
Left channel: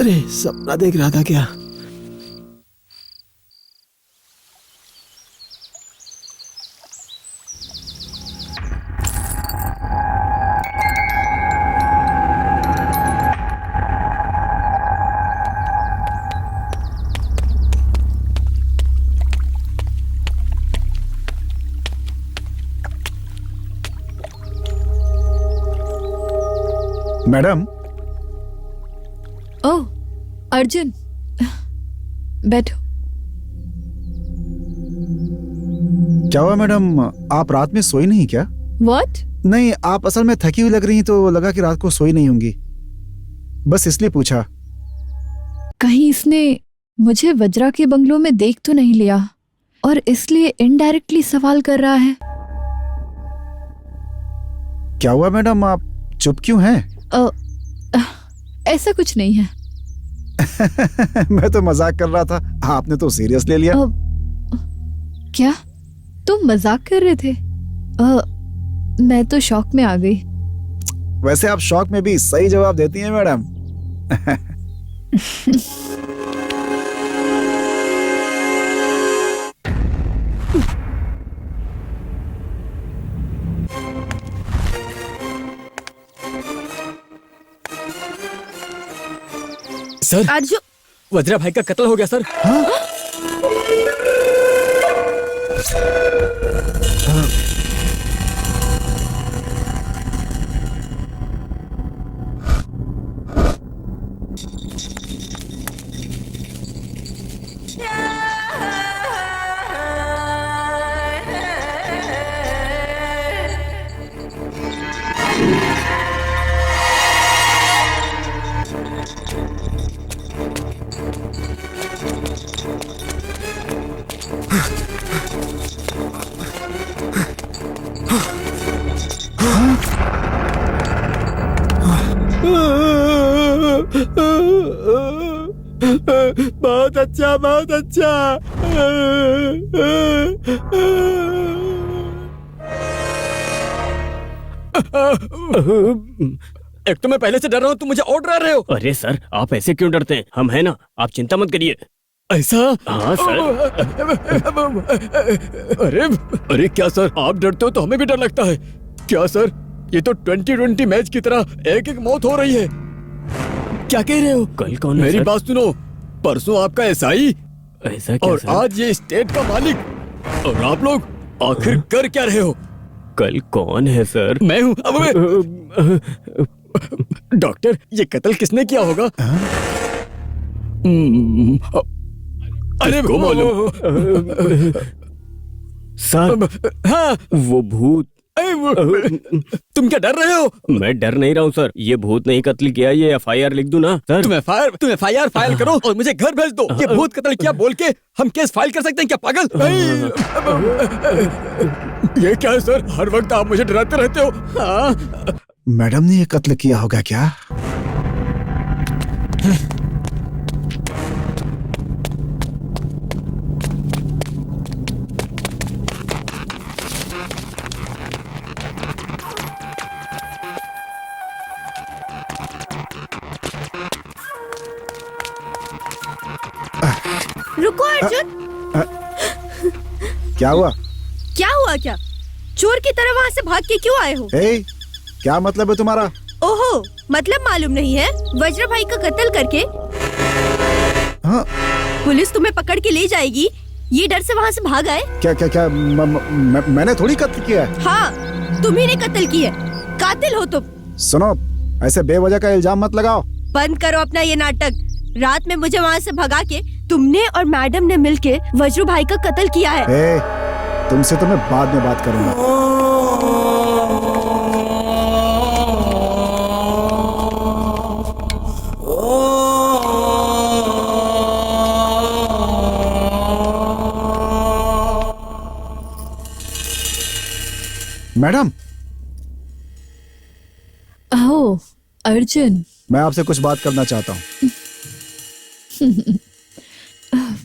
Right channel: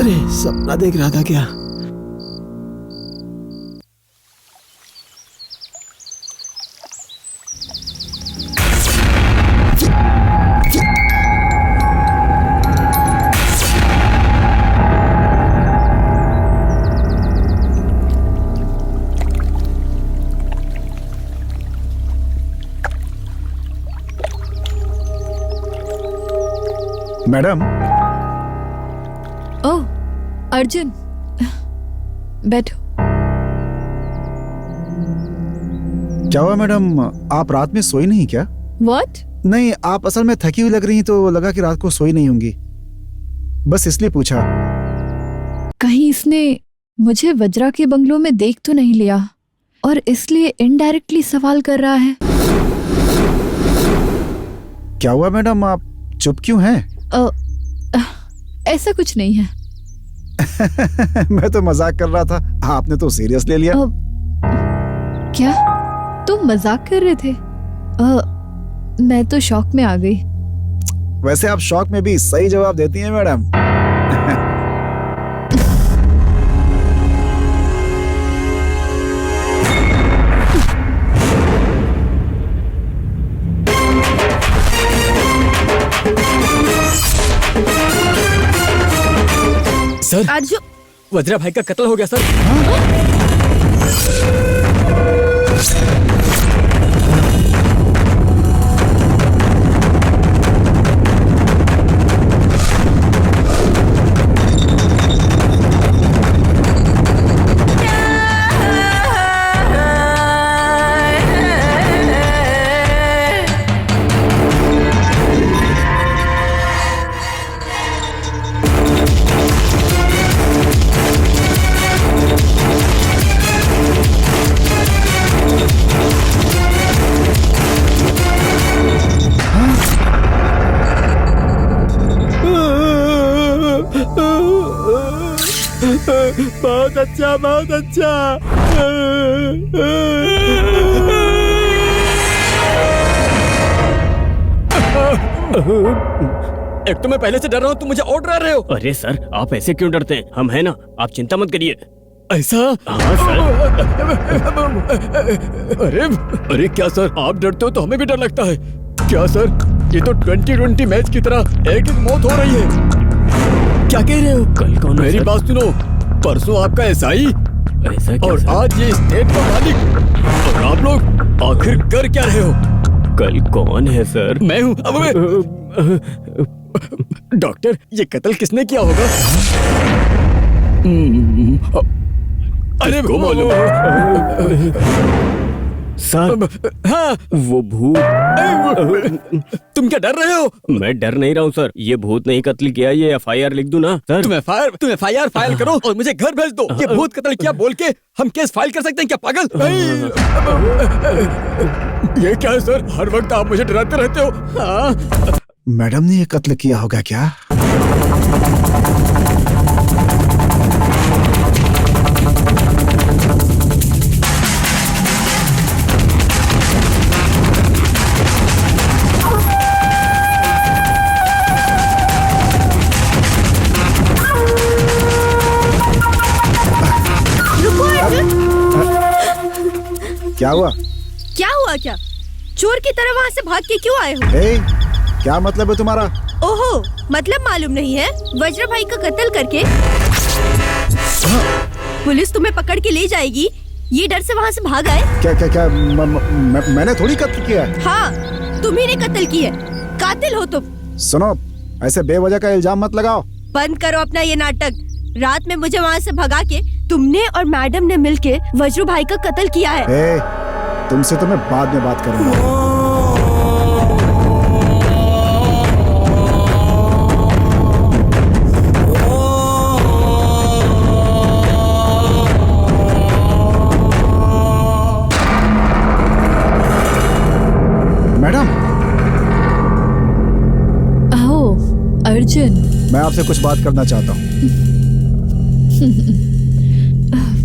अरे सपना देख रहा था क्या? मैडम। ओह अर्जुन, बैठो। क्या हुआ मैडम, आप रात में सोई नहीं क्या? What? नहीं, आप असल में थकी हुई लग रही तो लगा कि रात को सोई नहीं होंगी, बस इसलिए पूछा। कहीं इसने मुझे वज्रा के बंगलों में देख तो नहीं लिया और इसलिए इनडायरेक्टली सवाल कर रहा है। क्या हुआ मैडम, आप चुप क्यों हैं? ऐसा कुछ नहीं है। मैं तो मजाक कर रहा था, आपने तो सीरियस ले लिया। क्या तुम मजाक कर रहे थे? मैं तो शॉक में आ गई। वैसे आप शॉक में भी सही जवाब देती हैं मैडम। सर, अर्जुन, वज्रा भाई का कत्ल हो गया सर। बहुत अच्छा, बहुत अच्छा। एक तो मैं पहले से डर रहा हूँ, तुम मुझे और डरा रहे हो। अरे सर, आप ऐसे क्यों डरते हैं? हम हैं ना, आप चिंता मत करिए। ऐसा? हाँ सर। अरे क्या सर, आप डरते हो तो हमें भी डर लगता है क्या सर? ये तो 2020 मैच की तरह एक एक मौत हो रही है। क्या कह रहे हो? कल कौन? मेरी बात सुनो, परसों आपका एसआई ऐसा क्या और सर? आज ये स्टेट का मालिक, और आप लोग आखिर कर क्या रहे हो? कल कौन है सर? मैं हूँ। डॉक्टर, ये कत्ल किसने किया होगा? अरे किसको मालूम? सर, हाँ, वो भूत। तुम क्या डर रहे हो? मैं डर नहीं रहा हूँ सर, ये भूत नहीं कत्ल किया, ये FIR लिख दूं ना सर? तुम FIR फाइल करो और मुझे घर भेज दो। ये भूत कत्ल किया बोल के हम केस फाइल कर सकते हैं क्या पागल? ये क्या है सर, हर वक्त आप मुझे डराते रहते हो। हाँ? मैडम ने ये कत्ल किया होगा क्या? रुको अर्जुन। क्या हुआ? क्या हुआ क्या? चोर की तरह वहाँ से भाग के क्यों आए हो? ए, क्या मतलब है तुम्हारा? ओहो, मतलब मालूम नहीं है? वज्र भाई का कत्ल करके पुलिस तुम्हें पकड़ के ले जाएगी, ये डर से वहाँ से भाग आए? क्या क्या क्या मैंने थोड़ी कत्ल किया है। हाँ, तुम्ही ने कत्ल किया, कातिल हो तुम। सुनो, ऐसे बेवजह का इल्जाम मत लगाओ। बंद करो अपना ये नाटक। रात में मुझे वहाँ से भगा के तुमने और मैडम ने मिलके वज्र भाई का कत्ल किया है। ए, तुमसे तो मैं बाद में बात करूंगा। मैडम। आओ अर्जुन। मैं आपसे कुछ बात करना चाहता हूँ।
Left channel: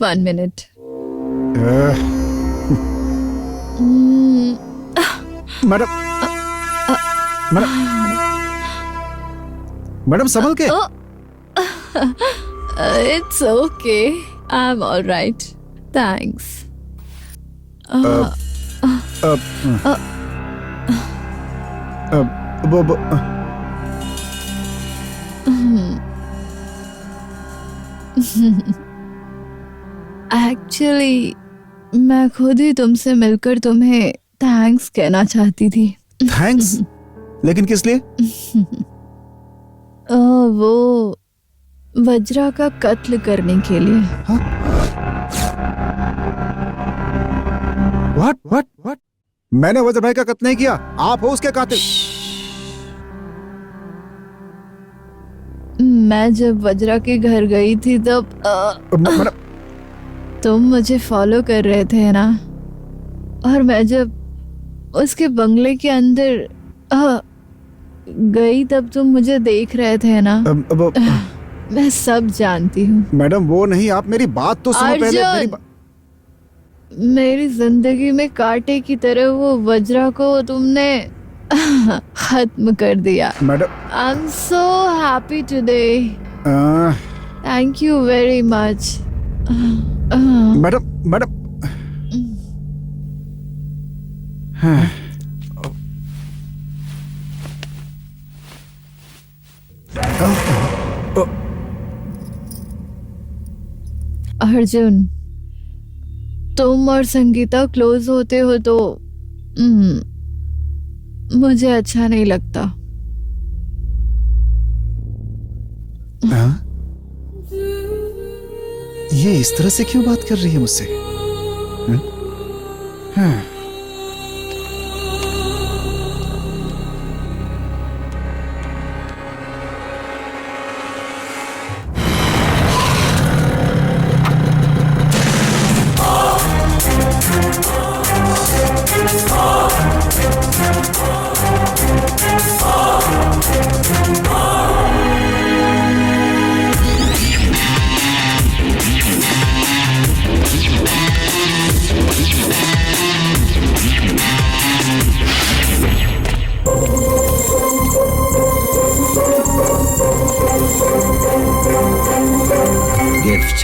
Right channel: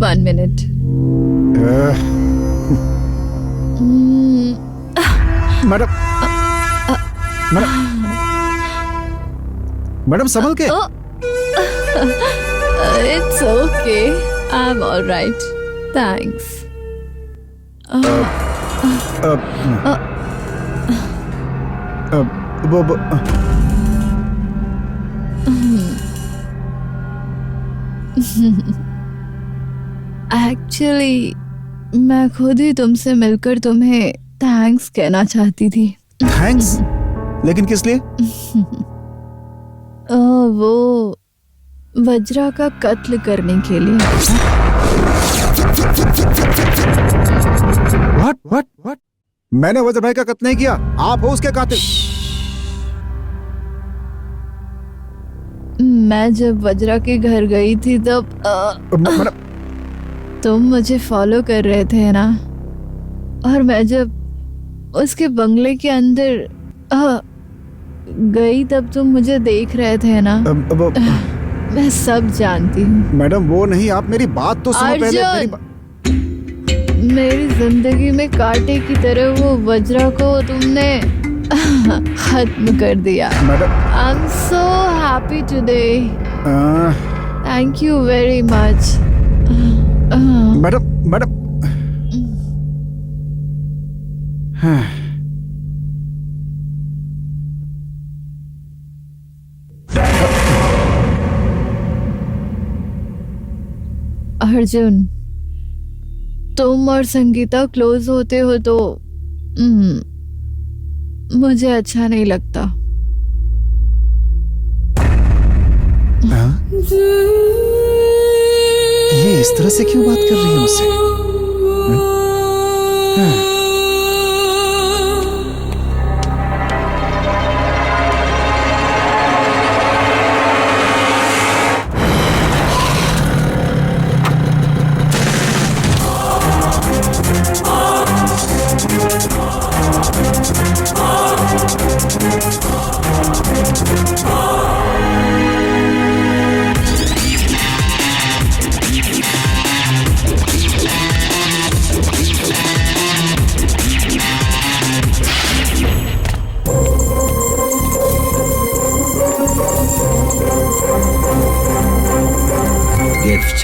1 मिनट। मैडम, मैडम संभल के। It's okay, I am alright, thanks. Actually मैं खुद ही तुमसे मिलकर तुम्हें थैंक्स कहना चाहती थी। थैंक्स? लेकिन किस लिए? वो वज्रा का कत्ल करने के लिए। व्हाट? मैंने वज्र भाई का कत्ल नहीं किया, आप हो उसके कातिल। मैं जब वज्रा के घर गई थी तब तुम मुझे फॉलो कर रहे थे ना, और मैं जब उसके बंगले के अंदर गई तब तुम मुझे देख रहे थे ना। मैं सब जानती हूँ। मैडम वो नहीं, आप मेरी बात तो सुनो पहले। मेरी जिंदगी में कांटे की तरह वो वज्रा को तुमने खत्म कर दिया। Madam, I am so happy today, thank you very much. Madam Arjun, तुम और संगीता क्लोज होते हो तो मुझे अच्छा नहीं लगता। ये इस तरह से क्यों बात कर रही है मुझसे? गिफ्ट।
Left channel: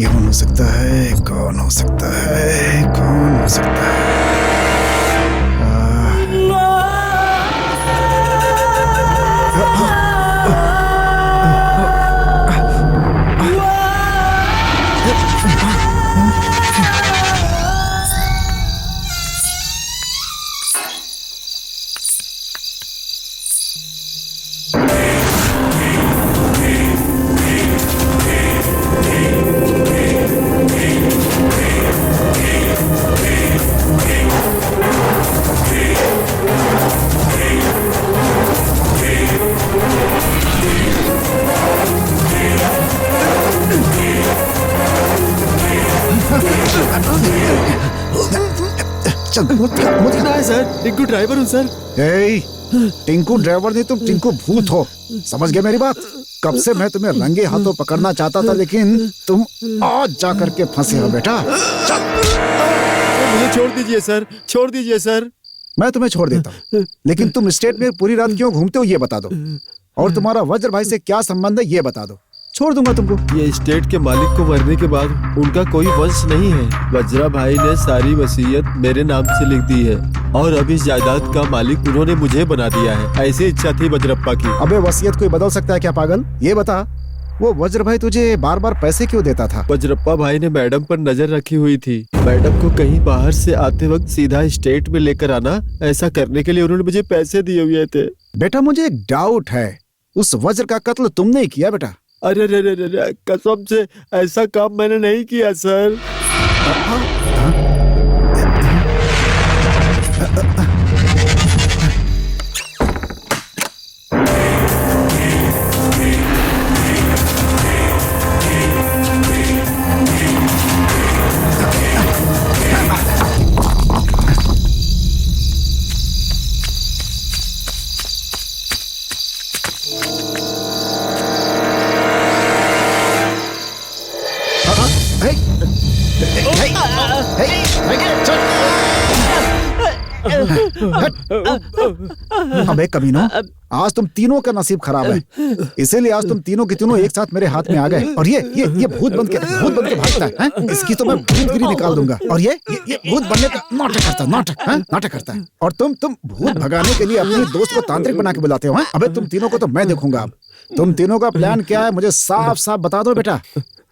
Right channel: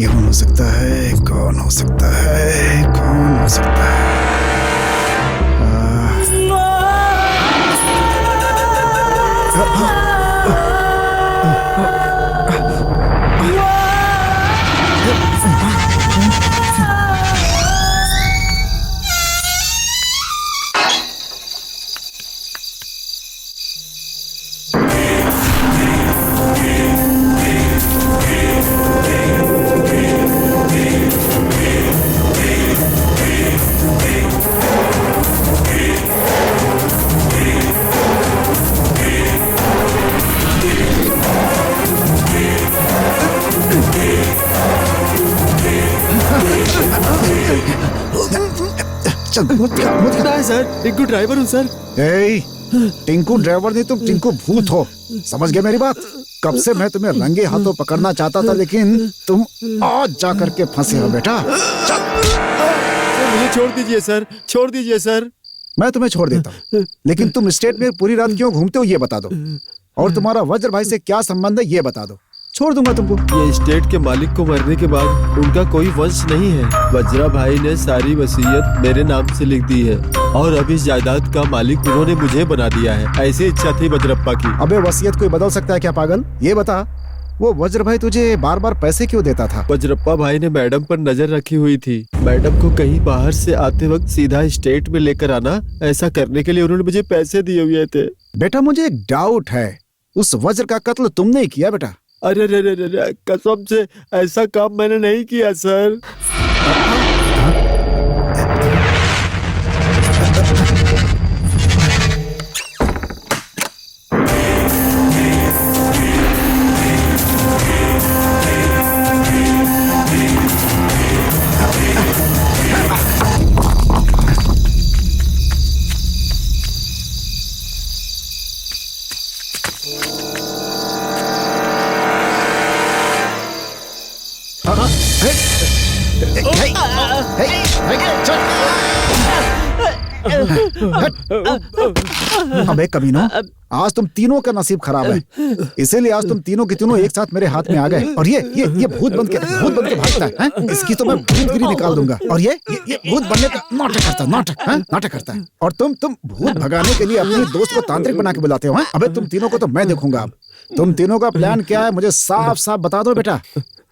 कौन हो सकता है? कौन हो सकता है? कौन हो सकता है? चल मत खा है सर, टिंकू ड्राइवर हूँ सर। टिंकू ड्राइवर नहीं, तुम टिंकू भूत हो। समझ गए मेरी बात? कब से मैं तुम्हें रंगे हाथों पकड़ना चाहता था, लेकिन तुम आज जा करके फंसे हो बेटा। चल मुझे छोड़ दीजिए सर, छोड़ दीजिए सर। मैं तुम्हें छोड़ देता हूँ, लेकिन तुम स्टेट में पूरी रात क्यों घूमते हो ये बता दो, और तुम्हारा वज्र भाई से क्या संबंध है ये बता दो। छोड़ दूंगा तुमको। ये स्टेट के मालिक को मरने के बाद उनका कोई वंश नहीं है। वज्रा भाई ने सारी वसीयत मेरे नाम से लिख दी है और अब इस जायदाद का मालिक उन्होंने मुझे बना दिया है। ऐसी इच्छा थी वज्रप्पा की। अबे वसीयत कोई बदल सकता है क्या पागल? ये बता, वो वज्र भाई तुझे बार बार पैसे क्यों देता था? वज्रप्पा भाई ने मैडम पर नजर रखी हुई थी। मैडम को कहीं बाहर से आते वक्त सीधा स्टेट में लेकर आना, ऐसा करने के लिए उन्होंने मुझे पैसे दिए हुए थे। बेटा मुझे एक डाउट है, उस वज्र का कत्ल तुमने ही किया बेटा? अरे रे रे रे, कसम से ऐसा काम मैंने नहीं किया सर। अबे कमीनो, आज तुम तीनों का नसीब खराब है, इसीलिए आज तुम तीनों के तीनों एक साथ मेरे हाथ में आ गए। और ये भूत बन के भागता है? इसकी तो मैं भूतगिरी निकाल दूंगा। और ये भूत बनने का नाटक करता है। और तुम भूत भगाने के लिए अपने दोस्त को तांत्रिक बना के बुलाते हो। अबे तुम तीनों को तो मैं देखूंगा। अब तुम तीनों का प्लान क्या है मुझे साफ साफ बता दो बेटा,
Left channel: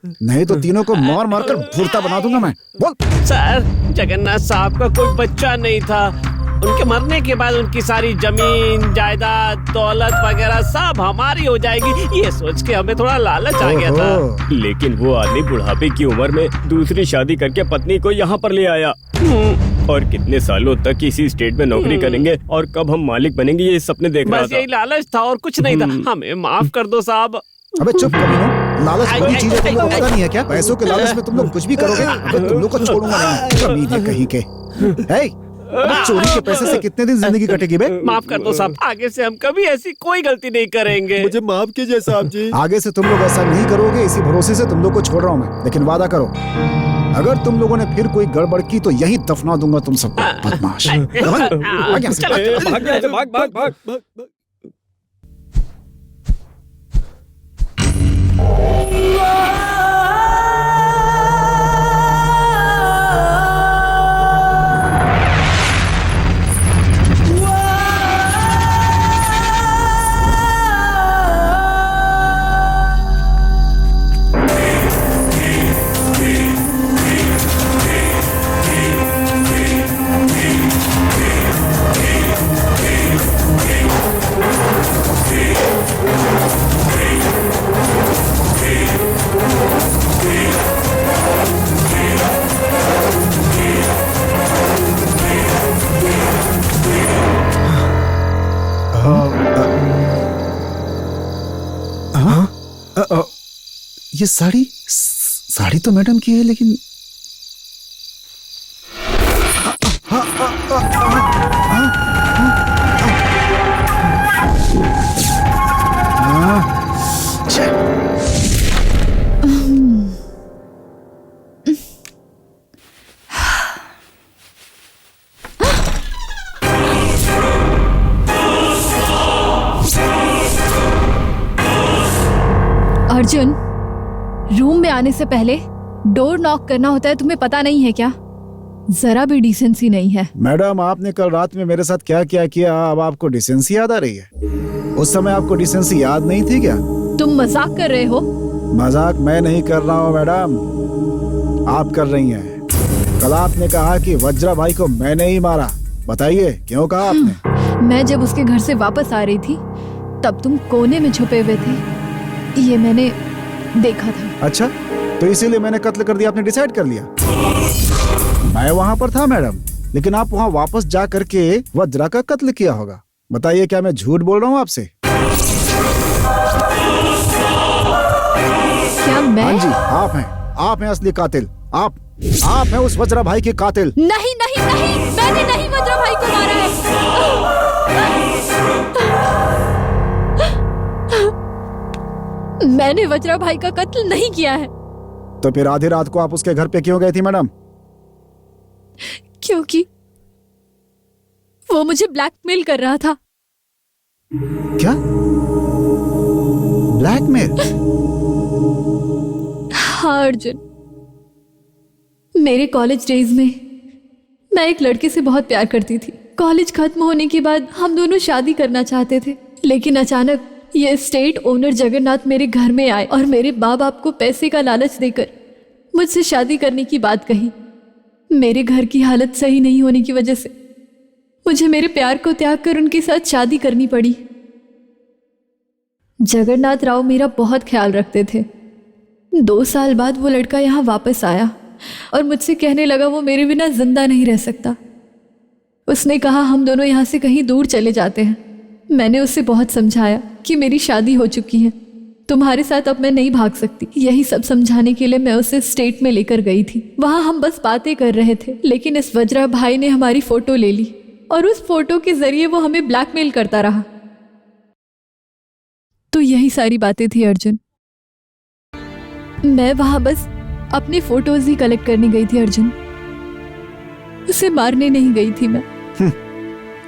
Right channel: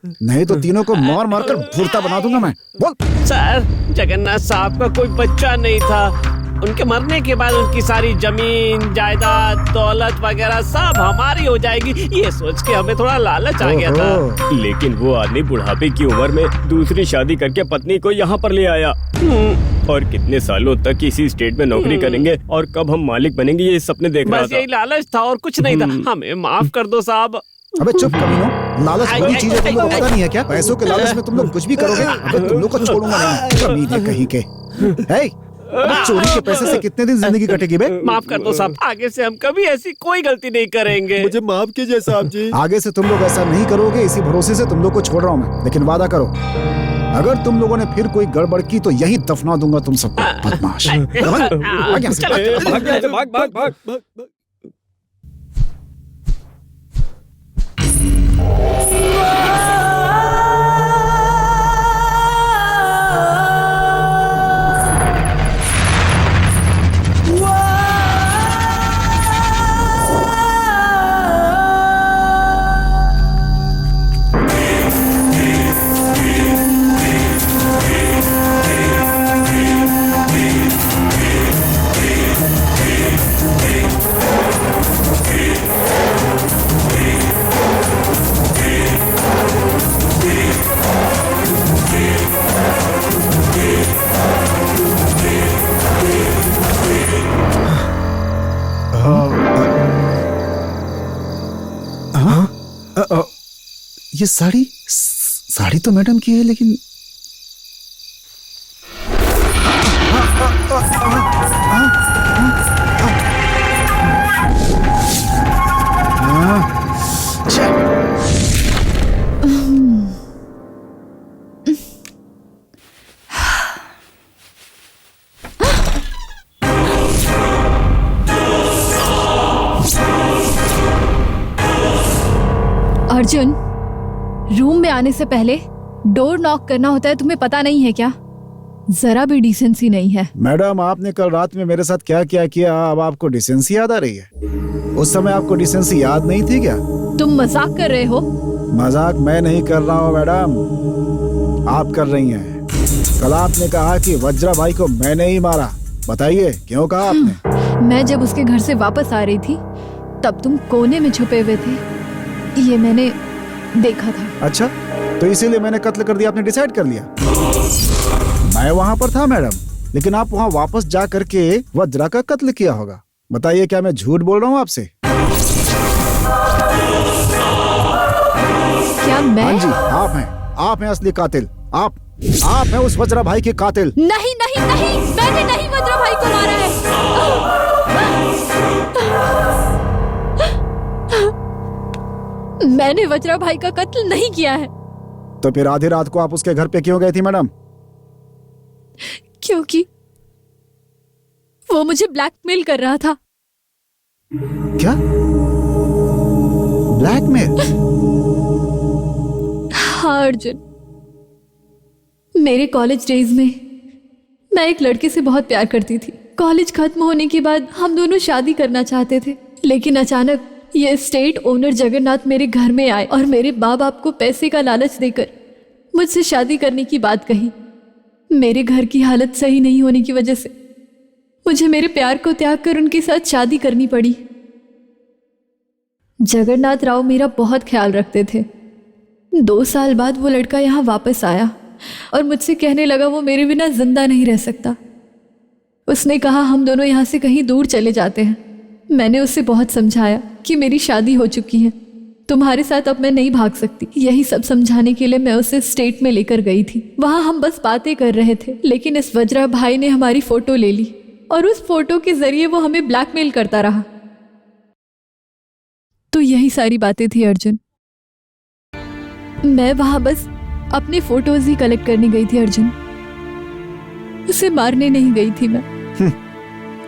नहीं तो तीनों को मार कर भूरता बना दूंगा मैं। बोल। सर, जगन्नाथ साहब का कोई बच्चा नहीं था। उनके मरने के बाद उनकी सारी जमीन जायदाद दौलत वगैरह सब हमारी हो जाएगी, ये सोच के हमें थोड़ा लालच आ गया था। लेकिन वो आदमी बुढ़ापे की उम्र में दूसरी शादी करके पत्नी को यहाँ पर ले आया। और कितने सालों तक इसी स्टेट में नौकरी करेंगे और कब हम मालिक बनेंगे ये सपने देख रहा था। बस यही लालच था और कुछ नहीं था। हमें माफ कर दो साहब। अबे चुप कमीनो, लालच बड़ी चीज है, तुम लोग को पता नहीं है क्या? पैसों के लालच में तुम लोग कुछ भी करोगे। अबे तुम लोग को छोड़ूंगा नहीं, कमीने कहीं के। अबे चोरी के पैसे से कितने दिन जिंदगी कटेगी बे? माफ कर दो साहब, आगे से हम कभी ऐसी कोई गलती नहीं करेंगे। मुझे माफ कीजिए साहब जी। आगे से तुम लोग ऐसा नहीं करोगे, इसी भरोसे से तुम लोग को छोड़ रहा हूँ मैं। लेकिन वादा करो, अगर तुम लोगों ने फिर कोई गड़बड़ की तो यही दफना दूंगा तुम सबको। बदमाश। भाग। ये साड़ी तो मैडम की है, लेकिन अर्जुन, रूम में आने से पहले डोर नॉक करना होता है, तुम्हें पता नहीं है क्या? जरा भी डिसेंसी नहीं है। मैडम, आपने कल रात में मेरे साथ क्या क्या किया, अब आपको डिसेंसी याद आ रही है? उस समय आपको डिसेंसी याद नहीं थी क्या? तुम मजाक कर रहे हो? मजाक मैं नहीं कर रहा हूँ मैडम, आप कर रही हैं। कल आपने कहा कि वज्रा भाई को मैंने ही मारा, बताइए क्यों कहा आपने? मैं जब उसके घर से वापस आ रही थी तब तुम कोने में छुपे हुए थे, ये मैंने देखा था। अच्छा, तो इसीलिए मैंने कत्ल कर दिया, आपने डिसाइड कर लिया? मैं वहां पर था मैडम, लेकिन आप वहां वापस जा करके वज्रा का कत्ल किया होगा। बताइए क्या मैं झूठ बोल रहा हूँ आपसे? क्या मैं? हाँ जी, आप हैं असली कातिल। आप हैं उस वज्रा भाई के कातिल। नहीं नहीं नहीं, मैं मैंने नहीं वज्रा भाई को मारा है। मैंने वज्रा भाई का कत्ल नहीं किया है। तो फिर आधी रात को आप उसके घर पे क्यों गई थी मैडम? क्योंकि वो मुझे ब्लैकमेल कर रहा था। क्या? ब्लैकमेल? हाँ अर्जुन, मेरे कॉलेज डेज में मैं एक लड़के से बहुत प्यार करती थी। कॉलेज खत्म होने के बाद हम दोनों शादी करना चाहते थे, लेकिन अचानक ये स्टेट ओनर जगन्नाथ मेरे घर में आए और मेरे बाप को पैसे का लालच देकर मुझसे शादी करने की बात कही। मेरे घर की हालत सही नहीं होने की वजह से मुझे मेरे प्यार को त्याग कर उनके साथ शादी करनी पड़ी। जगन्नाथ राव मेरा बहुत ख्याल रखते थे। 2 साल बाद वो लड़का यहाँ वापस आया और मुझसे कहने लगा वो मेरे बिना जिंदा नहीं रह सकता। उसने कहा हम दोनों यहाँ से कहीं दूर चले जाते हैं। मैंने उससे बहुत समझाया कि मेरी शादी हो चुकी है, तुम्हारे साथ अब मैं नहीं भाग सकती। यही सब समझाने के लिए मैं उसे स्टेट में लेकर गई थी। वहाँ हम बस बातें कर रहे थे, लेकिन इस वज्रा भाई ने हमारी फोटो ले ली और उस फोटो के जरिए वो हमें ब्लैकमेल करता रहा। तो यही सारी बातें थी अर्जुन। मैं वहां बस अपने फोटोज ही कलेक्ट करने गई थी अर्जुन, उसे मारने नहीं गई थी मैं।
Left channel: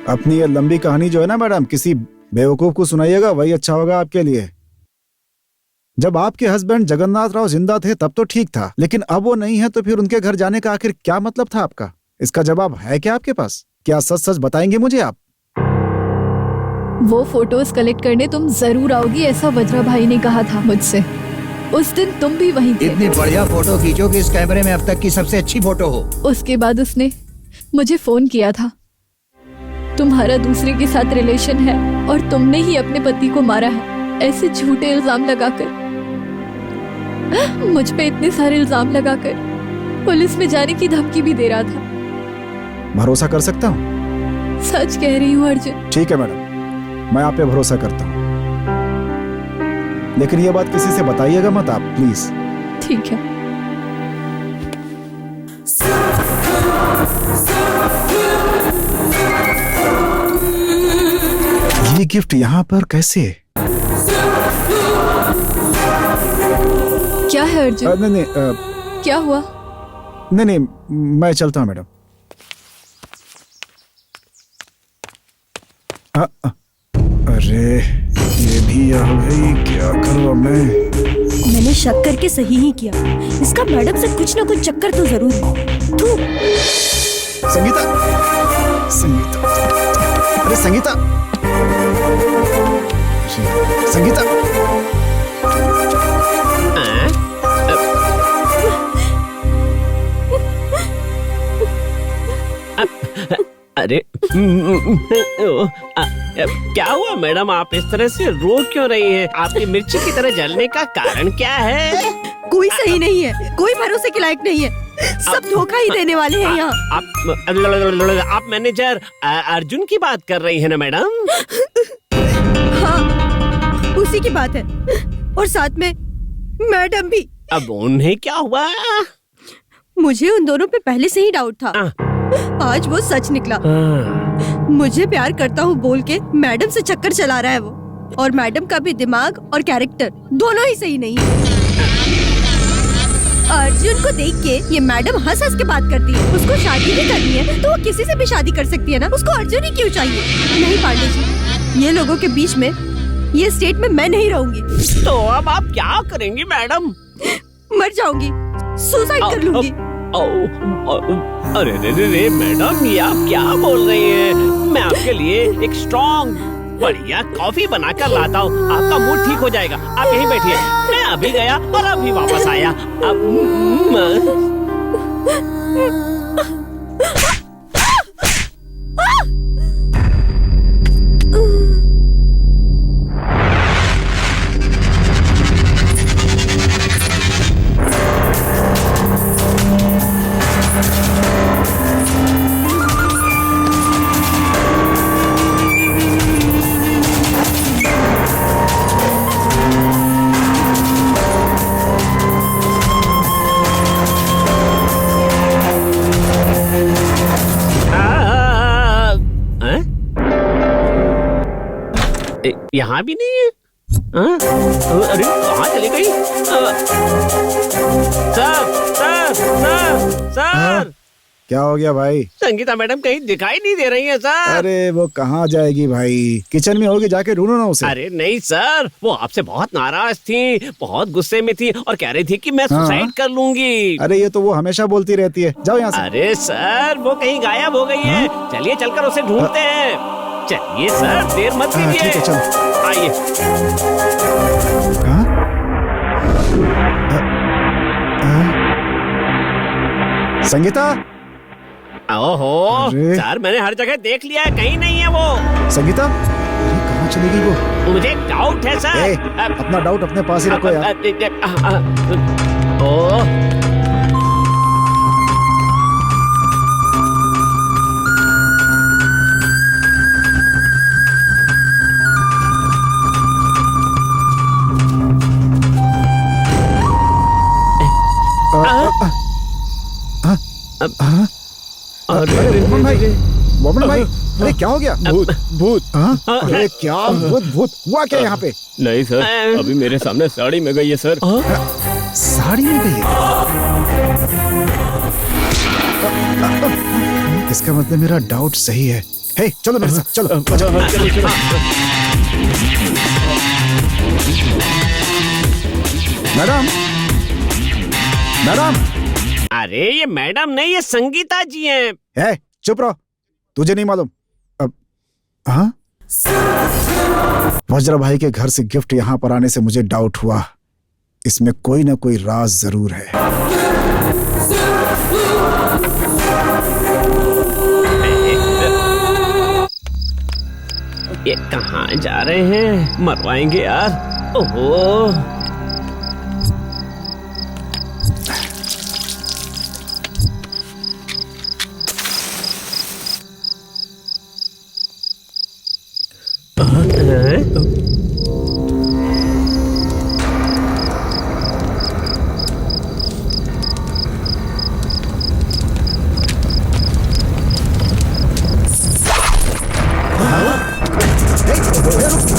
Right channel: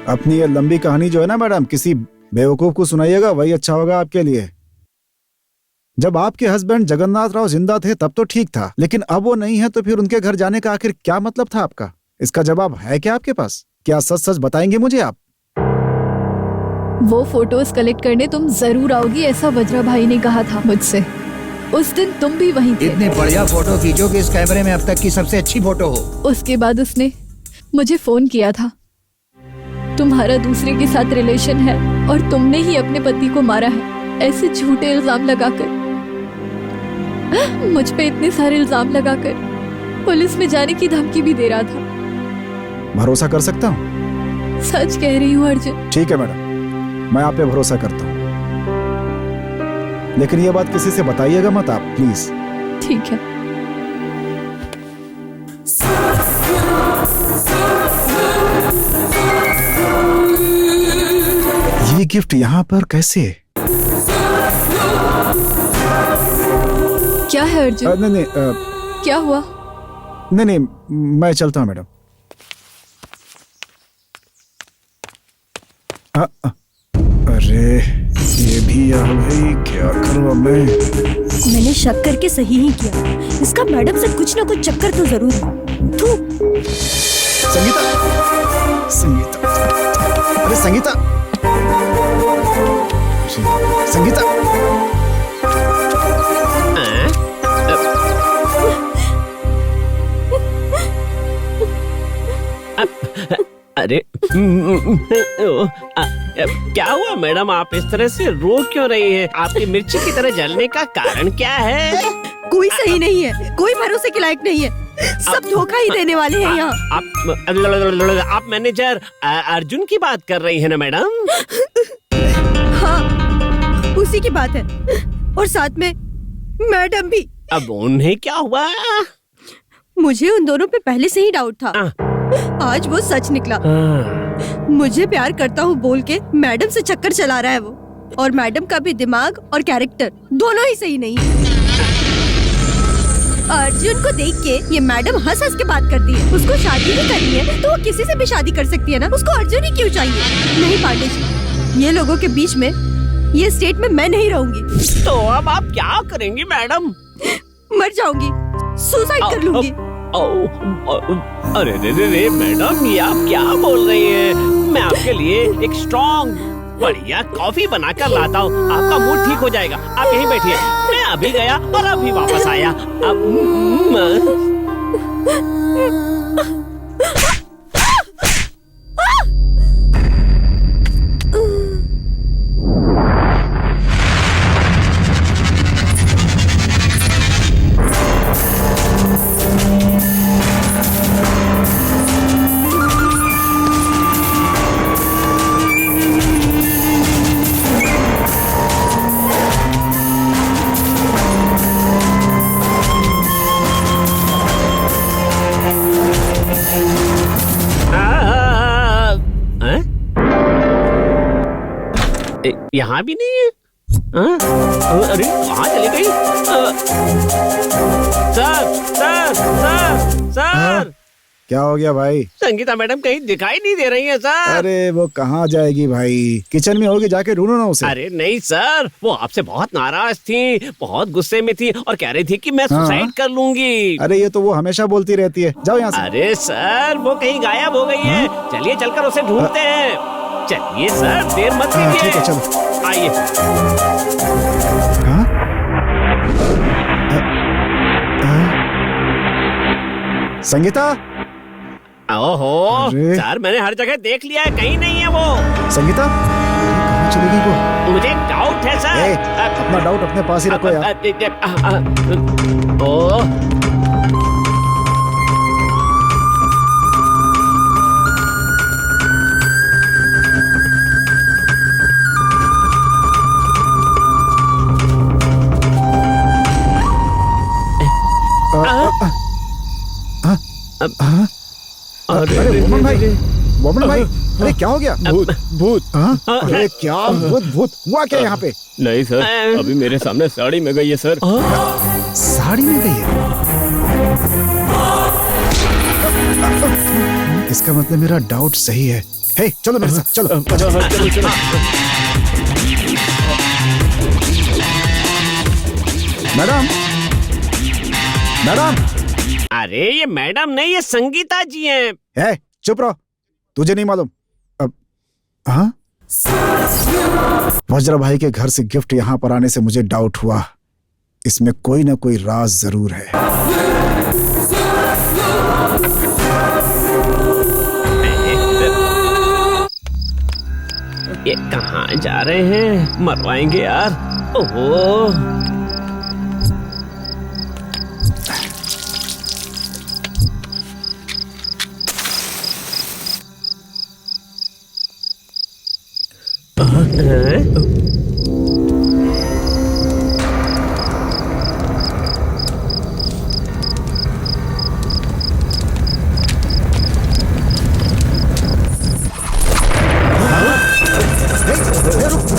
अपनी ये लंबी कहानी जो है ना मैडम, किसी बेवकूफ को सुनाइएगा, वही अच्छा होगा आपके लिए। जब आपके हस्बैंड जगन्नाथ राव जिंदा थे तब तो ठीक था, लेकिन अब वो नहीं है तो फिर उनके घर जाने का आखिर क्या मतलब था आपका? इसका जवाब है क्या आपके पास? क्या सच सच बताएंगे मुझे आप? वो फोटोज कलेक्ट करने तुम जरूर आओगी, ऐसा वज्रा भाई ने कहा था मुझसे। उस दिन तुम भी वहीं थे। इतनी बढ़िया फोटो खींचो कि इस कैमरे में अब तक की सबसे अच्छी फोटो हो। उसके बाद उसने मुझे फोन किया था, तुम्हारा दूसरे के साथ रिलेशन है और तुमने ही अपने पति को मारा है, ऐसे झूठे इल्जाम लगाकर, मुझ पे इतने सारे इल्जाम लगाकर पुलिस में जाने की धमकी भी दे रहा था। भरोसा कर सकता हूँ? सच कह रही हूँ अर्जुन। ठीक है मैडम, मैं आप पे भरोसा करता हूँ, लेकिन ये बात किसी से बताइएगा मत आप, प्लीज। ठीक है। ये गिफ्ट यहाँ पर कैसे? क्या है अर्जुन? नहीं, क्या हुआ? नहीं, मैं चलता हूँ मैडम। अरे ये भी आ गई, क्या करूँ मैं? मैंने शक करके सही ही किया। इसका मैडम से कुछ ना कुछ चक्कर तो जरूर है। संगीता, संगीता, अरे संगीता, संगीता। अरे क्या हुआ मैडम, आप इस तरह से रो क्यों रही हैं? आपकी मिर्ची की तरह जलने का कारण क्या है? कोई सही नहीं है, कोई भरोसे के लायक नहीं है, सब धोखा ही देने वाले हैं यहाँ। आप मैनेजर अर्जुन की बात कर रही है ना मैडम? हाँ, उसी की बात है, और साथ में मैडम भी। अब उन्हें क्या हुआ? मुझे उन दोनों पे पहले से ही डाउट था, आज वो सच निकला। मुझे प्यार करता हूँ बोल के मैडम से चक्कर चला रहा है वो, और मैडम का भी दिमाग और कैरेक्टर दोनों ही सही नहीं है। अर्जुन को देख के ये मैडम हंस हंस के बात करती है। उसको शादी भी करनी है तो वो किसी से भी शादी कर सकती है ना, उसको अर्जुन ही क्यों चाहिए? नहीं पांडे जी, ये लोगों के बीच में, ये स्टेट में मैं नहीं रहूंगी। तो अब आप क्या करेंगी मैडम? मर जाऊंगी, सुसाइड कर लूंगी। अरे रे मैडम, ये आप क्या बोल रही हैं? मैं आपके लिए एक स्ट्रॉन्ग बढ़िया कॉफी बनाकर लाता हूँ, आपका मूड ठीक हो जाएगा। आप यहीं बैठिए, मैं अभी गया और अभी वापस आया। यहाँ भी नहीं है। हाँ? अरे कहाँ चली गई? सर सर सर सर, क्या हो गया भाई? संगीता मैडम कहीं दिखाई नहीं दे रही है सर। अरे वो कहाँ जाएगी भाई, किचन में होगी, जाके ढूंढो ना उसे। अरे नहीं सर, वो आपसे बहुत नाराज थी, बहुत गुस्से में थी और कह रही थी कि मैं सुसाइड कर लूंगी। अरे ये तो वो हमेशा बोलती रहती है, जाओ यहाँ से। अरे सर वो कहीं गायब हो गई है। चलिए चलकर उसे ढूंढते हैं। चलिए सर, देर मत कीजिए। ठीक है चलो। आइए। संगीता, ओहो सर, मैंने हर जगह देख लिया है, कहीं नहीं है वो। संगीता, अरे कहाँ चली गई वो? मुझे एक डाउट है सर। अपना डाउट अपने पास ही रखो यार। ओह अरे मोमन भाई, अरे क्या हो गया? भूत भूत। अरे क्या भूत भूत हुआ क्या यहाँ पे? नहीं सर, अभी मेरे सामने साड़ी में गई है सर। साड़ी में गई है? इसका मतलब मेरा डाउट सही है। हे चलो मेरे साथ, चलो। Madam, madam. अरे ये मैडम नहीं, ये संगीता जी हैं। है, चुप रहो, तुझे नहीं मालूम। हाँ, वज्र भाई के घर से गिफ्ट यहाँ पर आने से मुझे डाउट हुआ, इसमें कोई ना कोई राज जरूर है। ये कहाँ जा रहे हैं? मरवाएंगे यार। ओहो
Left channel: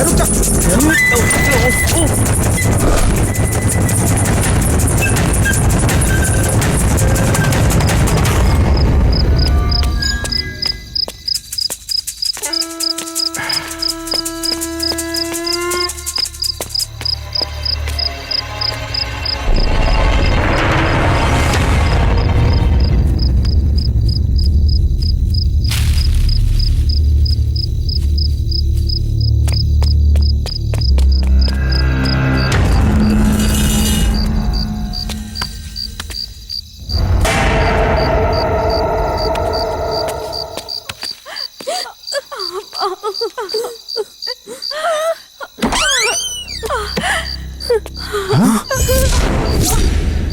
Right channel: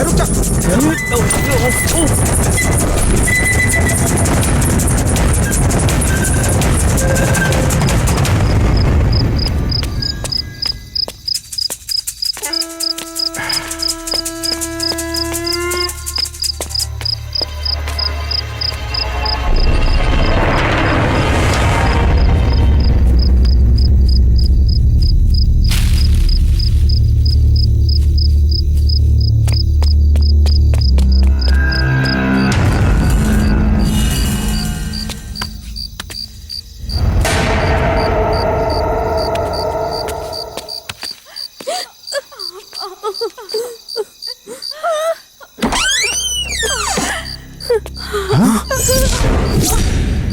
रुक जा।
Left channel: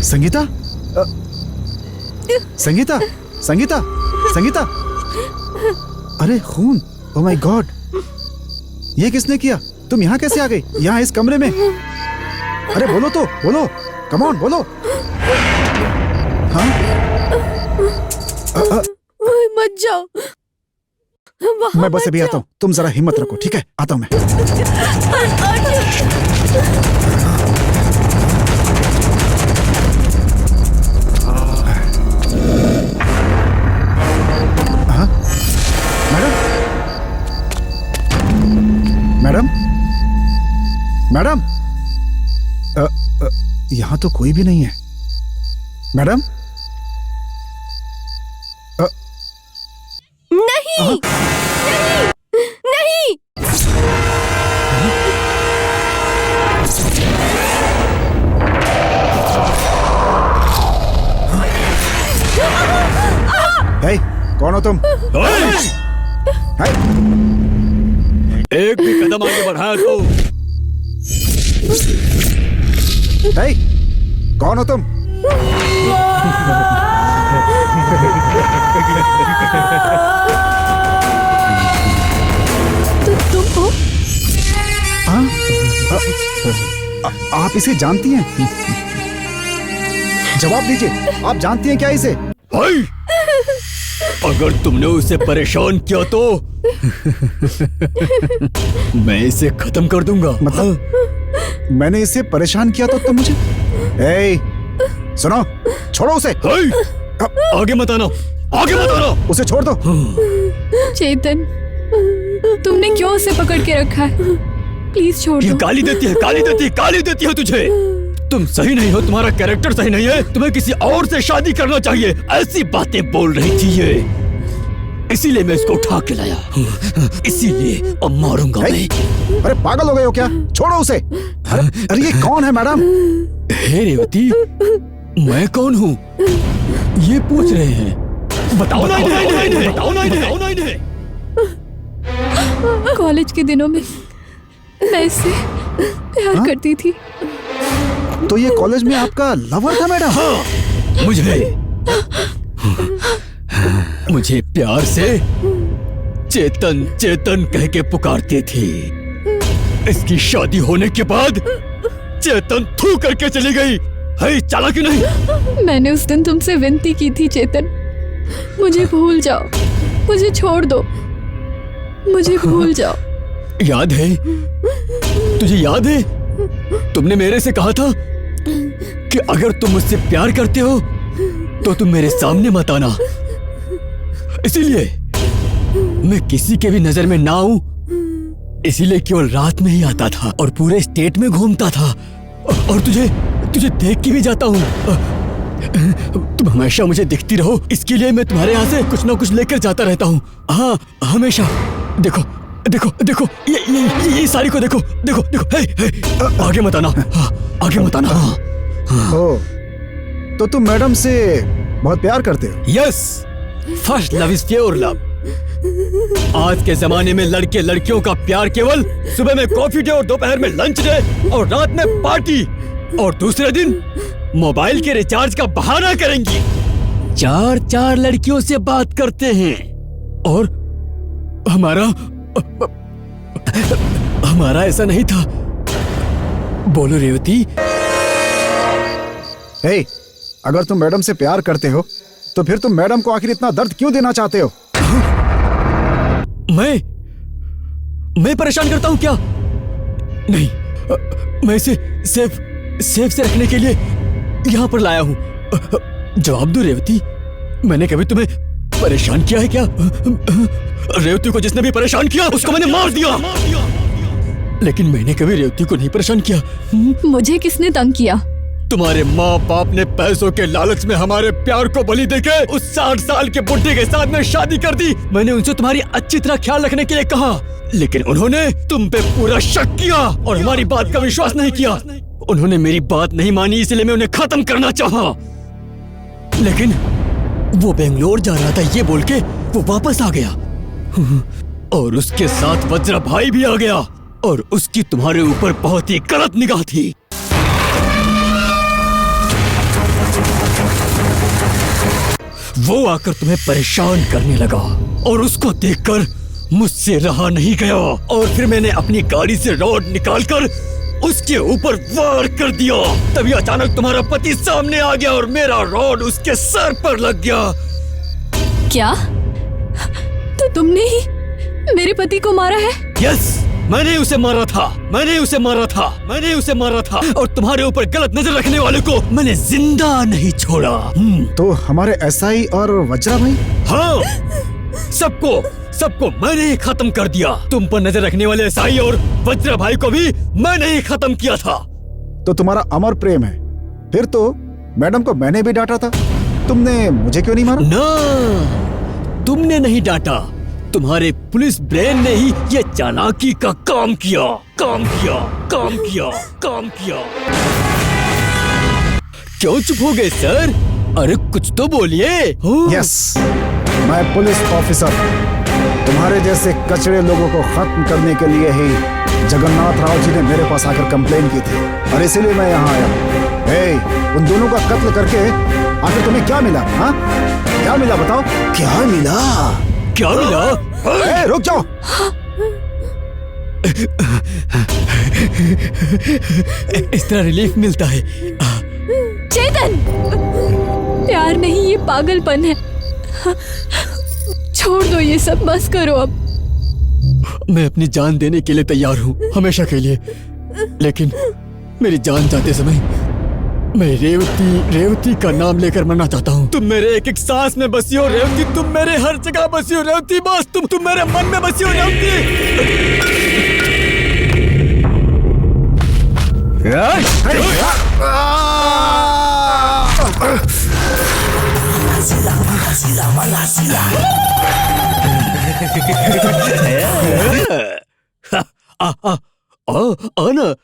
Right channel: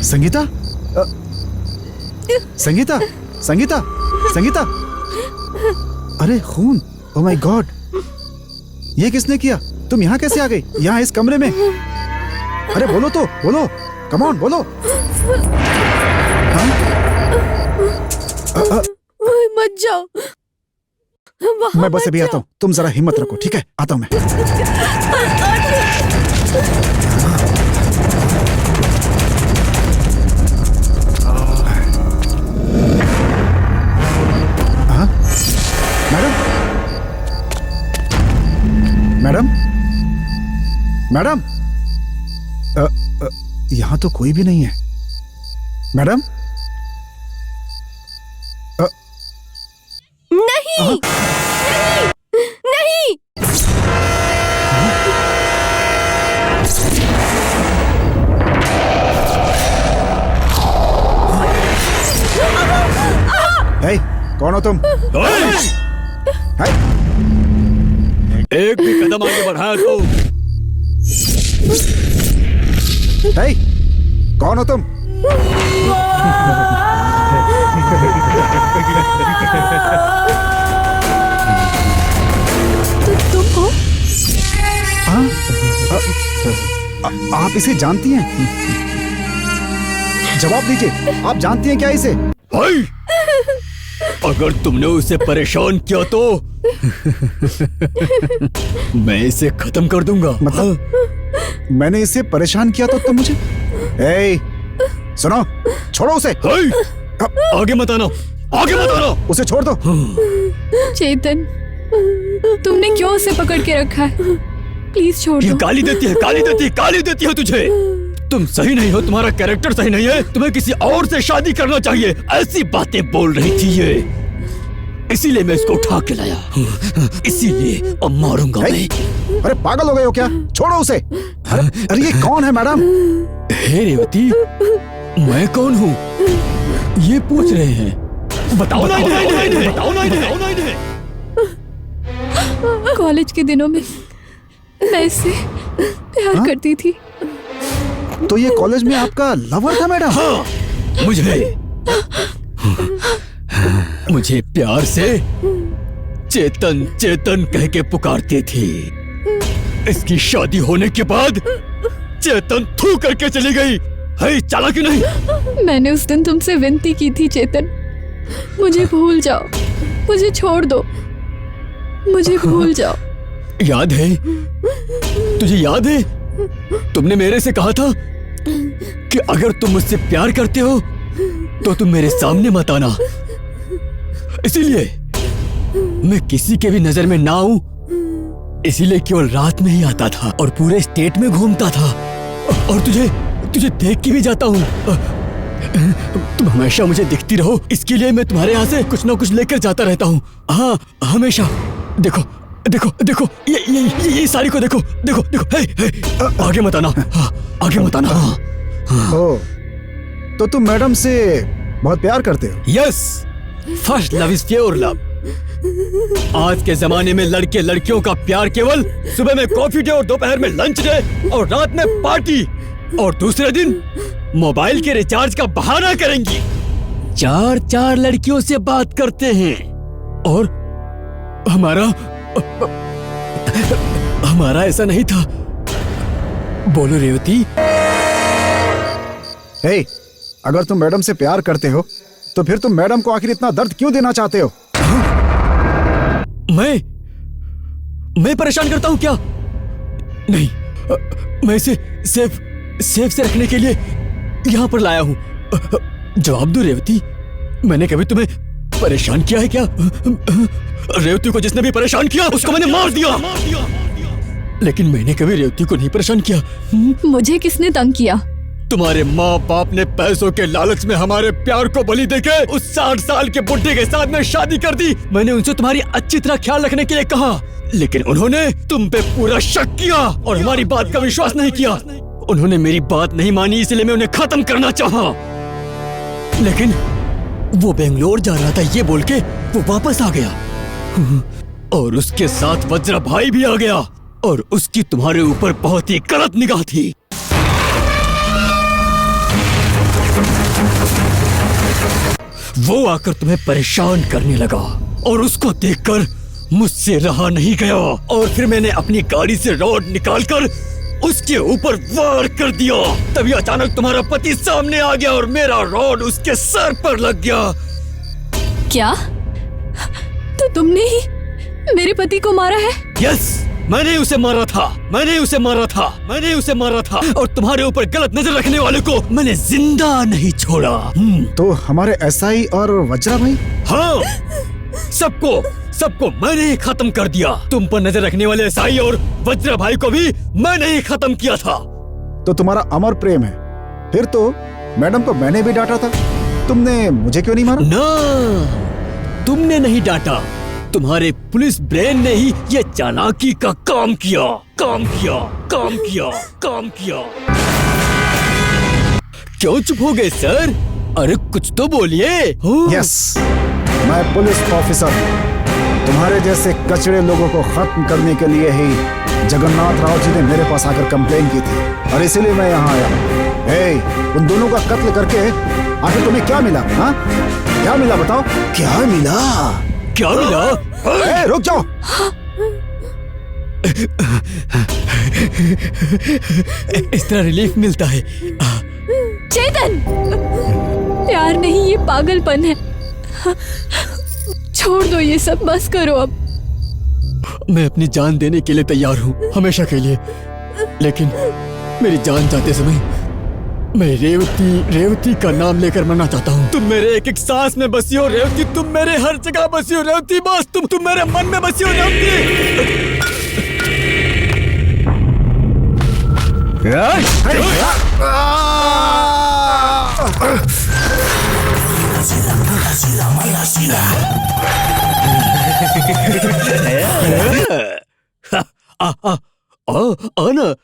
संगीता, संगीता, संगीता, संगीता। अरे खून, ओह माय गॉड, ये किसने किया? तुम यहाँ कैसे आ गई? यहाँ इस कमरे में? अरे बोलो तो, बोलो, कम ऑन बोलो। हाँ? मत जाओ। मैं बस अभी आता हूँ, तुम जरा हिम्मत रखो, ठीक है? आता हूँ मैं। मैडम, मैडम, मैडम, यहाँ तो कोई भी नहीं है। मैडम, नहीं, नहीं, नहीं। हे, कौन हो तुम? हे, एक भी कदम आगे बढ़ाया तो। हे, कौन हो तुम? तो तुम हो? आप इसे जानती हैं? जवाब दीजिए, आप जानती हैं क्या इसे? भाई, अगर तुमने उसे परेशान किया तो मैं इसे खत्म कर दूंगा। मतलब मैंने इसे परेशान किया तो तुम मुझे सुनो, छोड़ो उसे। आगे मत आना, आगे मत आना। उसे छोड़ दो। चेतन, तुमने क्यों उसे पकड़ के रखा है? प्लीज छोड़ दो। ये गाली देती है, गाली देती है, गाली देती है तुझे। तुम सही नहीं हो, तुम्हारा कैरेक्टर सही नहीं है, तुम्हें किसी और से शादी करना चाहिए, ऐसी बातें बोल रही थी ये। इसीलिए मैं इसको उठा के लाया, इसीलिए अब मारूंगा मैं। अरे पागल हो गए हो क्या? छोड़ो उसे। अरे ये कौन है मैडम? हे रेवती, मैं कौन हूँ ये पूछ रहे हैं? बताओ ना इन्हें, बताओ ना इन्हें। कॉलेज के दिनों में मैं इससे प्यार करती थी। तो ये कॉलेज में आपका लवर था मैडम? हाँ, मुझे प्यार से चेतन चेतन कह के पुकारती थी। इसकी शादी होने के बाद चेतन थू करके चली गई। है चालाकी नहीं? मैंने उस दिन तुमसे विनती की थी चेतन, मुझे भूल जाओ, मुझे छोड़ दो, मुझे भूल जाओ। याद है? तुझे याद है? तुमने मेरे से कहा था कि अगर तुम मुझसे प्यार करते हो तो तुम मेरे सामने मत आना। इसीलिए मैं किसी के भी नजर में ना आऊं, इसीलिए केवल रात में ही आता था और पूरे स्टेट में घूमता था और तुझे देख के भी जाता हूं। तुम हमेशा मुझे दिखती रहो, इसके लिए मैं तुम्हारे यहाँ से कुछ ना कुछ लेकर जाता रहता हूँ। हाँ, हमेशा। देखो देखो देखो, ये साड़ी को देखो देखो देखो। हे, आगे मत आना। हाँ, आगे मत आना। हाँ। तो तुम मैडम से बहुत प्यार करते हो? Yes, first love is pure love. आज के जमाने में लड़के लड़कियों का प्यार केवल सुबह में कॉफी डे और दोपहर में लंच डे और रात में पार्टी और दूसरे दिन मोबाइल के रिचार्ज का बहाना करेंगी। 4 लड़कियों से बात करते हैं और हमारा ऐसा नहीं था। बोलो रेवती। हे, अगर तुम मैडम से प्यार करते हो तो फिर तुम मैडम को आखिर इतना दर्द क्यों देना चाहते हो? मैं परेशान करता हूं क्या? नहीं, मैं इसे सेफ से रखने के लिए यहां पर लाया हूं। जवाब दो रेवती, मैंने कभी तुम्हें परेशान किया है क्या? रेवती को जिसने भी परेशान किया उसको मैंने मार दिया। लेकिन मैंने कभी रेवती को नहीं परेशान किया। मुझे किसने तंग किया? तुम्हारे माँ बाप ने पैसों के लालच में हमारे प्यार को बलि देके उस 60 साल के बुढ़े के साथ में शादी कर दी। मैंने उनसे तुम्हारी अच्छी तरह ख्याल रखने के लिए कहा, लेकिन उन्होंने तुम पे पूरा शक किया और हमारी बात का विश्वास नहीं किया। उन्होंने मेरी बात नहीं मानी, इसलिए मैं उन्हें खत्म करना चाहा। लेकिन वो बेंगलोर जा रहा था ये बोल के वो वापस आ गया और उसके साथ वज्रा भाई भी आ गया और उसकी तुम्हारे ऊपर बहुत ही गलत निगाह थी। वो आकर तुम्हें परेशान करने लगा और उसको देखकर मुझसे रहा नहीं गया और फिर मैंने अपनी गाड़ी से रॉड निकालकर उसके ऊपर वार कर दिया। तभी अचानक तुम्हारा पति सामने आ गया और मेरा रॉड उसके सर पर लग गया। क्या? तो तुमने ही मेरे पति को मारा है? यस, मैंने उसे मारा था और तुम्हारे ऊपर गलत नजर रखने वाले को मैंने जिंदा नहीं छोड़ा। तो हमारे एसआई और वज्रा भाई? हाँ, सबको मैंने ही खत्म कर दिया। तुम पर नजर रखने वाले एसआई और वज्रा भाई को भी मैंने ही खत्म किया था। तो तुम्हारा अमर प्रेम है। फिर तो मैडम को मैंने भी डांटा था, तुमने मुझे क्यों नहीं मारा? ना, तुमने नहीं डांटा, तुम्हारे पुलिस ब्रेन ने ही ये चालाकी का काम किया। क्यों चुप हो गए सर? अरे कुछ तो बोलिए। यस, मैं पुलिस ऑफिसर हूँ। तुम्हारे जैसे कचड़े लोगों को खत्म करने के लिए ही जगन्नाथ राव जी ने मेरे पास आकर कंप्लेन की थी और इसीलिए मैं यहाँ आया। उन दोनों का कत्ल करके आखिर तुम्हें क्या मिला? हाँ, क्या मिला बताओ? क्या मिला? रुक जाओ। इस तरह रिलीफ मिलता है। चेतन, प्यार नहीं, ये पागलपन है। छोड़ दो ये सब, बस करो अब। मैं अपनी जान देने के लिए तैयार हूँ, हमेशा के लिए। लेकिन मेरी जान जाते समय मैं रेवती का नाम लेकर मरना चाहता हूँ। तुम मेरे एक एक सांस में बसी हो रेवती, तुम मेरे हर जगह बसी हो रेवती, बस तुम मेरे मन में बसी हो रेवती। आना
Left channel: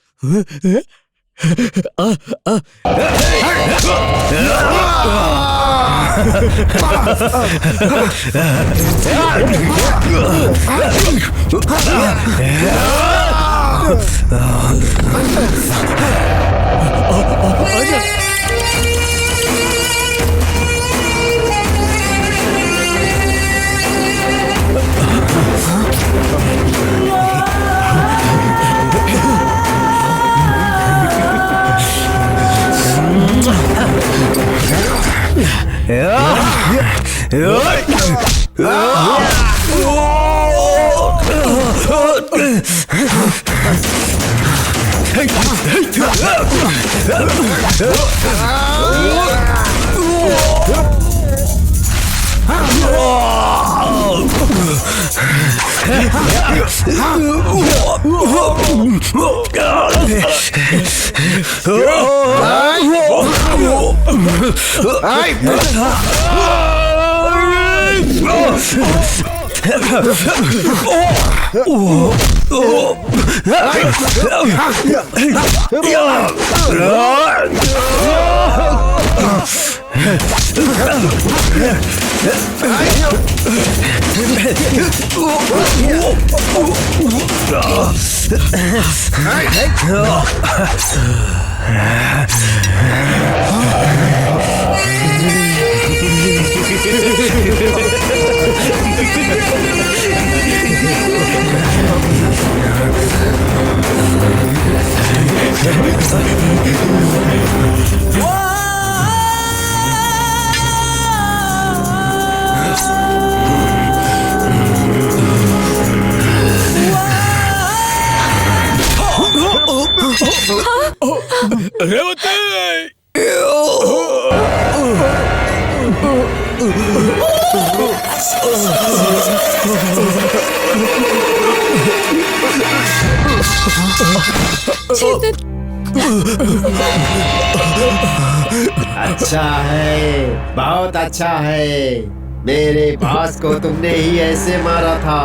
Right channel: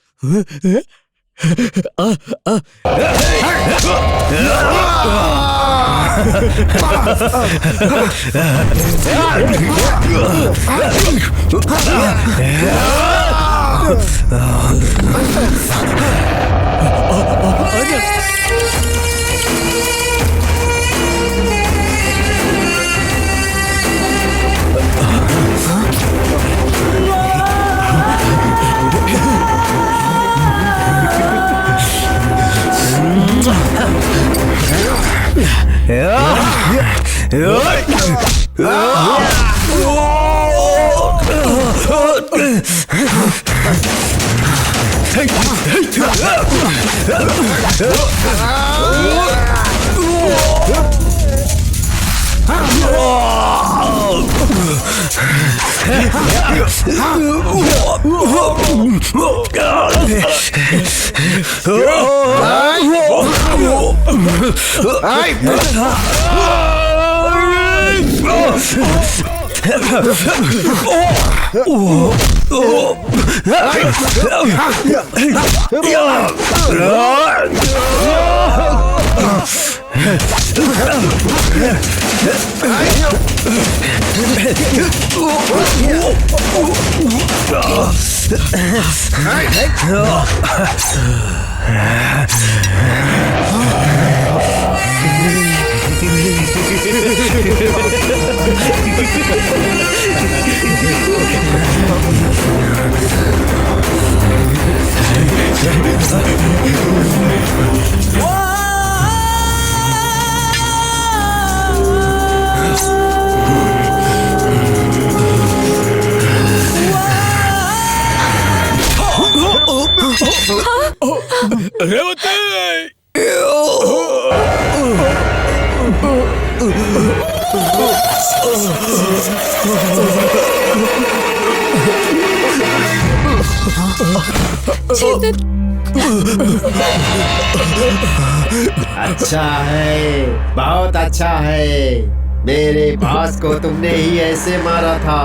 अच्छा है, बहुत अच्छा है। मेरे बॉस को तुमने ही ऐसे मारा था।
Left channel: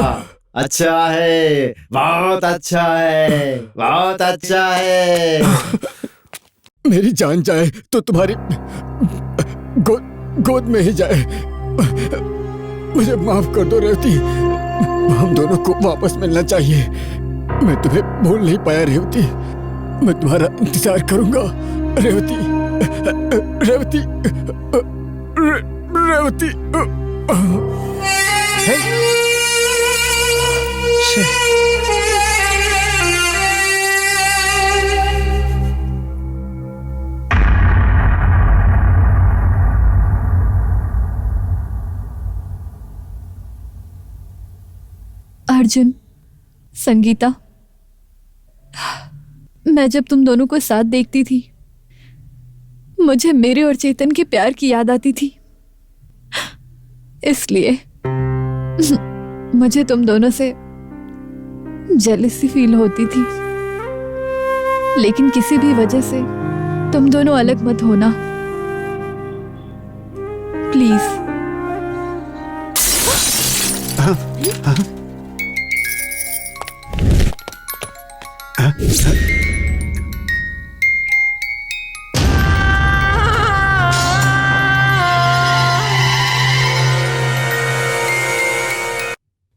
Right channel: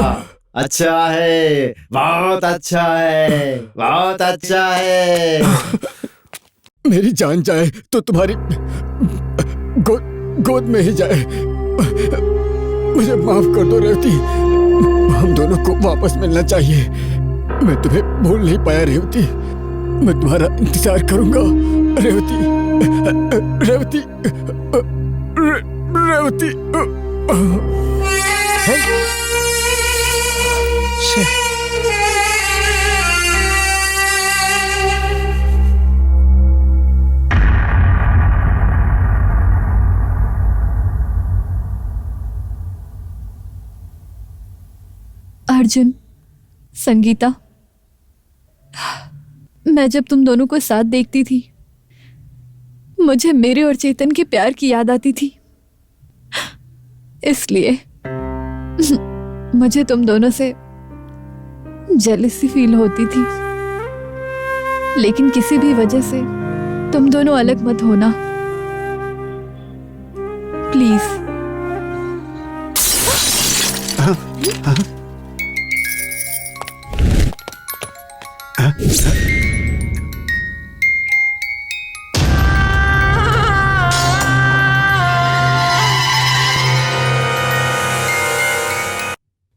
अच्छा है, बहुत अच्छा है, बहुत अच्छा है। मेरी जान जाए तो तुम्हारी गोद में ही जाए। मुझे माफ कर दो रेवती, हम दोनों को वापस मिलना चाहिए। मैं तुम्हें भूल नहीं पाया रेवती, मैं तुम्हारा इंतजार करूंगा रेवती, रेवती, रेवती। अर्जुन, संगीता, मैं जब तुम दोनों को साथ देखती थी मुझे मेरे और चेतन के प्यार की याद आती थी, इसलिए मुझे तुम दोनों से जेलसी फील होती थी। लेकिन किसी भी वजह से तुम दोनों अलग मत होना प्लीज।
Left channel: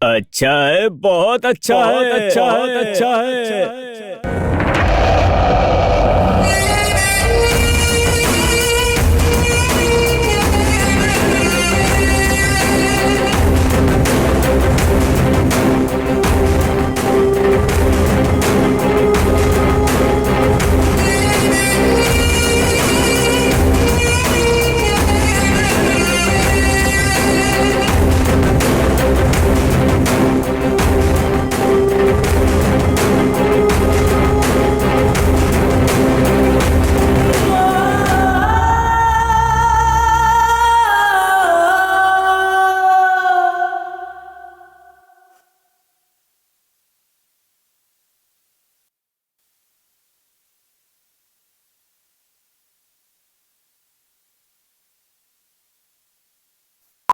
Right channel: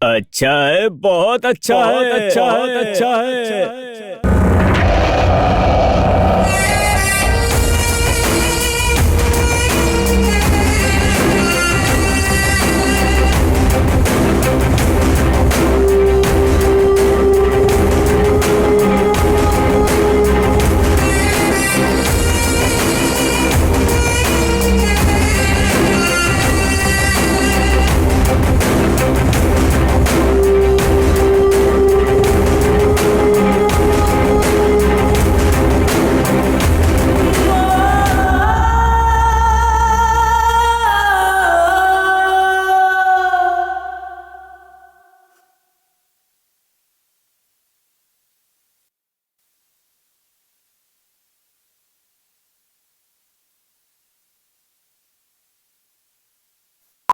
अच्छा है, बहुत अच्छा है, अच्छा है, अच्छा है।